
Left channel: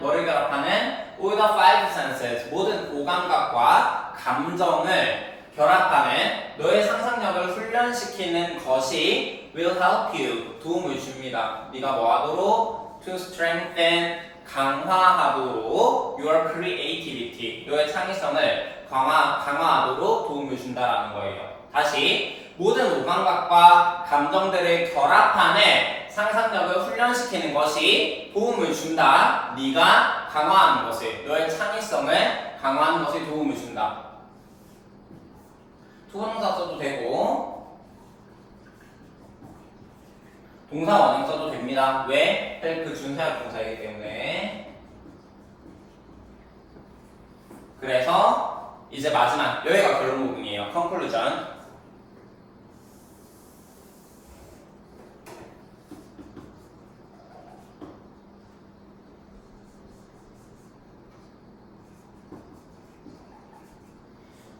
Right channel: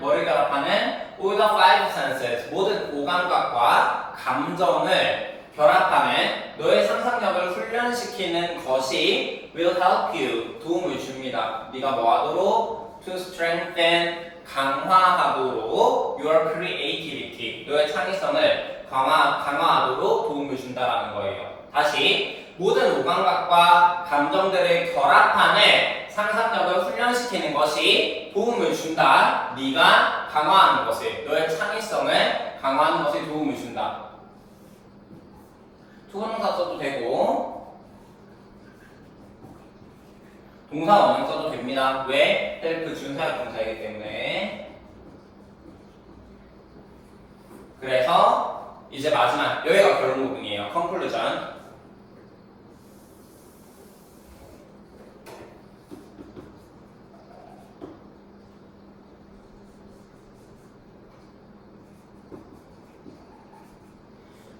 뭐를 결합하는 all the 5 senses 모든 오감각과 감정을 결합하는 너의 상상력을 훈련시키는 것이 will help you 도움을 줍니다. 네가 뭐 하도록 to strengthen 강화하도록 your creativity 너의 창의성을 강화하도록 도움을 준다라는 거예요. 다시 모든 오감각과 감정들을 결합하는 상상력을 훈련시키는 것이 도움을 준다. 네가 강화하는 것을 너의 창의성을 강화하는 것에 도움을 준다. 투부정사 써도 되고 동사 원형 써도 됩니다. 왜? 그 준사역 동사이기 때문에. 그래서 이제 마지막 여기가 결론 부분이에요. conclusion.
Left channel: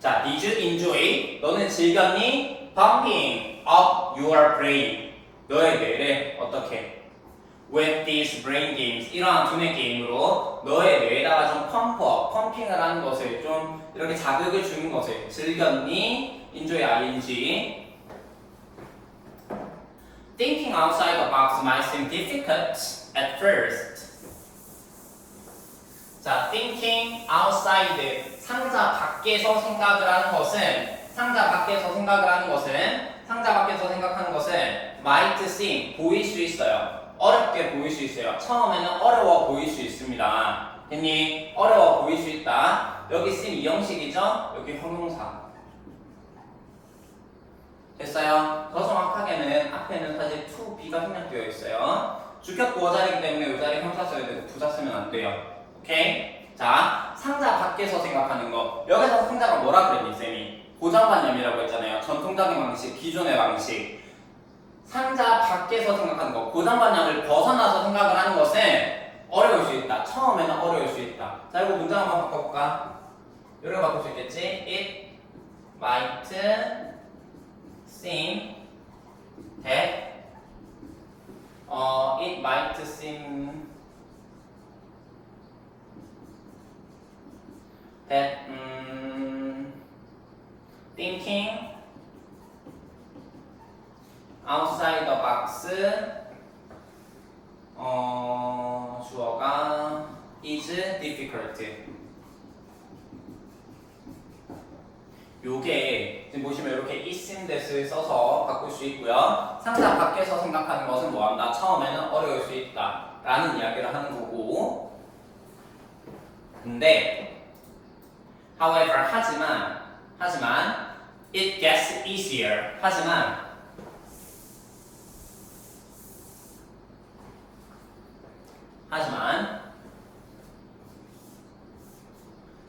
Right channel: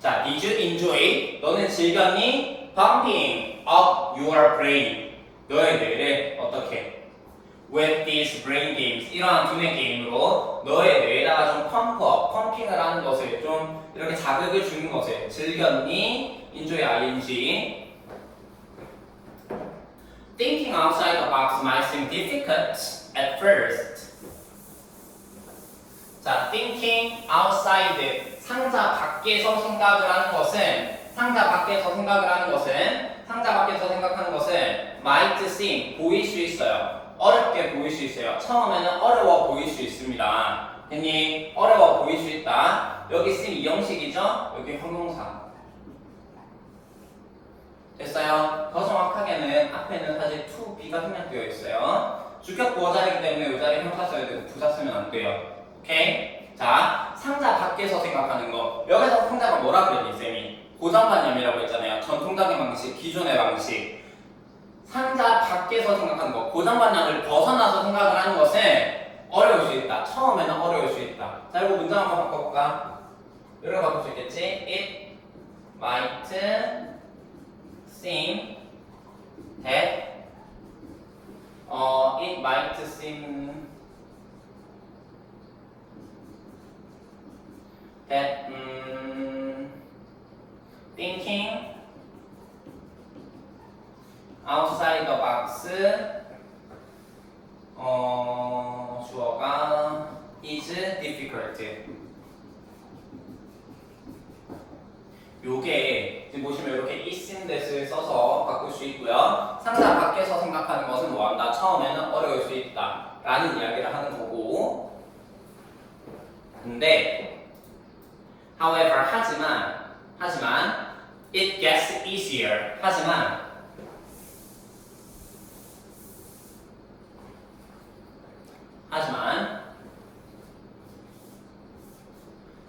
자, did you enjoy? 너는 즐겼니? pumping up your brain. 너의 뇌를 어떻게? with these brain games. 이러한 두뇌 게임으로 너의 뇌에다가 좀 펌프업, 펌핑을 하는 것을 좀 이렇게 자극을 주는 것을 즐겼니? enjoy ing. Thinking outside the box might seem difficult at first. 자, thinking outside, 상자 밖에서 생각을 하는 것은, 상자 밖에서 생각하는 것은 might seem, 보일 수 있어요. 어렵게 보일 수 있어요. 처음에는 어려워 보일 수 있습니다. 괜히 어려워 보일 수 있다. 여기 seem 이 형식이죠? 여기 형용사. 됐어요? 더 정확하게는 앞에는 사실 to be가 생략되어 있어요. 주격 보어자이기 때문에 이 자리에 형사 써야 되고 부사 쓰면 안 돼요. 오케이? 자, 상자 밖에서 생각하는 거. 여기서 상자가 뭐라 그랬니, 쌤이? 고정관념이라고 했잖아요. 전통적인 방식, 기존의 방식. 상자 밖에서 생각하는 거. 고정관념을 벗어나서 생각을 하는 것은 어려울 수 있다. 처음에는 어려울 수 있다. 자, 이거 문장 한번 바꿔볼까? 이렇게 바꿀 수 있겠지? It might seem that it might seem that thinking outside the box 주어가 is difficult. 요게 지금 보시면 이렇게 is in that을 써서 바꿀 수 있고요. 상자 밖에서 생각하는 것은 뭐한다? 처음에는 어려울 수 있다 라는 이야기를 하는 거고, 근데 however, 하지만 it gets easier. 하지만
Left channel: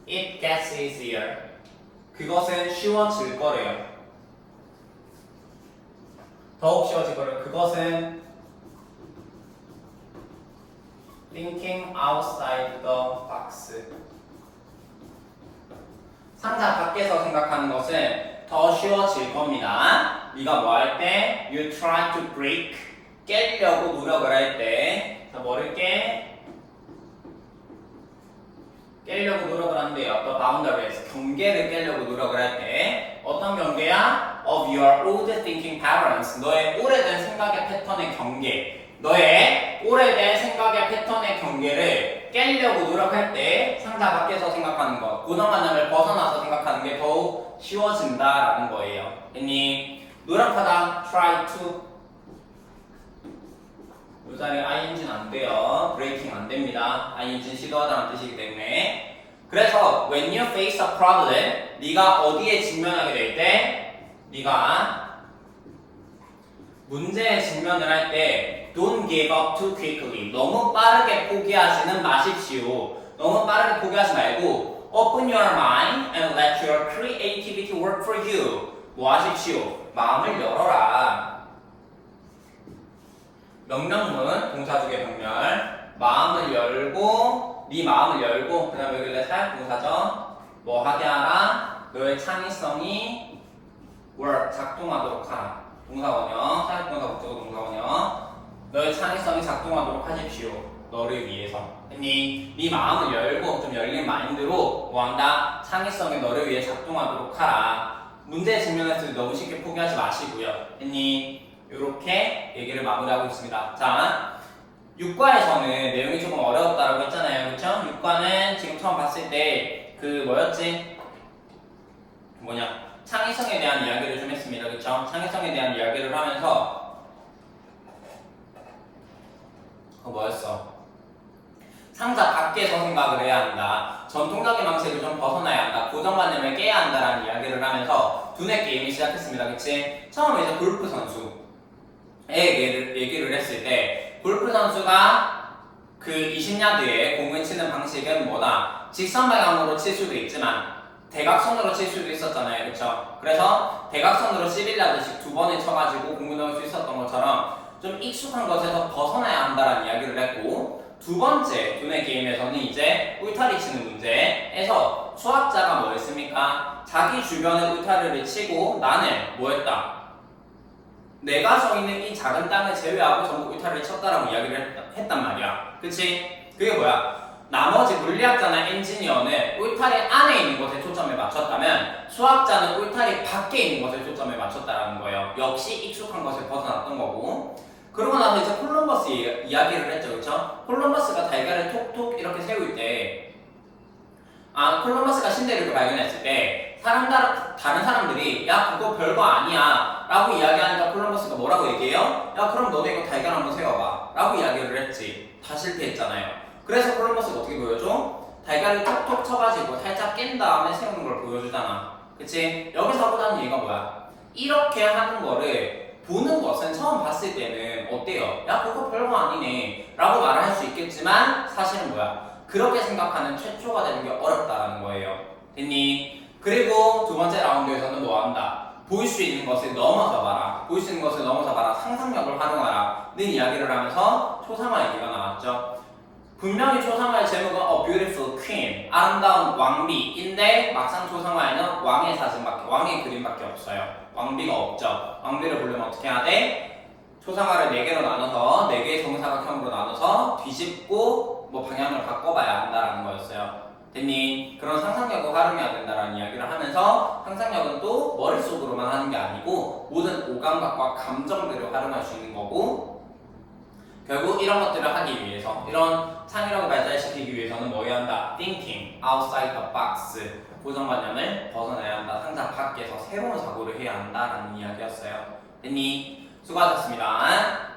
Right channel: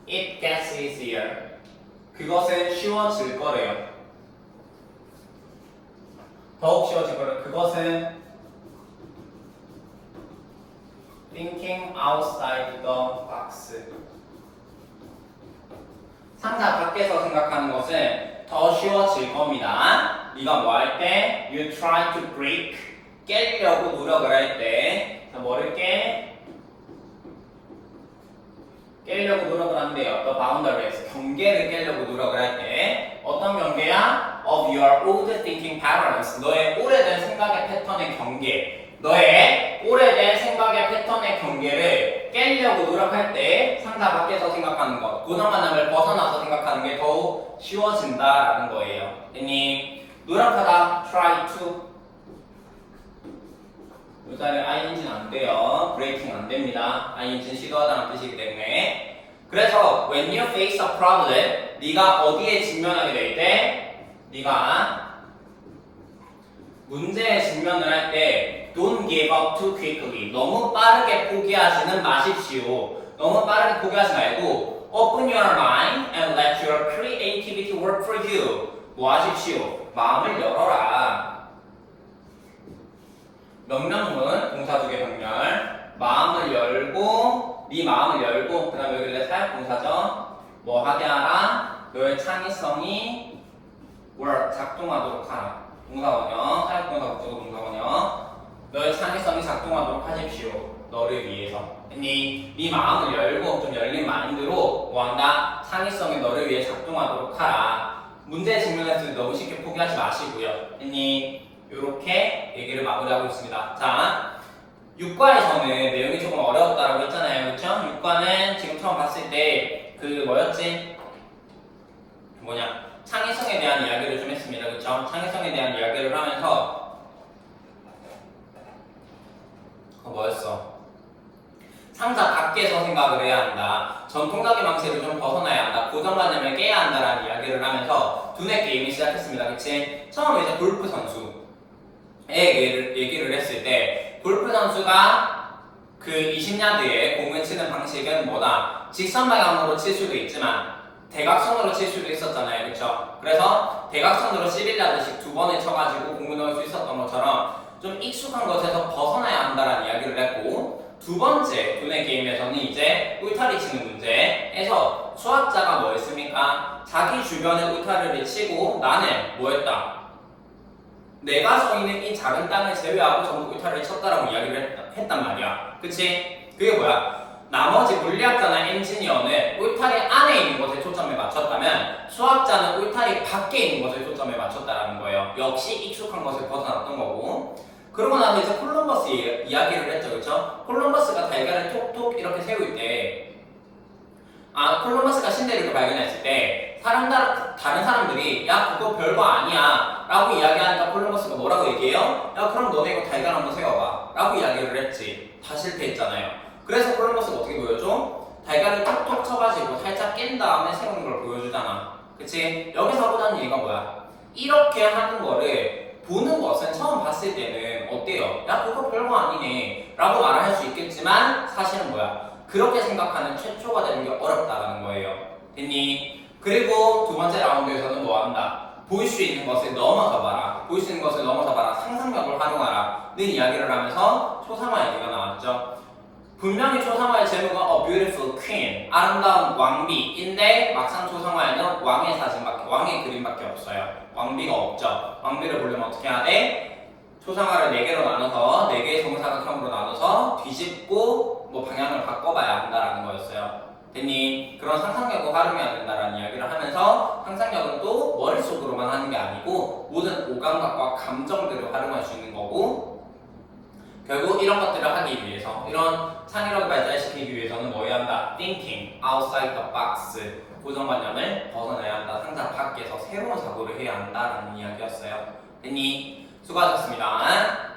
it gets easier. 그것은 쉬워질 거래요. 더욱 쉬워질 거래요. 그것은 thinking outside the box. 상자 밖에서 생각하는 것은 더 쉬워질 겁니다. 네가 뭐 할 때? You try to break. 깨려고 노력을 할 때. 자, 뭐를 깨려고 노력을 한대요. The boundaries. 경계를 깨려고 노력을 할 때. 어떤 경계야? Of your old thinking patterns. 너의 오래된 생각의 패턴의 경계. 너의 오래된 생각의 패턴의 경계를 깨려고 노력할 때 상자 밖에서 생각하는 것, 고정관념을 벗어나서 생각하는 게 더욱 쉬워진다라는 거예요. 괜히 노력하다, try to. 이 자리에 ing는 안 돼요. breaking 안 됩니다. ing는 시도하다는 뜻이기 때문에. 그래서 when you face a problem, 네가 어디에 직면하게 될 때, 네가 문제에 직면을 할 때 don't give up too quickly. 너무 빠르게 포기하지는 마십시오. 너무 빠르게 포기하지 말고 open your mind and let your creativity work for you. 뭐 하십시오? 마음을 열어라. 명령문, 동사주의 병렬. 마음을 열고, 네 마음을 열고, 그 다음에 여기 사역 동사죠. 뭐 하게 하라? 너의 창의성이 work, 작동하도록 하라. 동사원형, 사역 동사 목적어 동사원형. 너의 창의성이 작동하도록 하십시오. 너를 위해서. 네 마음을 열고 좀 열린 마인드로 뭐한다? 창의성이 너를 위해 작동하도록 하라. 문제에 직면했을 때 너무 쉽게 포기하지 마시고요. 이렇게 얘기를 마무리하고 있습니다. 자, 6과에서는 내용이 조금 어려웠다라고 했잖아요. 그렇죠? 6과는 지금 처음 봤을 때 그 뭐였지? 창의성에 대한 이야기를 좀 했습니다. 그렇죠? 창의성에 대한 이야기를 하면서 뭐였어? 상자 밖에서 생각을 해야 한다. 전통적인 방식을 좀 벗어나야 한다. 고정관념을 깨야 한다라는 이야기를 하면서 두뇌 게임이 시작했습니다. 그치? 처음에 이제 골프 선수의 얘기를 했을 때 골프 선수가 그 20야드에 공을 치는 방식은 뭐다? 직선 방향으로 칠 수도 있지만 대각선으로 칠 수도 있었잖아요. 그쵸? 그래서 대각선으로 11야드씩 두 번에 쳐가지고 공을 넣을 수 있었던 것처럼 좀 익숙한 것에서 벗어나야 한다라는 이야기를 했고, 두 번째 두뇌 게임에서는 이제 울타리 치는 문제에서 수학자가 뭐 했습니까? 자기 주변에 울타리를 치고 나는 뭐 했다? 내가 서 있는 이 작은 땅을 제외하고 전부 울타리를 쳤다라고 이야기를 했단 말이야. 그치? 그게 뭐야? 나머지 물리학자나 엔지니어는 울타리 안에 있는 것에 초점을 맞췄다면 수학자는 울타리 밖에 있는 것에 초점을 맞췄다는 거예요. 역시 익숙한 것을 벗어났던 거고. 그러고 나서 이제 콜럼버스 이야기를 했죠. 그렇죠? 콜럼버스가 달걀을 톡톡 이렇게 세울 때 콜럼버스가 신대륙을 발견했을 때 다른 사람들이 야 그거 별거 아니야 라고 이야기하니까 콜럼버스가 뭐라고 얘기해요? 야 그럼 너네 이거 달걀 한번 세워봐 라고 이야기를 했지. 다 실패했잖아요. 그래서 콜럼버스가 어떻게 보여줘? 달걀을 톡톡 쳐가지고 살짝 깬 다음에 세우는 걸 보여주잖아. 그치? 여기서 하고자 하는 얘기가 뭐야? 이렇게 하는 거를 보는 것은 처음 봤을 때는 어때요? 야 그거 별거 아니네 라고 말을 할 수 있겠지만 사실은 뭐야? 그렇게 생각하는 최초가 되는 게 어렵다는 거예요. 됐니? 그리고 두 번째 라운드에서는 뭐 한다? 볼 수 있는 것을 넘어서 봐라. 볼 수 있는 것을 넘어서 봐라. 상상력을 활용하라. 는 이야기를 하면서 초상화 얘기가 나왔죠. 분명히 초상화의 제목은 A Beautiful Queen, 아름다운 왕비인데 막상 초상화에는 왕의 사진밖에, 왕의 그림밖에 없어요. 왕비가 없죠. 왕비를 보려면 어떻게 해야 돼? 초상화를 4개로 나눠서 4개의 정사각형으로 나눠서 뒤집고 뭐 방향을 바꿔봐야 한다라는 거였어요. 됐니? 그런 상상력을 활용해야 된다라는 이야기를 하면서 상상력은 또 머릿속으로만 하는 게 아니고 모든 오감각과 감정들을 활용할 수 있는 거고 결국 이런 것들을 하기 위해서 이런 창의력을 발달시키기 위해서는 뭐 해야 한다? Thinking outside the box 고정관념을 벗어내야 한다. 상상 밖에서 새로운 사고를 해야 한다라는 이야기였어요. 됐니? 수고하셨습니다.